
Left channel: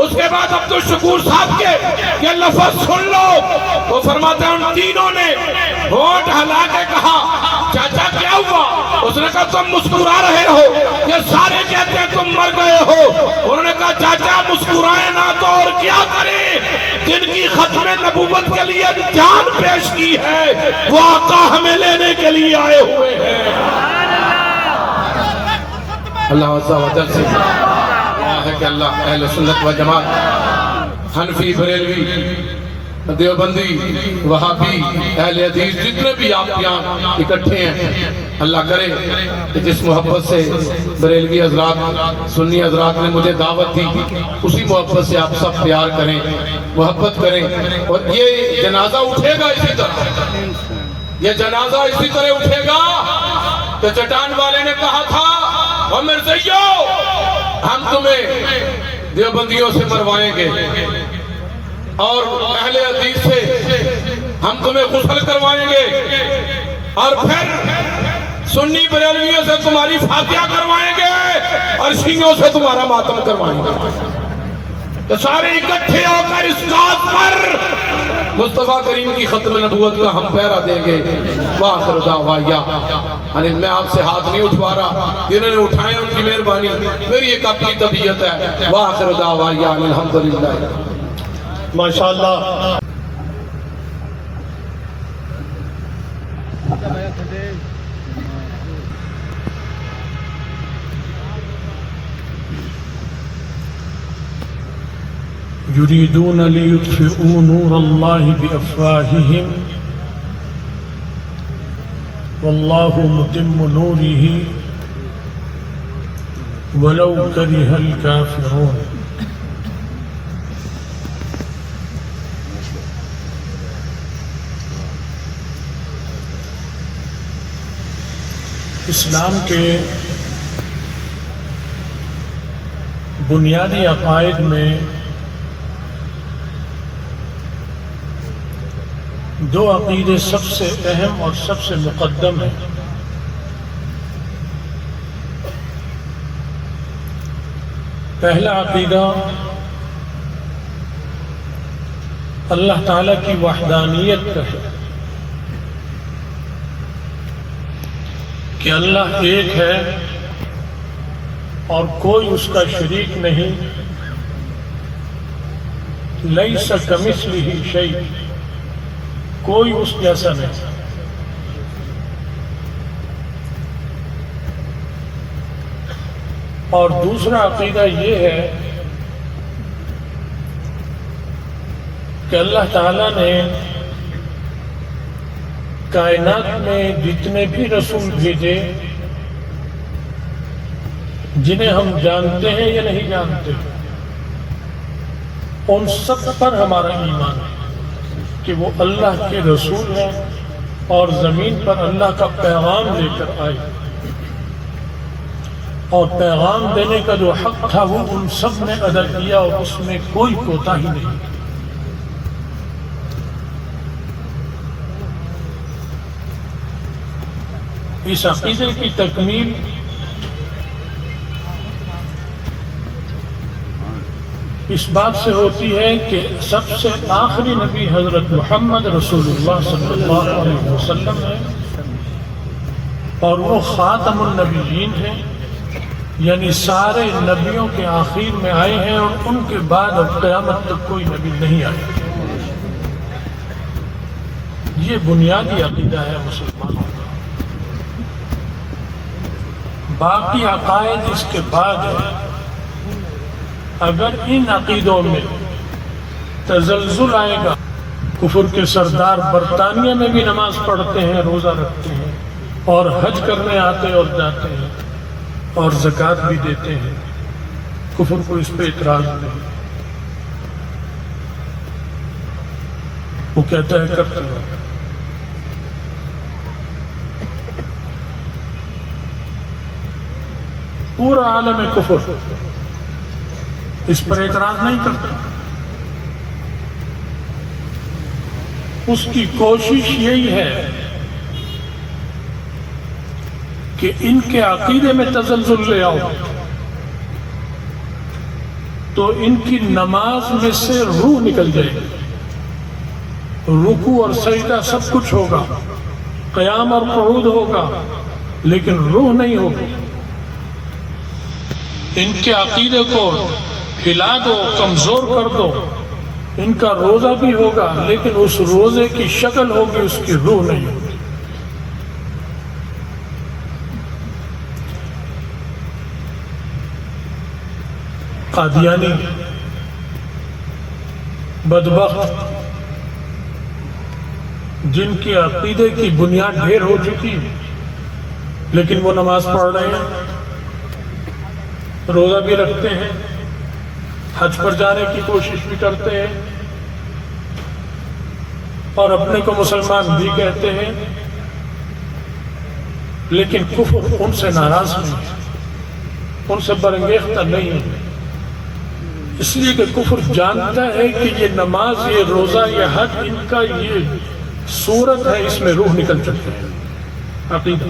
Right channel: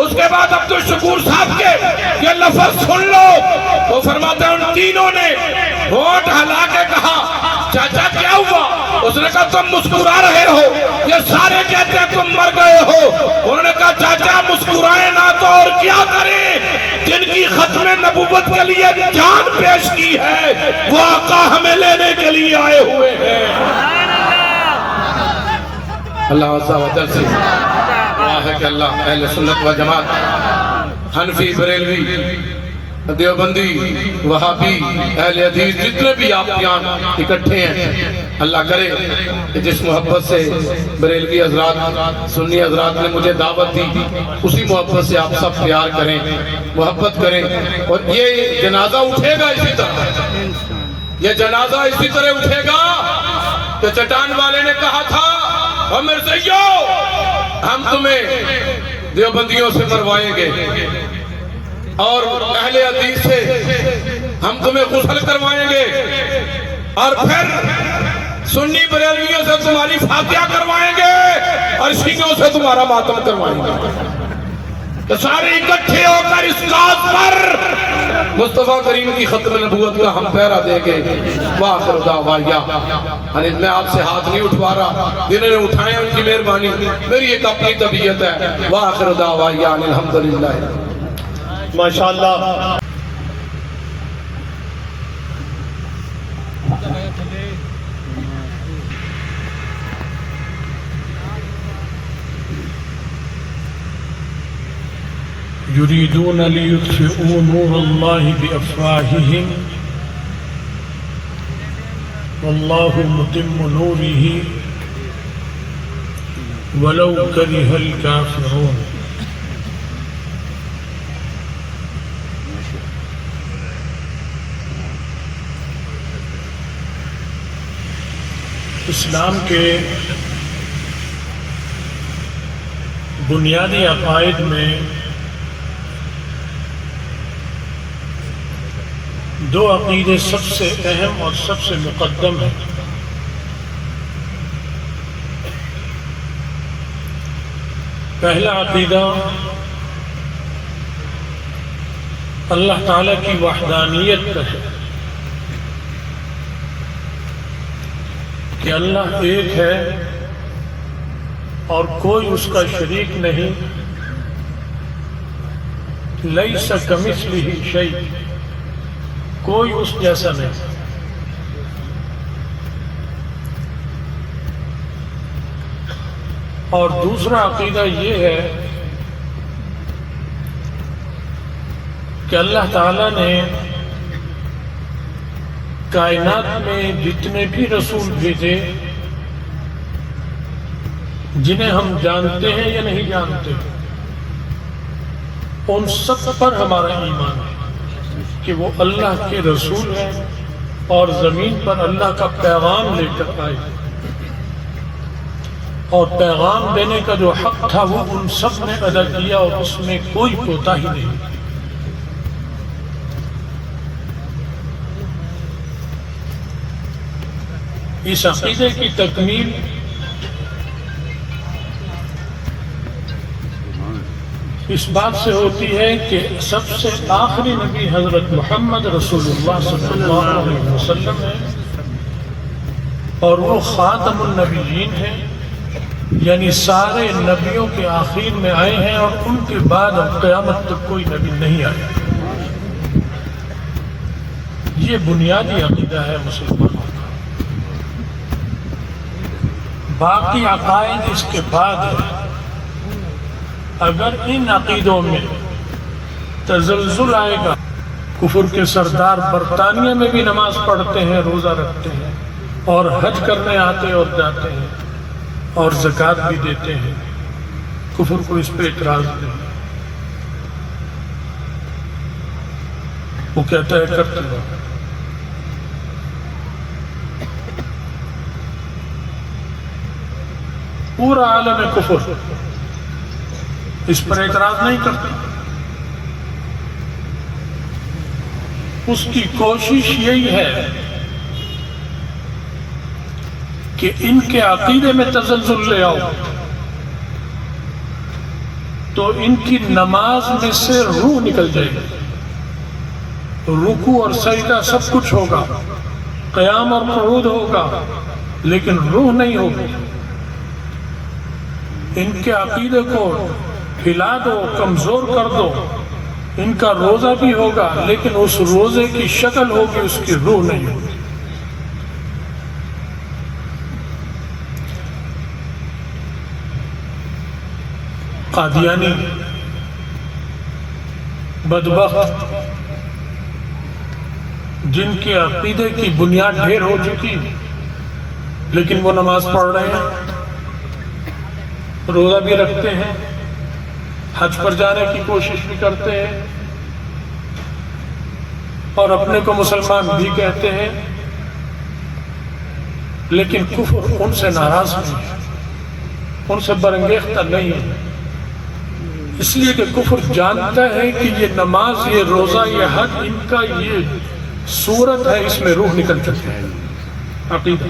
اس کے بعد عبدالشکور صاحب کے یہ لفظ سن لو. وہ فرماتے ہیں ان تینوں نے ہونٹ ہلا کے کہا چاچا کیا ہوا؟ اس نے کہا تم مسکرا رہے ہو، یہ سارے کہتے ہیں تم مر گئے ہو. انہوں نے کہا چاچا مسکرائے نہ تو اور کیا کریں، جن کی ختم نبوت کے لیے جان پیش کی ہے وہ آقا ہمیں لینے کے لیے آئے ہوئے ہیں. اللہ عز و جل سے ہے کہ اللہ اہل سنت و جماعت، حنفی، بریلوی، دیوبندی، وہابی، اہل حدیث، جتنے بھی آپ یہاں اکٹھے ہیں، اللہ کرے کہ جس محبت سے بریلوی حضرات، سنی حضرات نے مجھے دعوت دی، اسی محبت سے آپ سب پیار کریں، محبت کریں. اور یہ جنازہ اٹھے گا اسی طرح، یہ جنازہ اسی طرح اٹھے گا کہ چٹان والے نے کہا تھا اور مرزائیو ہم تمہیں دیوبندیوں سے مروائیں گے اور اہل حدیث سے ہم تمہیں غسل کروائیں گے، اور پھر سنی بریلویوں سے تمہاری فاتحہ کروائیں گے، اور شیعوں سے تمہارا ماتم کروائیں گے. کہ سارے اکٹھے ہو کر اس ذات پر مصطفیٰ کریم کی ختم نبوت کا ہم پہرا دیں گے. وآخر دعوانا میں آپ سے ہاتھ نہیں اٹھوا رہا، جنہوں نے اٹھائے ان کی مہربانی، میری ایک اپنی طبیعت ہے. وآخر دعوانا الحمدللہ. ماشاءاللہ. يريدون ليطفئوا نور الله بأفواههم والله متم نوره ولو كره الكافرون. اسلام کے بنیادی عقائد میں دو عقیدے سب سے اہم اور سب سے مقدم ہیں. پہلا عقیدہ اللہ تعالیٰ کی وحدانیت کا ہے کہ اللہ ایک ہے اور کوئی اس کا شریک نہیں. لیس کمثلہ شیء، کوئی اس جیسا نہیں. اور دوسرا عقیدہ یہ ہے کہ اللہ تعالیٰ نے کائنات میں جتنے بھی رسول بھیجے، جنہیں ہم جانتے ہیں یا نہیں جانتے، ان سب پر ہمارا ایمان ہے کہ وہ اللہ کے رسول ہیں اور زمین پر اللہ کا پیغام لے کر آئے، اور پیغام دینے کا جو حق تھا وہ ان سب نے ادا کیا اور اس میں کوئی کوتاہی نہیں۔ اس عقیدے کی تکمیل اس بات سے ہوتی ہے کہ سب سے آخری نبی حضرت محمد رسول اللہ صلی اللہ علیہ وسلم ہے، اور وہ خاتم النبیین ہیں، یعنی سارے نبیوں کے آخر میں آئے ہیں، اور ان کے بعد اب قیامت تک کوئی نبی نہیں آیا۔ یہ بنیادی عقیدہ ہے مسلمانوں کا۔ باقی عقائد اس کے بعد ہے۔ اگر ان عقیدوں میں تزلزل آئے گا، کفر کے سردار برطانیہ میں بھی نماز پڑھتے ہیں، روزہ رکھتے ہیں، اور حج کرنے آتے اور جاتے ہیں، اور زکوٰۃ بھی دیتے ہیں، کفر کو اس پہ اعتراض نہیں۔ وہ کہتا ہے کرتے ہیں۔ پورا عالم کفر اس پر اعتراض نہیں کرتا۔ اس کی کوشش یہی ہے کہ ان کے عقیدے میں تزلزل لے آؤ تو ان کی نماز میں سے روح نکل جائے گی، رکوع اور سجدہ سب کچھ ہوگا، قیام اور قعود ہوگا، لیکن روح نہیں ہوگی۔ ان کے عقیدے کو ہلا دو، کمزور کر دو، ان کا روزہ بھی ہوگا لیکن اس روزے کی شکل ہوگی، اس کی روح نہیں ہوگی۔ قادیانی بدبخت جن کے عقیدے کی بنیاد ڈھیر ہو چکی لیکن وہ نماز پڑھ رہے ہیں، روزہ بھی رکھتے ہیں، حج پر جانے کی کوشش بھی کرتے ہیں، اور اپنے کو مسلمان بھی کہتے ہیں، لیکن کفر ان سے ناراض نہیں ہے، ان سے برانگیختہ نہیں ہے، اس لیے کہ کفر جانتا ہے کہ یہ نماز، یہ روزہ، یہ حج، ان کا یہ صورت ہے، اس میں روح نکل چکی ہے عقیدہ،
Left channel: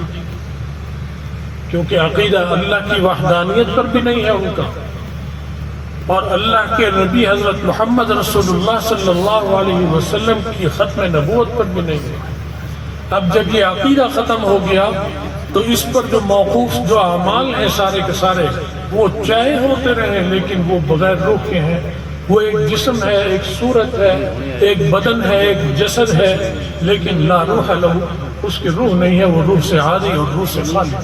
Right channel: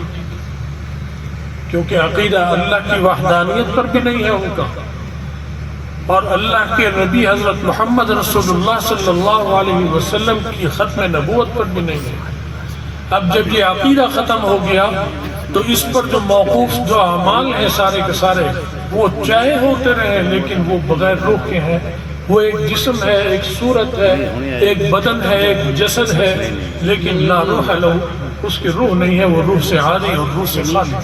کیونکہ عقیدہ اللہ کی وحدانیت پر بھی نہیں ہے ان کا، اور اللہ کے نبی حضرت محمد رسول اللہ صلی اللہ علیہ وسلم کی ختم نبوت پر بھی نہیں ہے۔ اب جب یہ عقیدہ ختم ہو گیا تو اس پر جو موقوف جو اعمال ہیں سارے کے سارے، وہ چاہے ہوتے رہے لیکن وہ بغیر روح کے ہیں۔ وہ ایک جسم ہے، ایک صورت ہے، ایک بدن ہے، ایک جسد ہے، لیکن لا روح لہو، اس کی روح نہیں ہے، وہ روح سے عاری اور روح سے خالی۔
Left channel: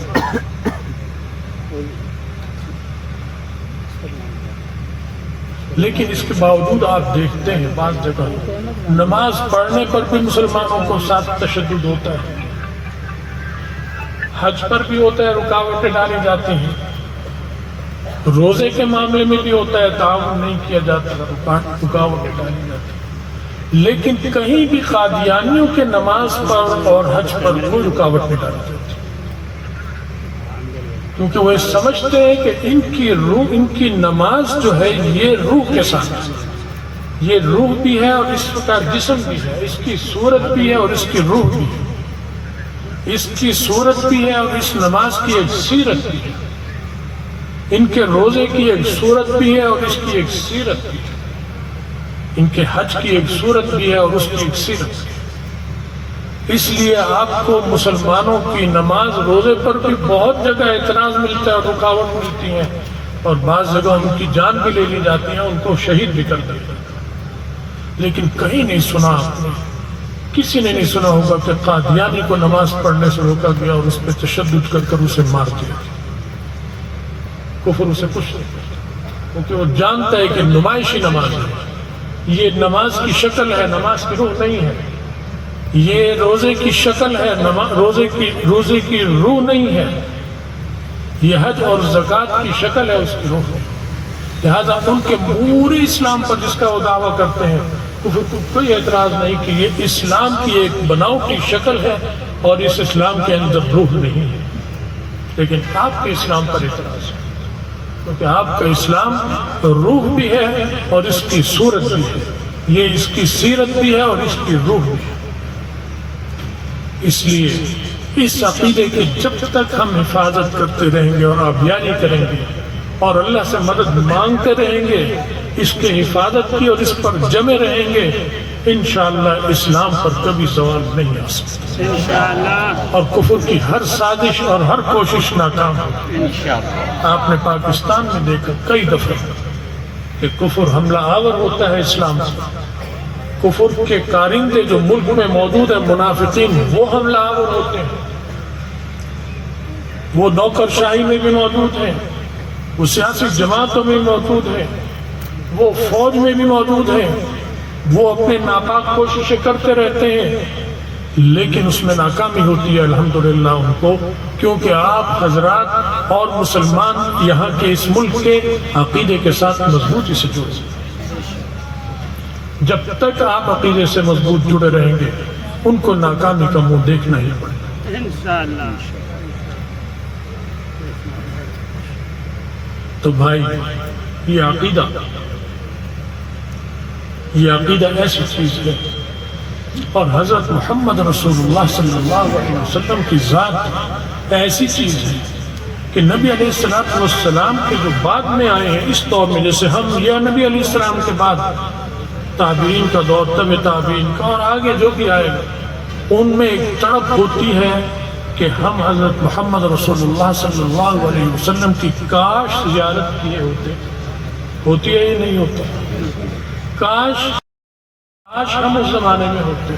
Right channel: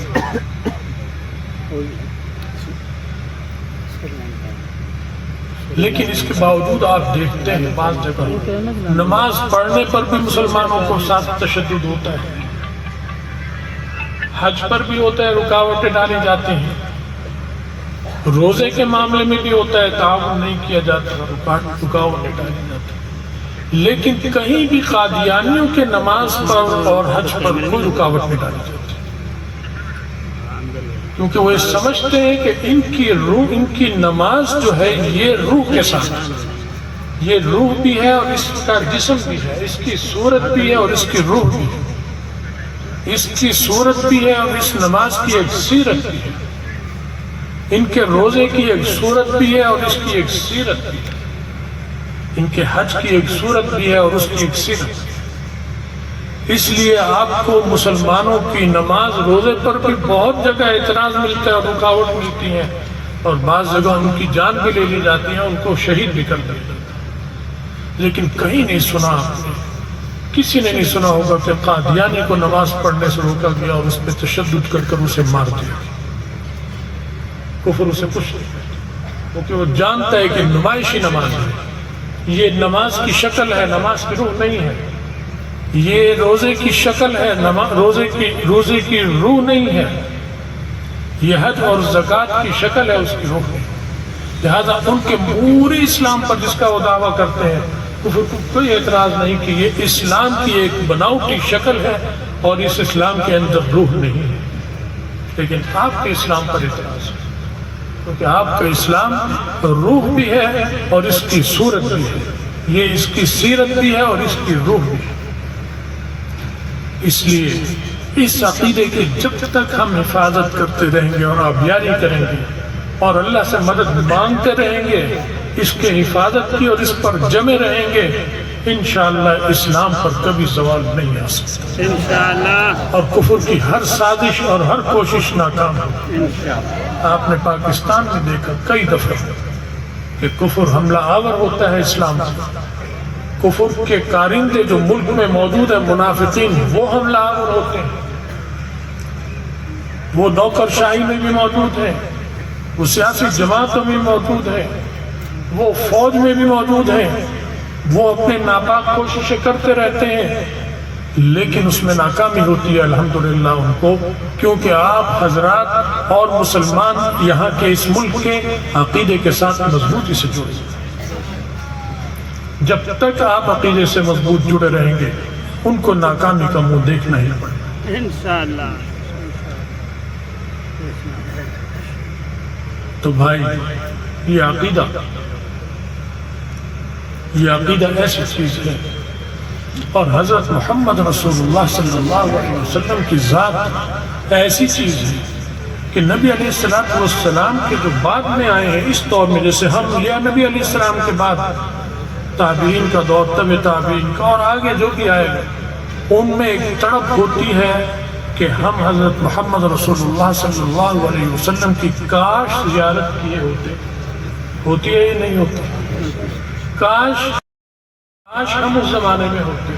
لیکن اس کے باوجود آپ دیکھتے ہیں بعض جگہ نماز پڑھنے پر بھی مسلمانوں کو ساتھ تشدد ہوتا ہے، حج پر بھی ہوتا ہے، رکاوٹیں ڈالی جاتی ہیں، روزے کے معاملے میں بھی ہوتا ہے، تعاون نہیں کیا جاتا، رکاوٹیں ڈالی جاتی ہیں، لیکن کہیں بھی قادیانیوں کے نماز پر اور حج پر کوئی رکاوٹ نہیں ڈالی جاتی، کیونکہ وہ سمجھتے ہیں کہ ان کی روح، ان کی نماز جو ہے یہ روح کے ساتھ، یہ روح بھی ہے اور اس کا جسم بھی ہے، اس کی صورت بھی ہے اور اس کی روح بھی ہے، اس کی صورت بھی ہے اور اس نماز کی ایک سیرت بھی ہے، ان کے روزے کی ایک صورت بھی ہے اور اس کی ایک سیرت بھی ہے، ان کے حج کی ایک صورت بھی ہے اور اس کی ایک سیرت بھی ہے۔ اس لیے آپ کو مسلمانوں کی نماز روزے پر بھی بہت جگہ اعتراض ملتا ہے، رکاوٹ ملتی ہے، اور بعض جگہ ان کی جان بھی لے لی جاتی ہے، ان کو شہید بھی کر دیا، لیکن کہیں نہیں سنا آپ نے، کسی نے نہیں سنا ہوگا کہ قادیانی کو نماز پڑھنے سے روکا گیا اور اس پہ تشدد کر کر اسے مار دیا۔ کفر اسے کچھ نہیں کرتا، کیونکہ وہ جانتا ہے کہ نمائشی نماز ہے، یہ نماز کی شکل ہے، نماز کی روح نہیں ہے. یہ روزے کی شکل ہے، روزے کی روح نہیں ہے. یہ حج اور زکوٰۃ کی شکل ہے، اس کی روح نہیں. لہذا ان کے پورے اسلام پر جس کا وہ دعویٰ کرتے ہیں کفر کو کوئی اعتراض نہیں کہ یہ اسلام کی ایک بناوٹی شکل ہے اور اس اسلام کے اندر روح نہیں ہے. لیکن آپ کے اسلام پر اعتراض ہے کیونکہ آپ کا اسلام روح بھی ہے اور اس کی صورت بھی ہے. یہ اس کی سیرت بھی ہے اور اس کی روح بھی ہے. اس لیے اس عقیدے کی جب تک ہم حفاظت کرتے رہیں گے اور آبیاری کریں گے اور اللہ سے مدد مانگتے رہیں گے اس کے حفاظت کی اور اس پر جمے رہیں گے، انشاءاللہ اسلام پر کبھی زوال نہیں آ سکتا انشاءاللہ. اور کفر کی ہر سازش اور ہر کوشش ناکام ہوگی انشاءاللہ. آپ نے پاکستان میں دیکھا کئی دفعے کہ کفر حملہ آور ہوتا ہے اسلام سے. کفر کے کارندے جو ملک میں موجود ہیں منافقین، وہ حملہ آور ہوتے ہیں. وہ نوکر شاہی میں بھی موجود ہیں، وہ سیاسی جماعتوں میں موجود ہیں، وہ فوج میں بھی موجود ہیں. وہ اپنے ناپاک کوششیں کرتے رہتے ہیں لیکن اس میں ناکامی ہوتی ہے الحمدللہ ان کو، کیونکہ آپ حضرات اور مسلمان یہاں کے اس ملک کے عقیدے کے ساتھ مضبوطی سے جڑے ہیں. جب تک آپ عقیدے سے مضبوط جڑے رہیں گے ان کو ناکامی کا منہ دیکھنا ہی پڑے انشاءاللہ. تو بھائی یہ عقیدہ ایسی چیز ہے اور حضرت محمد رسول اللہ صلی اللہ علیہ وسلم کی ذات ایسی چیز ہے کہ نبی علیہ السلام کے جو بعد میں آئے ہیں اس دور میں، جیسے ہم یا نبی علیہ السلام کے بعد تابعین کا دور، تبع تابعین کا اور آگے جو بھی آئے گا، ان میں ایک تڑپ ہوتی ہے کہ ہم حضرت محمد رسول اللہ صلی اللہ علیہ وسلم کی کاش زیارت کیے ہوتے. ہوتی ہے یا نہیں ہوتی؟ کاش ہم اس زمانے میں ہوتے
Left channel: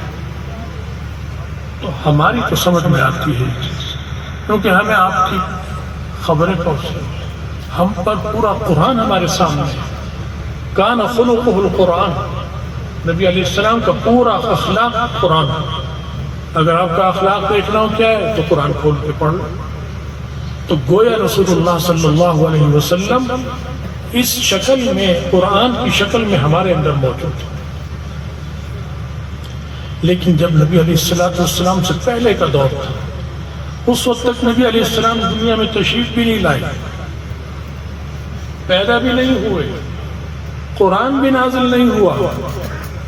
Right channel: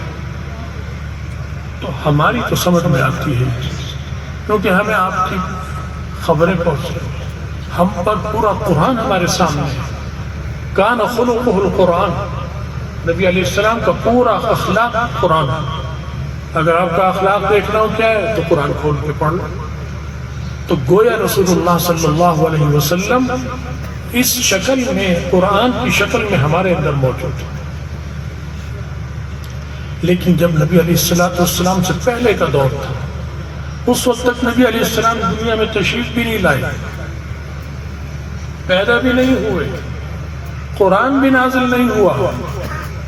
تو ہماری تو سمجھ میں آتی ہے یہ چیز، کیونکہ ہمیں آپ کی خبریں پہنچ، ہم پر پورا قرآن ہمارے سامنے ہے. کان خلقہ القرآن، نبی علیہ السلام کا پورا اخلاق قرآن. اگر آپ کا اخلاق دیکھنا ہو کیا ہے تو قرآن کھول کے پڑھ لو. تو گویا رسول اللہ صلی اللہ علیہ وسلم اس شکل میں، قرآن کی شکل میں ہمارے اندر موجود ہے. لیکن جب نبی علیہ السلام سے پہلے کا دور تھا اس وقت تک نبی علیہ السلام دنیا میں تشریف بھی نہیں لائے، پیدا بھی نہیں ہوئے، قرآن بھی نازل نہیں ہوا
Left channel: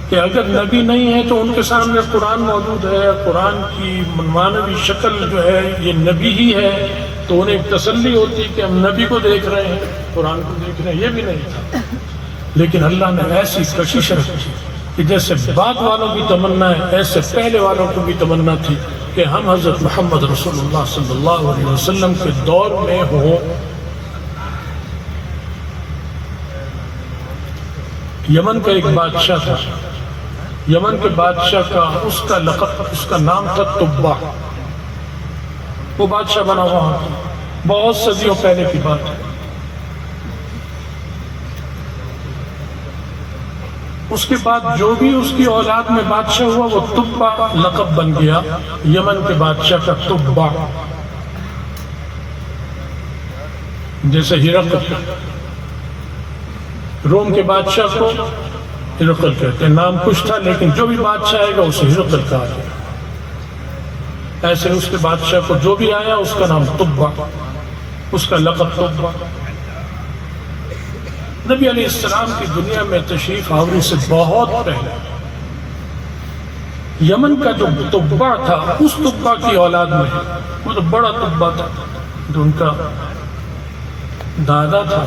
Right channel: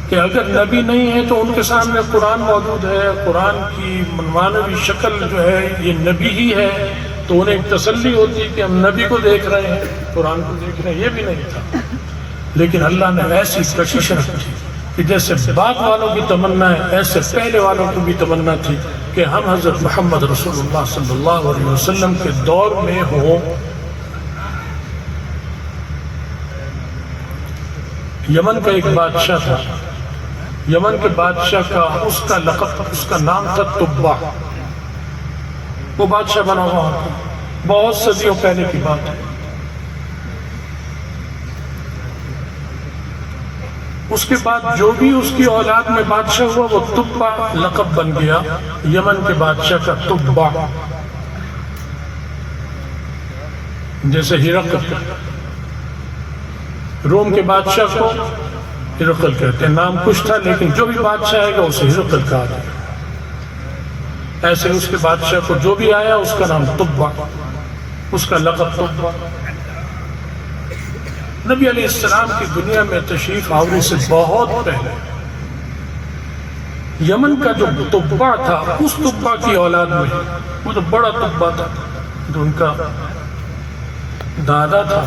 کہ اگر نبی نہیں ہے تو ان کے سامنے قرآن موجود ہے، قرآن کی معنوی شکل جو ہے یہ نبی ہی ہے، تو انہیں ایک تسلی ہوتی ہے کہ ہم نبی کو دیکھ رہے ہیں، قرآن کو دیکھ رہے ہیں. یہ بھی نہیں تھا. لیکن اللہ نے ایسی کشش رکھی کہ جیسے بعد والوں کی تمنا ہے ایسے پہلے والوں کو بھی تمنا تھی کہ ہم حضرت محمد رسول اللہ صلی اللہ علیہ وسلم کے دور میں ہوں. یمن کا ایک بادشاہ تھا، یمن کے بادشاہ کا اس کا لقب، اس کا نام تھا تبع. وہ بادشاہ بنا ہوا بہت صدیوں پہلے کی بات ہے. اس کے بعد جو بھی اس کی اولاد میں بادشاہ ہوا وہ تبع لقب بن گیا، یمن کے بادشاہ کا تبع. جیسے ہرقل، روم کے بادشاہ کو ہرقل کہتے ہیں، نام کچھ تھا لیکن جو بھی بادشاہ آئے گا اسے ہرقل کہا جائے. ایسے اس کے بادشاہ کو جو بھی آیا اس کا نام تبع، اس کا لقب تبع. نبی علیہ السلام کی دنیا میں تشریف آوری سے بہت پہلے یمن کا جو تبع تھا اس تبع کی اولاد میں، وہ تو بڑا تبع تھا جو ان کا دادا تھا،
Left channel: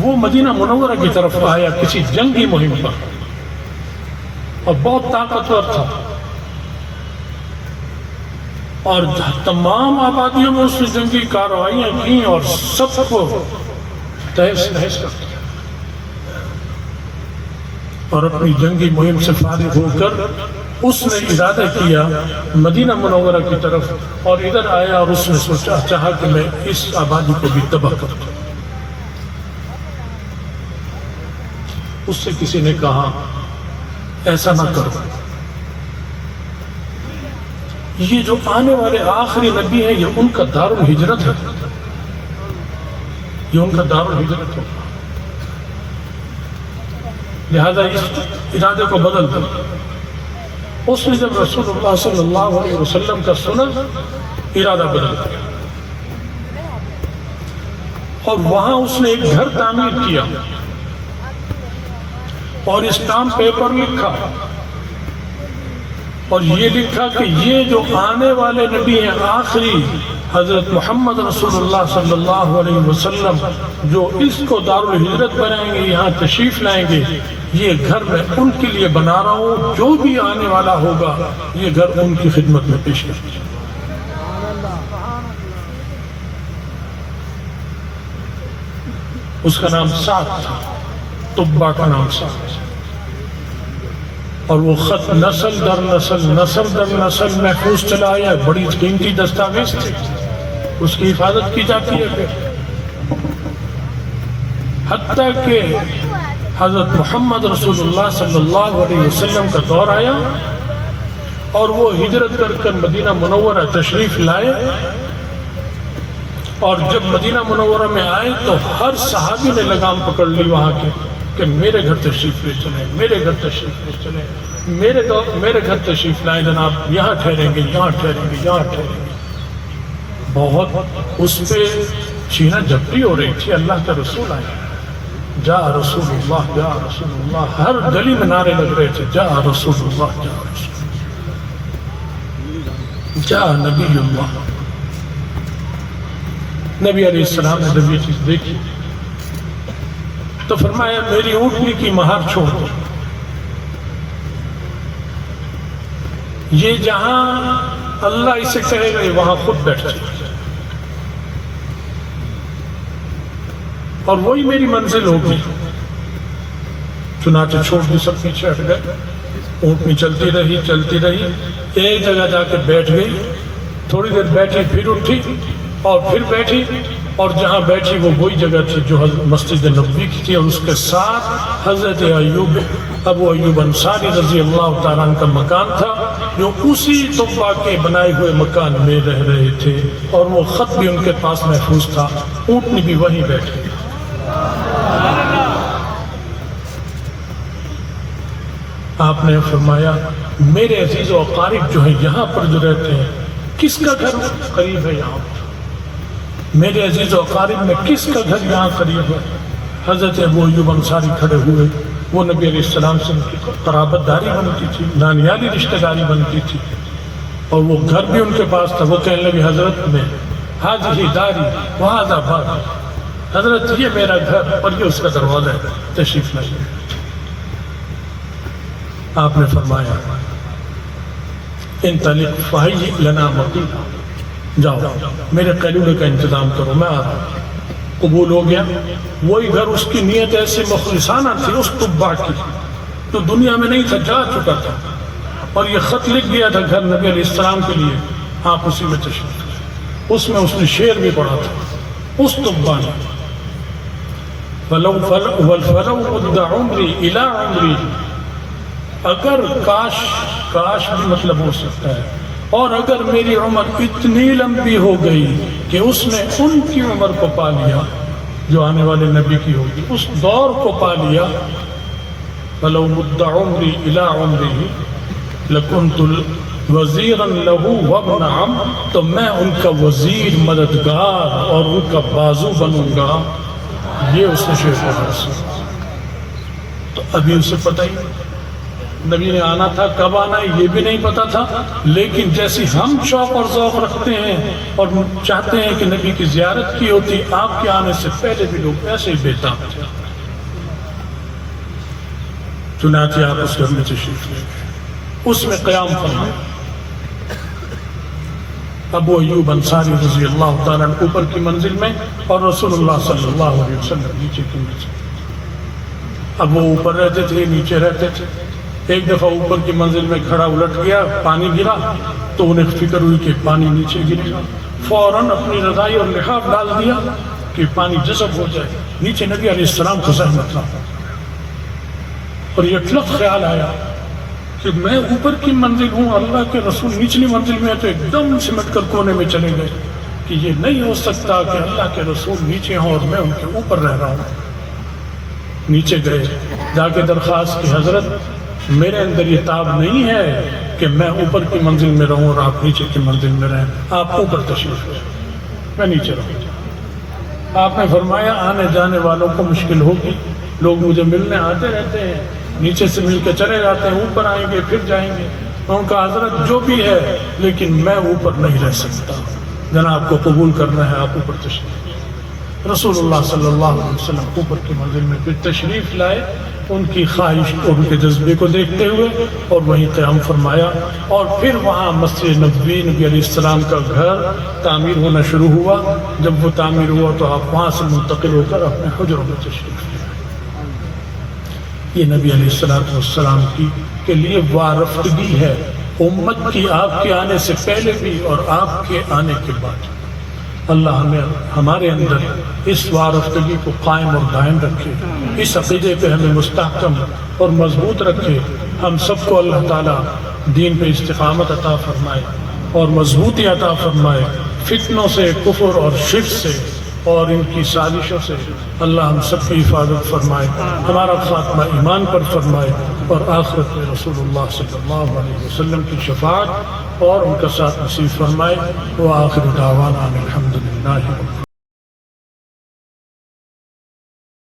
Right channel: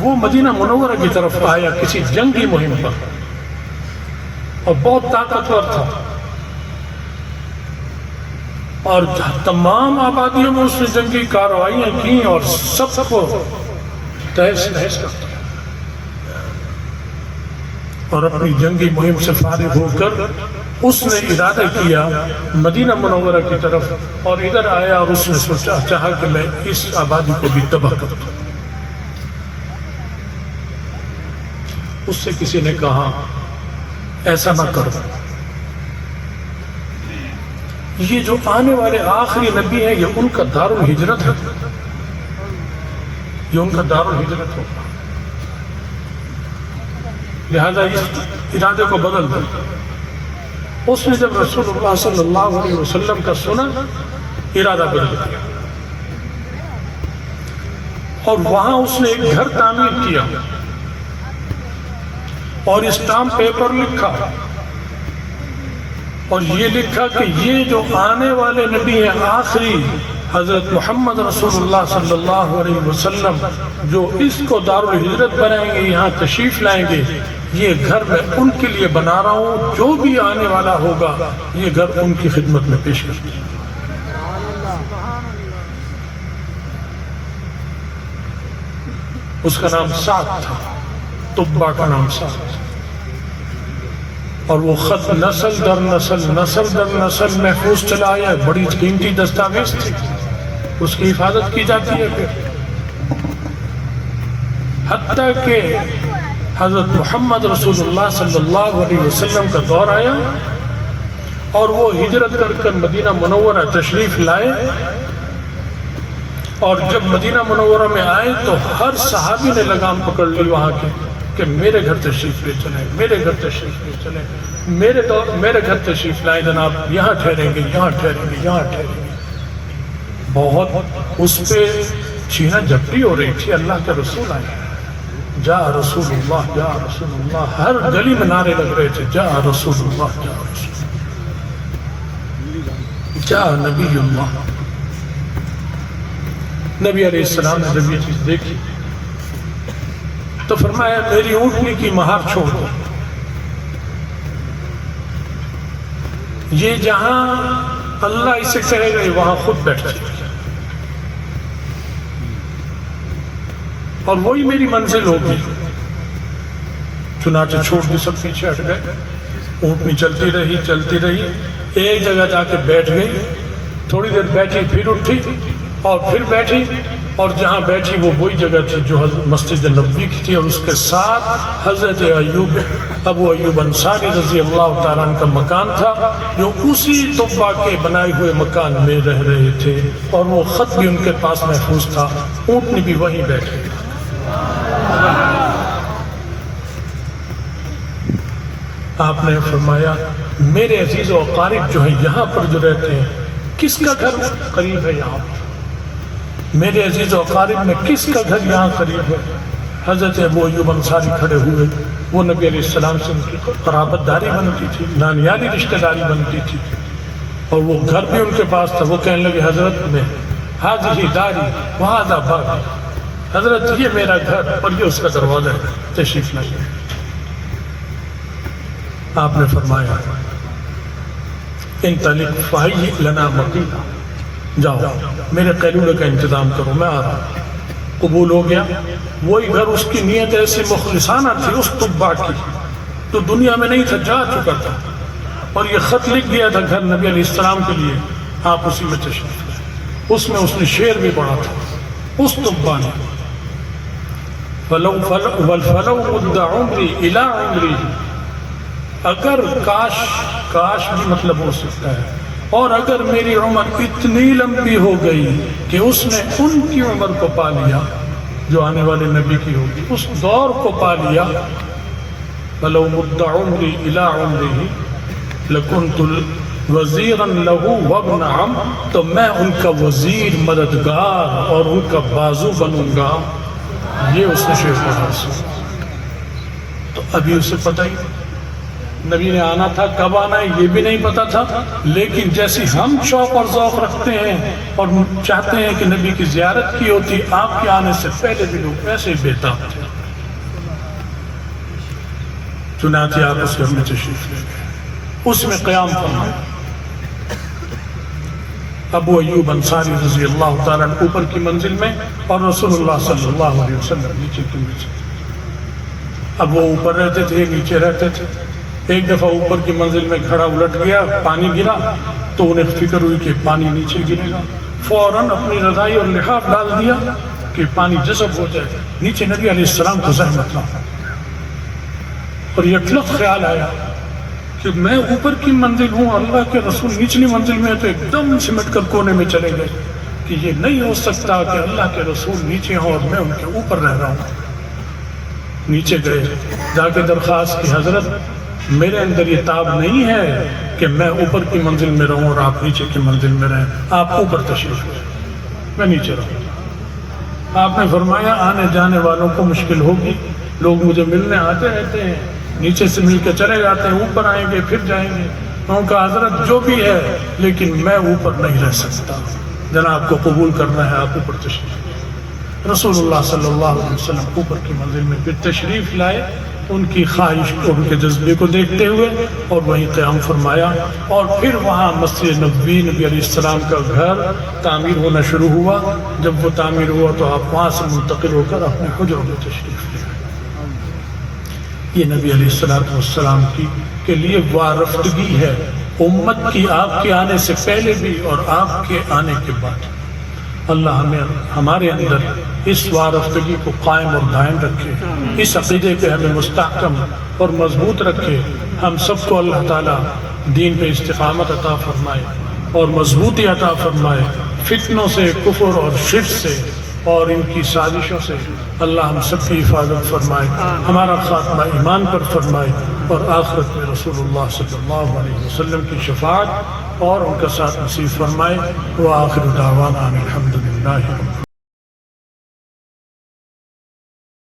وہ مدینہ منورہ کی طرف آیا کسی جنگی مہم پر اور بہت طاقتور تھا اور تمام آبادیوں میں اس نے جنگی کارروائیاں کی اور سب کو تہس نہس کر دیا. اور اپنی جنگی مہم سے فارغ ہو کر اس نے ارادہ کیا مدینہ منورہ کی طرف اور ادھر آیا اور اس نے سوچا چاہا کہ میں اس آبادی کو بھی تباہ کر دوں. اس سے کسی نے کہا ایسا نہ کرو، یہ جو آنے والے آخری نبی ہیں یہ ان کا دار الہجرت ہے، یہ ان کا دار الہجرت ہوگا، لہذا اس ارادے کو بدل دو۔ اس نے جب رسول اللہ صلی اللہ علیہ وسلم کا سنا، ارادہ بدل دیا اور وہاں اس نے ایک گھر تعمیر کیا اور اسٹامپ پیپر لکھا اور یہ لکھا کہ یہ جو آنے والے نبی ہیں آخری حضرت محمد رسول اللہ صلی اللہ علیہ وسلم جو اس کو دار الہجرت بنائیں گے، یہاں تشریف لائیں گے، یہ گھر میں ان کے لیے بنا رہا ہوں، جو بھی آنے والا ہوگا یہ گھر ان کی خدمت میں پیش کر دیا۔ اس کا نام سعد تھا، طبا کا نام سعد، اور وہ خط نسل در نسل نسل در نسل محفوظ چلا آیا ہے، بڑی قیمتی دستاویز تھی، اس کی حفاظت کی جاتی ہے پھر، حتیٰ کہ حضرت محمد رسول اللہ صلی اللہ علیہ وسلم کا دور آیا اور وہ ہجرت کر مدینہ منورہ تشریف لائے، اور جب مدینہ منورہ میں آئے تو ہر صحابی نے لگام پکڑ لی وہاں کی کہ میرے گھر تشریف لے چلیں، میرے گھر تشریف لے چلیں، میرے گھر تشریف لائے جناب، یہاں ٹھہریں گے، یہاں ٹھہریں گے، یہاں ٹھہریں گے۔ بہت اس پہ چھینا جھپٹی ہو رہی تھی، اللہ کے رسول آئے، جا رسول اللہ، جا رسول اللہ، ہر گلی میں نعرے لگ رہے تھے، جا رسول اللہ، جا رسول اللہ، جا نبی اللہ۔ نبی علیہ السلام نے جب یہ چیز دیکھی تو فرمایا میری اونٹنی کی مہار چھوڑ دو، یہ جہاں اللہ اسے کہے گا وہاں خود بیٹھ جائے، اور وہی میری منزل ہوگی۔ چنانچہ چھوڑ دی، سب پیچھے ہٹ گئے، اونٹنی چلتی رہی، ایک جگہ جا کے بیٹھ گئی، تھوڑی دیر بیٹھی، پھر اٹھی اور پھر بیٹھی، اور جہاں بیٹھی وہ وہی جگہ تھی جو مسجد نبوی کی تھی، اور اس کے ساتھ حضرت ابو ایوب انصاری رضی اللہ تعالیٰ عنہ کا مکان تھا، جو اسی طبا کے بنائے ہوئے مکان میں رہ رہے تھے، اور وہ خط بھی ان کے پاس محفوظ تھا، اونٹنی بھی وہیں بیٹھے۔ آپ نے فرمایا میرے عزیز و اقارب جو ہیں یہاں پر جو رہتے ہیں، کس کا گھر قریب ہے یہاں پر؟ میرے عزیز و اقارب میں کس کا گھر یہاں قریب ہے؟ حضرت ابو ایوب انصاری کھڑے ہوئے، وہ نبی علیہ السلام سے ان کی قرابت داری بنتی تھی، نانیالی رشتہ داری بنتی تھی، اور وہ گھر بھی ان کے پاس تھا۔ وہ کہنے لگے حضرت میں ہذہ داری وہذا باب، حضرت یہ میرا گھر اور یہ اس کا دروازہ ہے، تشریف لائیے۔ آپ نے فرمایا انطلق فہیئ لنا مقیلا، جاؤ میرے قیلولے کا انتظام کرو، میں آ رہا ہوں۔ قبول ہو گیا۔ وہی گھر، اس کی نیت ایسی مخلصانہ تھی اس طبا کی، جو دنیا میں نہیں تھا، جا چکا تھا، اور یہ خط لکھ دیا تھا گھر نبی علیہ السلام کے لیے، آپ اسی میں تشریف لائے۔ اس میں اس نے شعر بھی پڑھا تھا اس طبا نے، وَالْفَلَوْ مُدَّ عُمْرِي إِلَىٰ عُمْرِي، اگر کاش بھی مطلب ہو سکتا ہے، اور اگر میری عمر اتنی لمبی ہو گئی کہ اس نے ان کی عمر کو پا لیا جو آنے والے نبی کی ہوگی، اس دور کو پا لیا، فَلَوْ مُدَّ عُمْرِي إِلَىٰ عُمْرِهِ لَكُنْتُ وَزِيرًا لَهُ وَابْنَ عَمٍّ، تو میں ان کا وزیر، مددگار اور ان کا بازو بنوں گا۔ یہ اس نے شعر پڑھا۔ تو ابھی اسے پتہ ہی نبی نے آنا تھا، کب آنا ہے یہ بھی نہیں پتا تھا، لیکن جیسی ہم شوق اور ذوق رکھتے ہیں اور چاہتے ہیں کہ نبی کی زیارت کی ہوتی، آپ کے آنے سے پہلے بھی لوگ ایسے ہی بےتاب تھے۔ چنانچہ آپ اس گھر میں تشریف لے گئے، اس میں قیام کرنا۔ ابو ایوب انصاری رضی اللہ تعالیٰ اوپر کی منزل میں، اور رسول اللہ صلی اللہ علیہ وسلم نیچے کی منزل۔ اب وہ اوپر رہتے تھے، نیچے رہتے تھے۔ ایک دفعہ اوپر کی منزل میں کھڑا الٹ گیا، پانی گرا، تو انہیں فکر ہوئی کہ پانی نیچے گرے گا، فوراً اپنی رضائی اور لحاف ڈال دیا کہ پانی جذب ہو جائے۔ نیچے نبی علیہ السلام کو زحمت نہ ہو۔ اور یہ لفظ خیال آیا کہ میں اوپر کی منزل ہوں، اللہ کے رسول نچلی منزل میں ہے، تو ایک دم سمٹ کر کونے میں چلے گئے کہ یہ نہیں ہو سکتا کہ اللہ کے رسول نیچے ہوں اور میں ان کے اوپر رہ رہا ہوں۔ نیچے گئے، جا کے درخواست کی حضرت میرے اندر یہ تاب نہیں ہے کہ میں اوپر کی منزل میں رہوں اور آپ نیچے کی منزل میں رہیں، آپ اوپر تشریف لیں، میں نیچے رہوں۔ آپ نے فرمایا آنے جانے والوں کو مشکل ہوگی، لوگ مجھے ملنے آتے رہتے ہیں، نیچے سے مل کے چلے جاتے ہیں، اوپر آئیں گے پھر جائیں گے۔ ان کا حضرت جو بھی ہے لیکن میں اوپر نہیں رہ سکتا، جناب کو قبول کرنا ہے، آپ اوپر تشریف لائیں۔ رسول اللہ صلی اللہ علیہ وسلم اوپر کی منزل میں پھر تشریف لائے، ان کی خواہش کو، ان کے جذبے کو دیکھتے ہوئے، اور وہیں قیام فرمایا۔ اور پھر وہاں مسجد نبوی، نبی علیہ السلام کا گھر تعمیر ہونا شروع ہوا۔ جب وہ تعمیر ہوا تو آپ وہاں سے منتقل ہو کر اپنے حجروں میں تشریف لائے۔ یہ نبی علیہ السلام کی کے لیے وارفتگی ہے امت کی، آپ کے آنے سے پہلے بھی اور آپ کے آنے کے بعد۔ اللہ ہمیں ہمارے اندر اس وارفتگی کو قائم اور دائم رکھے، اس عقیدے پہ ہمیں مستحکم اور مضبوط رکھے۔ ہم سب کو اللہ تعالیٰ دین پہ استقامت عطا فرمائے اور مضبوطی عطا فرمائے، فتنوں سے، کفر اور شرک سے اور ان کی سازشوں سے اللہ ہم سب کی حفاظت فرمائے، ہمارا خاتمہ ایمان پر فرمائے، اور آخرت میں رسول اللہ صلی اللہ علیہ وسلم کی شفاعت اور ان کا ساتھ نصیب فرمائے۔ وآخر دعوانا الحمدللہ۔